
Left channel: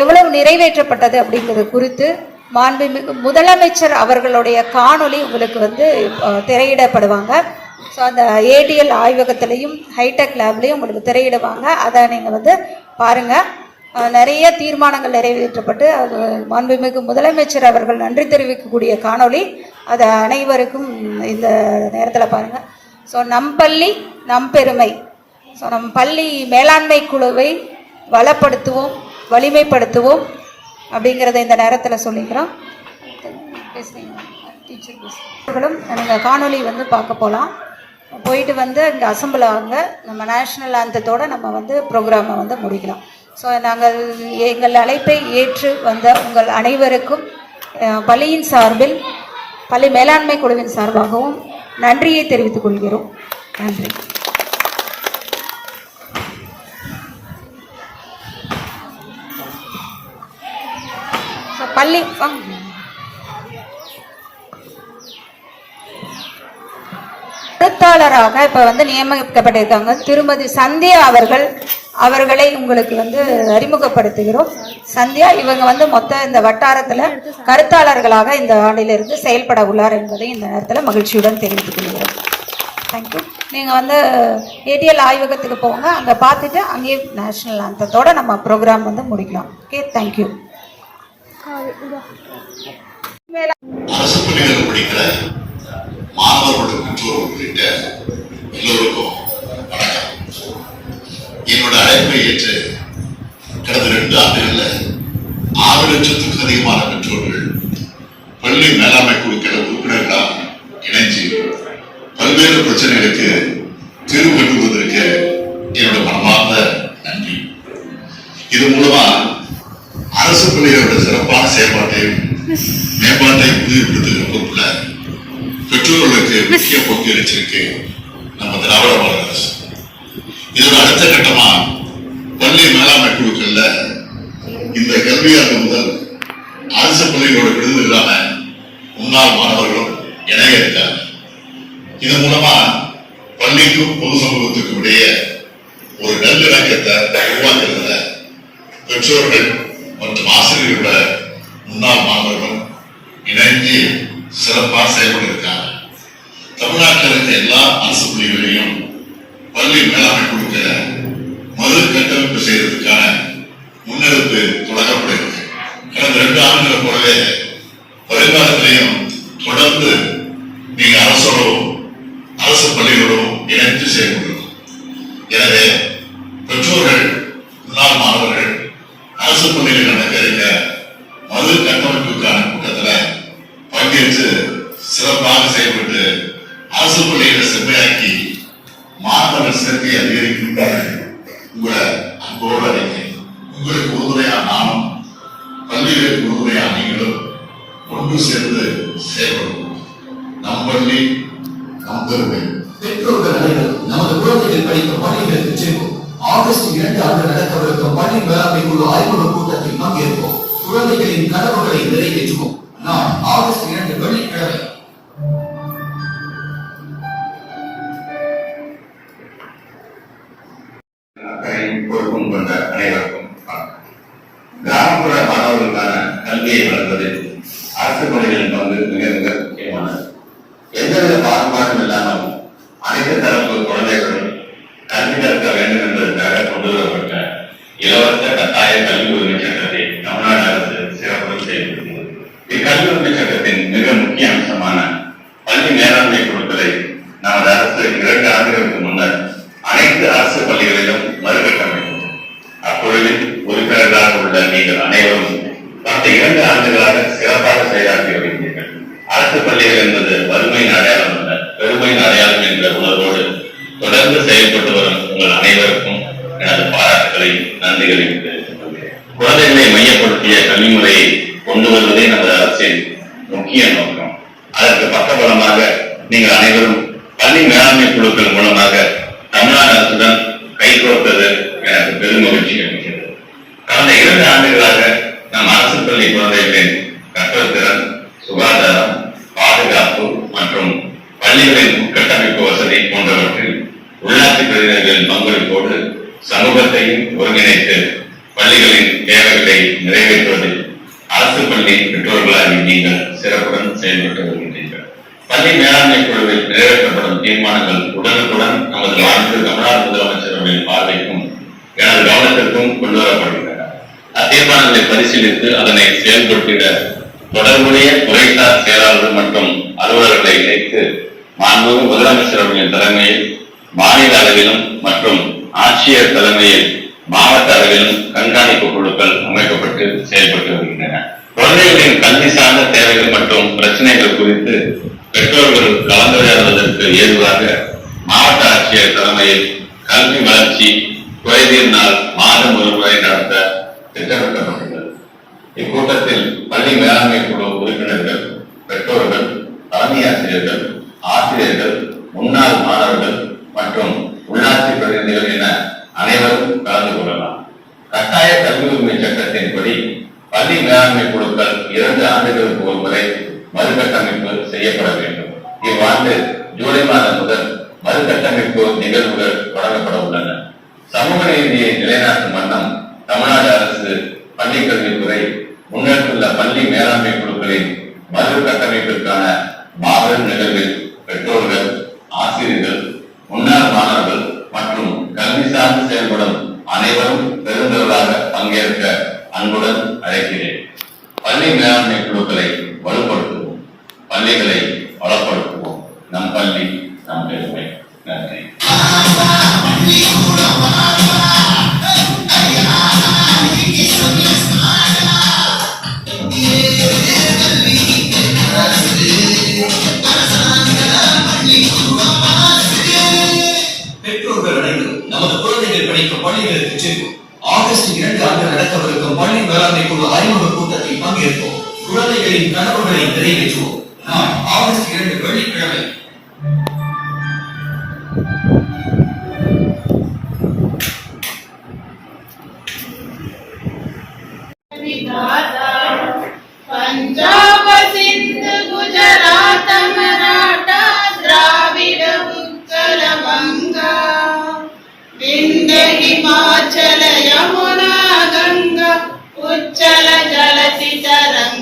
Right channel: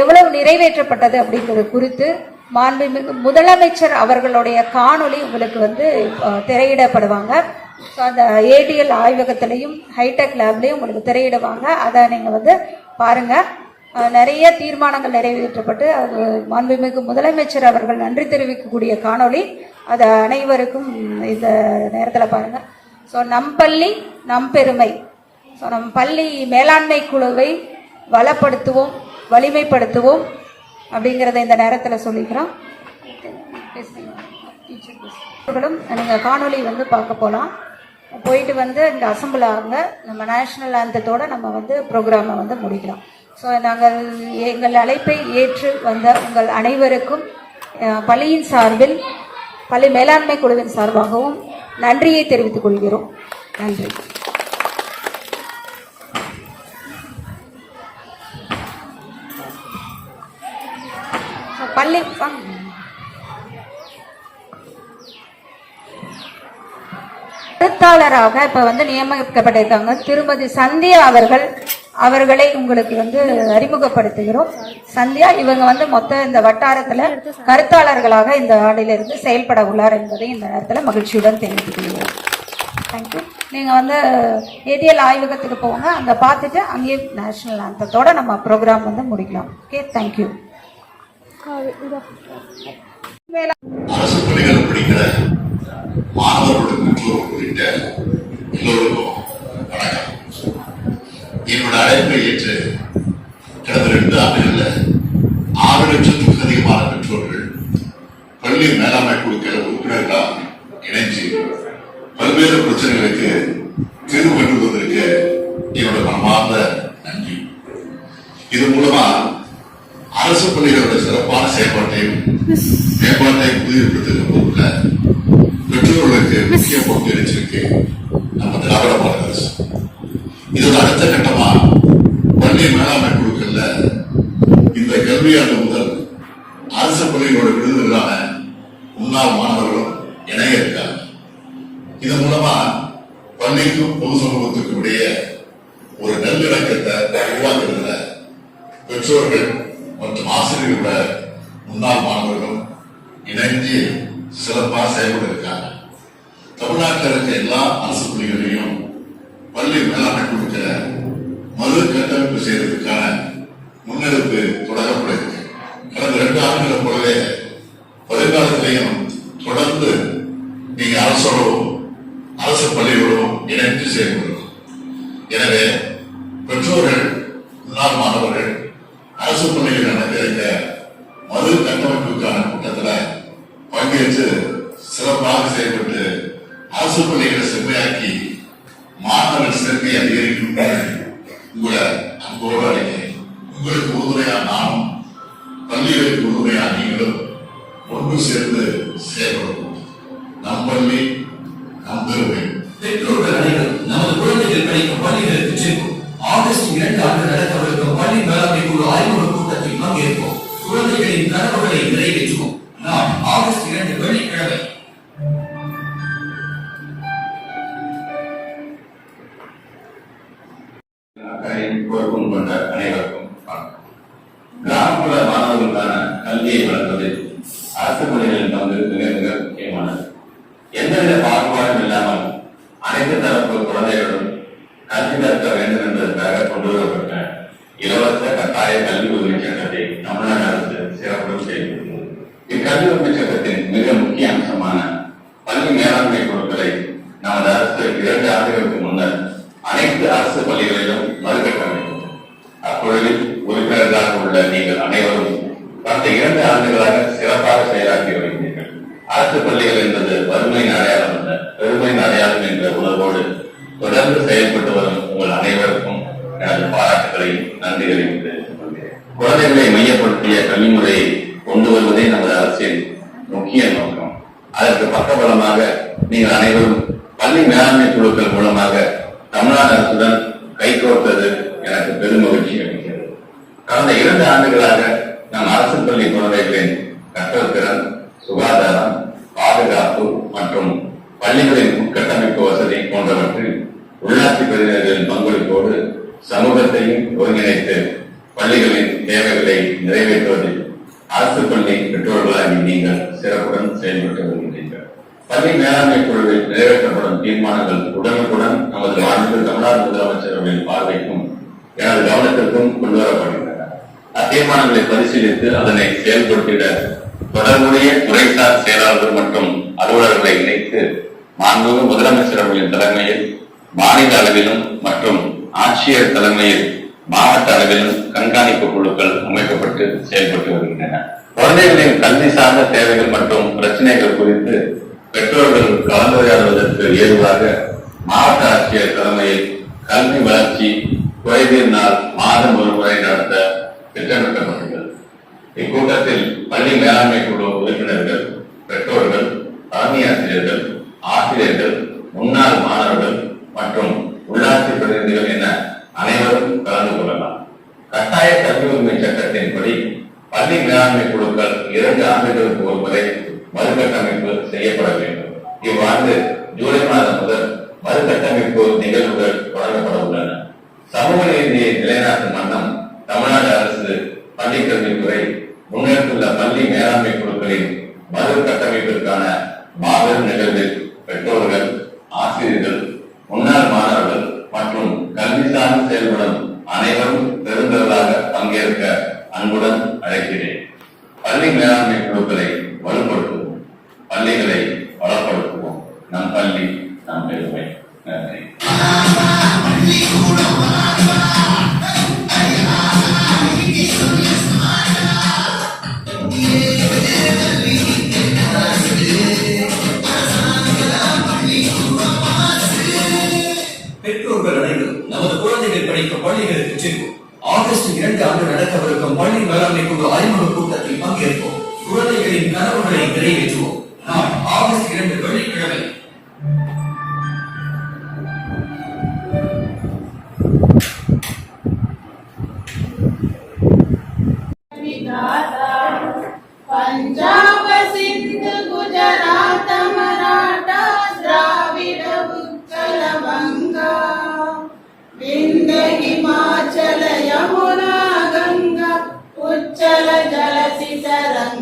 எவ்வளவு நிறைவேற்றப்பட்டது அப்படிங்கிறது குறித்து மாண்புமிகு முதலமைச்சர் அவர்களுடைய காணொளி உங்களுக்கு வந்து திரையிடப்படுவாங்க. ஸோ அந்த ஏடிஎல் ஆய்வகத்திலையும் ஹைடெக் லேப்லேயும் உங்களுக்கு திரையிடுவாங்க. அதை நீங்கள் வந்து பாருங்கள். நிறைய தீர்மானங்கள் நிறைவேற்றப்பட்டு அது மாண்புமிகு முதலமைச்சர் அவர்கள் நன்றி தெரிவிக்கக்கூடிய காணொளி. அதை அனைவருக்கும் இந்த நேரத்தில் பாருங்கள். ஸோ நம் பள்ளி நம் பெருமை. ஸோ நம் பள்ளி மேலாண்மை குழுவை வளப்படுத்துவோம், வலிமைப்படுத்துவோம் அப்படிங்கிறத இந்த நேரத்தில் சொல்லிக்கிறோம். டீச்சர்களும் நீங்கள் காணொலி வந்து பார்க்க போகலாம். போயிட்டு வந்து இங்கே அசம்பிள் ஆகுங்க. நம்ம நேஷ்னல் ஆந்தத்தோடு நம்ம வந்து ப்ரோக்ராமை வந்து முடிக்கலாம். ஸோ நாங்கள் எங்கள் அழைப்பை ஏற்று வந்த உங்கள் அனைவருக்கும் பள்ளியின் சார்பில் பள்ளி மேலாண்மை குழுவின் சார்பாகவும் நன்றியை தெரிவித்துக் கொள்கிறோம். நன்றி. பள்ளி கருத்தாளராக இப்ப வந்து நியமிக்கப்பட்டிருக்காங்க திருமதி சந்தியா அவர்களை உங்களுக்கு வந்து அறிமுகப்படுத்துகிறோம். சந்தியா இவங்க வந்து மொத்த இந்த வட்டாரத்துல கருத்தாளர்களாக இந்த ஆண்டிலிருந்து செயல்பட உள்ளார் என்பதை இந்த நேரத்தில் மகிழ்ச்சியுடன் தெரிவித்துக் கொள்கிறோம். தேங்க்யூ. நீங்க வந்து ஏடிஎல் ஆய்வகத்துக்கு போங்க, அங்க பார்த்துட்டு அங்கேயே நேஷனல் ஆந்தத்தோட நம்ம ப்ரோக்ராம் வந்து முடிக்கலாம். Okay, thank you. அரசு பள்ளிகள் படிக்கிற மாணவர்களுடைய பெற்றோர் உள்ளிட்ட எல்லோருக்கும் வணக்கம். என்னோட அழைப்பை ஏற்று கடந்த 2 ஆண்டுகளில் 6 லட்சத்துக்கும் அதிகமான பெற்றோர்கள் பள்ளி மேலாண்மை குழுக்கள உறுப்பினர்களால் இணைஞ்சு பல்வேறு பிரச்சனைகளுக்கு தீர்வு கண்டுவதற்கு என்னோட மனமார்ந்த நன்றி. இது மூலமா அரசு பள்ளிகளோட சிறப்பான செயல்பாட்டையும் மேம்பாட்டையும் உறுதிப்படுத்துகிற பொறுப்புல பெற்றோர்களுக்கு முக்கிய பங்கு வச்சிருக்கு நம்ம திராவிட மாடல் அரசு. இதோட அடுத்த கட்டமா பள்ளி மேலாண்மை குழுக்கள்ல இந்த கல்வியாண்டு முதல் அரசு பள்ளிகளோட விடுதலான முன்னாள் மாணவர்களும் இணைய இருக்காங்க. இது மூலமா பள்ளிக்கும் பொது சமூகத்துக்கும் இடையே ஒரு நல்லிணக்கத்தை உருவாக்குறதுல பெற்றோர்கள் மற்றும் ஆசிரியர்களோட முன்னாள் மாணவர்களும் இணைஞ்சு சிறப்பாக செயல்பட்டு இருக்காங்க. தமிழ்நாட்டில் இருக்க எல்லா அரசு பள்ளிகளையும் பல பள்ளி மேலாண்மை கொடுக்க மறு கட்டமைப்பு செய்வதற்கான முன்னெடுப்பு தொடங்கப்படுகிறது. கடந்த 2 ஆண்டுகளை போலவே வருங்காலத்திலையும் தொடர்ந்து நீங்க அரசோடும் அரசு பள்ளிகளோடும் இணைந்து செயல்படுகிறோம். எனவே பெற்றோர்கள், முன்னாள் மாணவர்கள் அரசு பள்ளிகள் நடக்க இருக்க மறு கட்டமைப்புக்கான கூட்டத்தில் பங்கேற்று சிறப்பாக செயல்பட்டு அரசு பள்ளிகளை செம்மையாக்கி மாணவர் சேர்க்கை அதிகரிக்கும் உங்களை அன்போடு அழைக்கிறேன். உங்களுக்கு உறுதுணையா நானும், பள்ளிகளுக்கு உறுதுணையா நீங்களும் ஒன்று சேர்ந்து செயல்படுவோம். நம் பள்ளி நம் பெருமை. பெற்றோர்கள் அனைவரும் நமது குழந்தைகள் படிக்கும் பள்ளிகளுக்கு செல்வோம். ஆகஸ்ட் 2 ஆண்டு நடக்கவிருக்கும் பள்ளி மேலாண்மை குழு அறிமுக கூட்டத்தில் பங்கேற்போம். குழந்தைகளின் கனவுகளை நிறைவேற்றுவோம். நாம் ஆகஸ்ட் 2 வெள்ளிக்கிழமை. பொறுப்பும் கொண்ட அனைவருக்கும் கிராமப்புற மாணவர்களுக்கான கல்வியை வளர்ப்பதில் அரசு பள்ளிகளின் பங்கு மிக மிக முக்கியமானது. எந்தவித பாகுபாடும் இல்லாமல் அனைத்து தரப்பு குழந்தைகளும் கல்வி கற்க வேண்டும் என்பதற்காக கொண்டு வரப்பட்ட இலவச கட்டாய கல்வி உரிமை சட்டத்தை தமிழ்நாடு அரசு சிறப்புடன் செயல்படுத்தியது. இக்கல்வி உரிமை சட்டத்தின் மிக முக்கிய அம்சமான பள்ளி மேலாண்மை குழுக்களை நமது அரசு 2 ஆண்டுகளுக்கு முன்னர் அனைத்து அரசு பள்ளிகளிலும் மறுகட்டமைக்கும். அப்பொழுதில் உறுப்பினர்களாக உள்ள நீங்கள் அனைவரும் கடந்த 2 ஆண்டுகளாக சிறப்பாக செயலாற்றி வருகிறீர்கள். அரசு பள்ளிகள் என்பது வறுமையின் அடையாளம் அல்ல, பெருமையின் அடையாளம் என்ற உணர்வோடு தொடர்ந்து செயல்பட்டு வரும் உங்கள் அனைவருக்கும் எனது பாராட்டுகளை, நன்றிகளை தெரிவித்துக் கொள்கிறேன். குழந்தைகளை மையப்படுத்திய கல்வி முறையை கொண்டு வருவதே நமது அரசின் முக்கிய நோக்கம். அதற்கு பக்கபலமாக நீங்கள் அனைவரும் பள்ளி மேலாண்மை குழுக்கள் மூலமாக தமிழ்நாடு அரசுடன் கைகோர்த்தது எனக்கு பெரும் மகிழ்ச்சி அளிக்கிறது. கடந்த 2 ஆண்டுகளாக நம் அரசு பள்ளி குழந்தைகளின் கற்றல் திறன், சுகாதாரம், பாதுகாப்பு மற்றும் பள்ளிகளின் உட்கட்டமைப்பு வசதி போன்றவற்றில் உள்ளாட்சி பிரதிநிதிகளின் பங்களிப்போடு சமூகத்தையும் ஒருங்கிணைத்து பள்ளிகளின் தேவைகளை நிறைவேற்றுவதில் அரசு பள்ளி பெற்றோர்களாகி நீங்கள் சிறப்புடன் செயல்பட்டு வருகின்றீர்கள். பள்ளி மேலாண்மை குழுவில் நிறைவேற்றப்படும் தீர்மானங்கள் உடனுக்குடன் நமது மாநில தமிழ்நாடு முதலமைச்சர் அவர்களின் பார்வைக்கும் எனது கவனத்திற்கும் கொண்டு வரப்படுகின்றன. அத்தீர்மானங்களை பரிசீலித்து அதனை செயல்படுத்திட தொடர்புடைய துறைசார் செயலாளர்கள் மற்றும் அலுவலர்களை இணைத்து மாண்புமிகு முதலமைச்சர் அவர்களின் தலைமையில் மாநில அளவிலும் மற்றும் ஆட்சியர் தலைமையில் மாவட்ட அளவிலும் கண்காணிப்பு குழுக்கள் அமைக்கப்பட்டு செயல்பட்டு வருகின்றன. குழந்தைகளின் கல்வி சார்ந்த தேவைகள் மற்றும் பிரச்சனைகள் குறித்து பெற்றோர்கள் கலந்துரையாடுவதற்கு ஏதுவாக மாவட்ட ஆட்சியர் தலைமையில் கல்வி வளர்ச்சி குறைதீர் நாள் மாதம் ஒரு முறை நடத்த திட்டமிட்டப்பட்டுள்ளது. இக்கூட்டத்தில் பள்ளி மேலாண்மை குழு உறுப்பினர்கள், பெற்றோர்கள், தலைமை ஆசிரியர்கள், ஆசிரியர்கள், முன்னாள் மாணவர்கள் மற்றும் உள்ளாட்சி பிரதிநிதிகள் என அனைவரும் கலந்து கொள்ளலாம். கட்டாய கல்வி உரிமை சட்டத்தின்படி பள்ளி மேலாண்மை குழுக்கள் 2 ஆண்டுகளுக்கு ஒரு முறை மறுகட்டமைப்பு செய்யப்பட வேண்டும். இவ்வாண்டு ஜூலை மாதம் முதல் மறுகட்டமைப்பு நிகழ்வுகள் தொடங்கப்பட உள்ளன. சமூக நீதியை நிலைநாட்டும் வண்ணம் தமிழ்நாடு அரசு பள்ளி கல்வித்துறை முன்னெடுத்துள்ள பள்ளி மேலாண்மை குழுக்களின் மறுகட்டமைப்பிற்கான மாபெரும் நிகழ்வில் பெற்றோர்கள், ஆசிரியர்கள், முன்னாள் மாணவர்கள் மற்றும் கல்வி சார்ந்து செயல்படும் அனைவரும் பெருந்தவர்களாக பங்கேற்க அன்புடன் அழைக்கிறேன். பள்ளி மேலாண்மை குழுக்களை வலுப்படுத்துவோம், பள்ளிகளை வளப்படுத்துவோம். நம் பள்ளி நம் பெருமை. நன்றி. பெற்றோர்கள் அனைவரும் நமது குழந்தைகள் படிக்கும் பள்ளிகளுக்கு செல்வோம். ஆகஸ்ட் 2 ஆண்டு நடக்கவிருக்கும் பள்ளி மேலாண்மை குழு அறிமுக கூட்டத்தில் பங்கேற்போம். குழந்தைகளின் கனவுகளை நிறைவேற்றுவோம். நாம் ஆகஸ்ட் 2 வெள்ளிக்கிழமை. பஞ்சாப சிந்து குஜராத் மராட்டா திராவிட உத்கல வங்கா விந்திய ஹிமாச்சல யமுனா கங்கா உச்சல ஜலதி தரங்க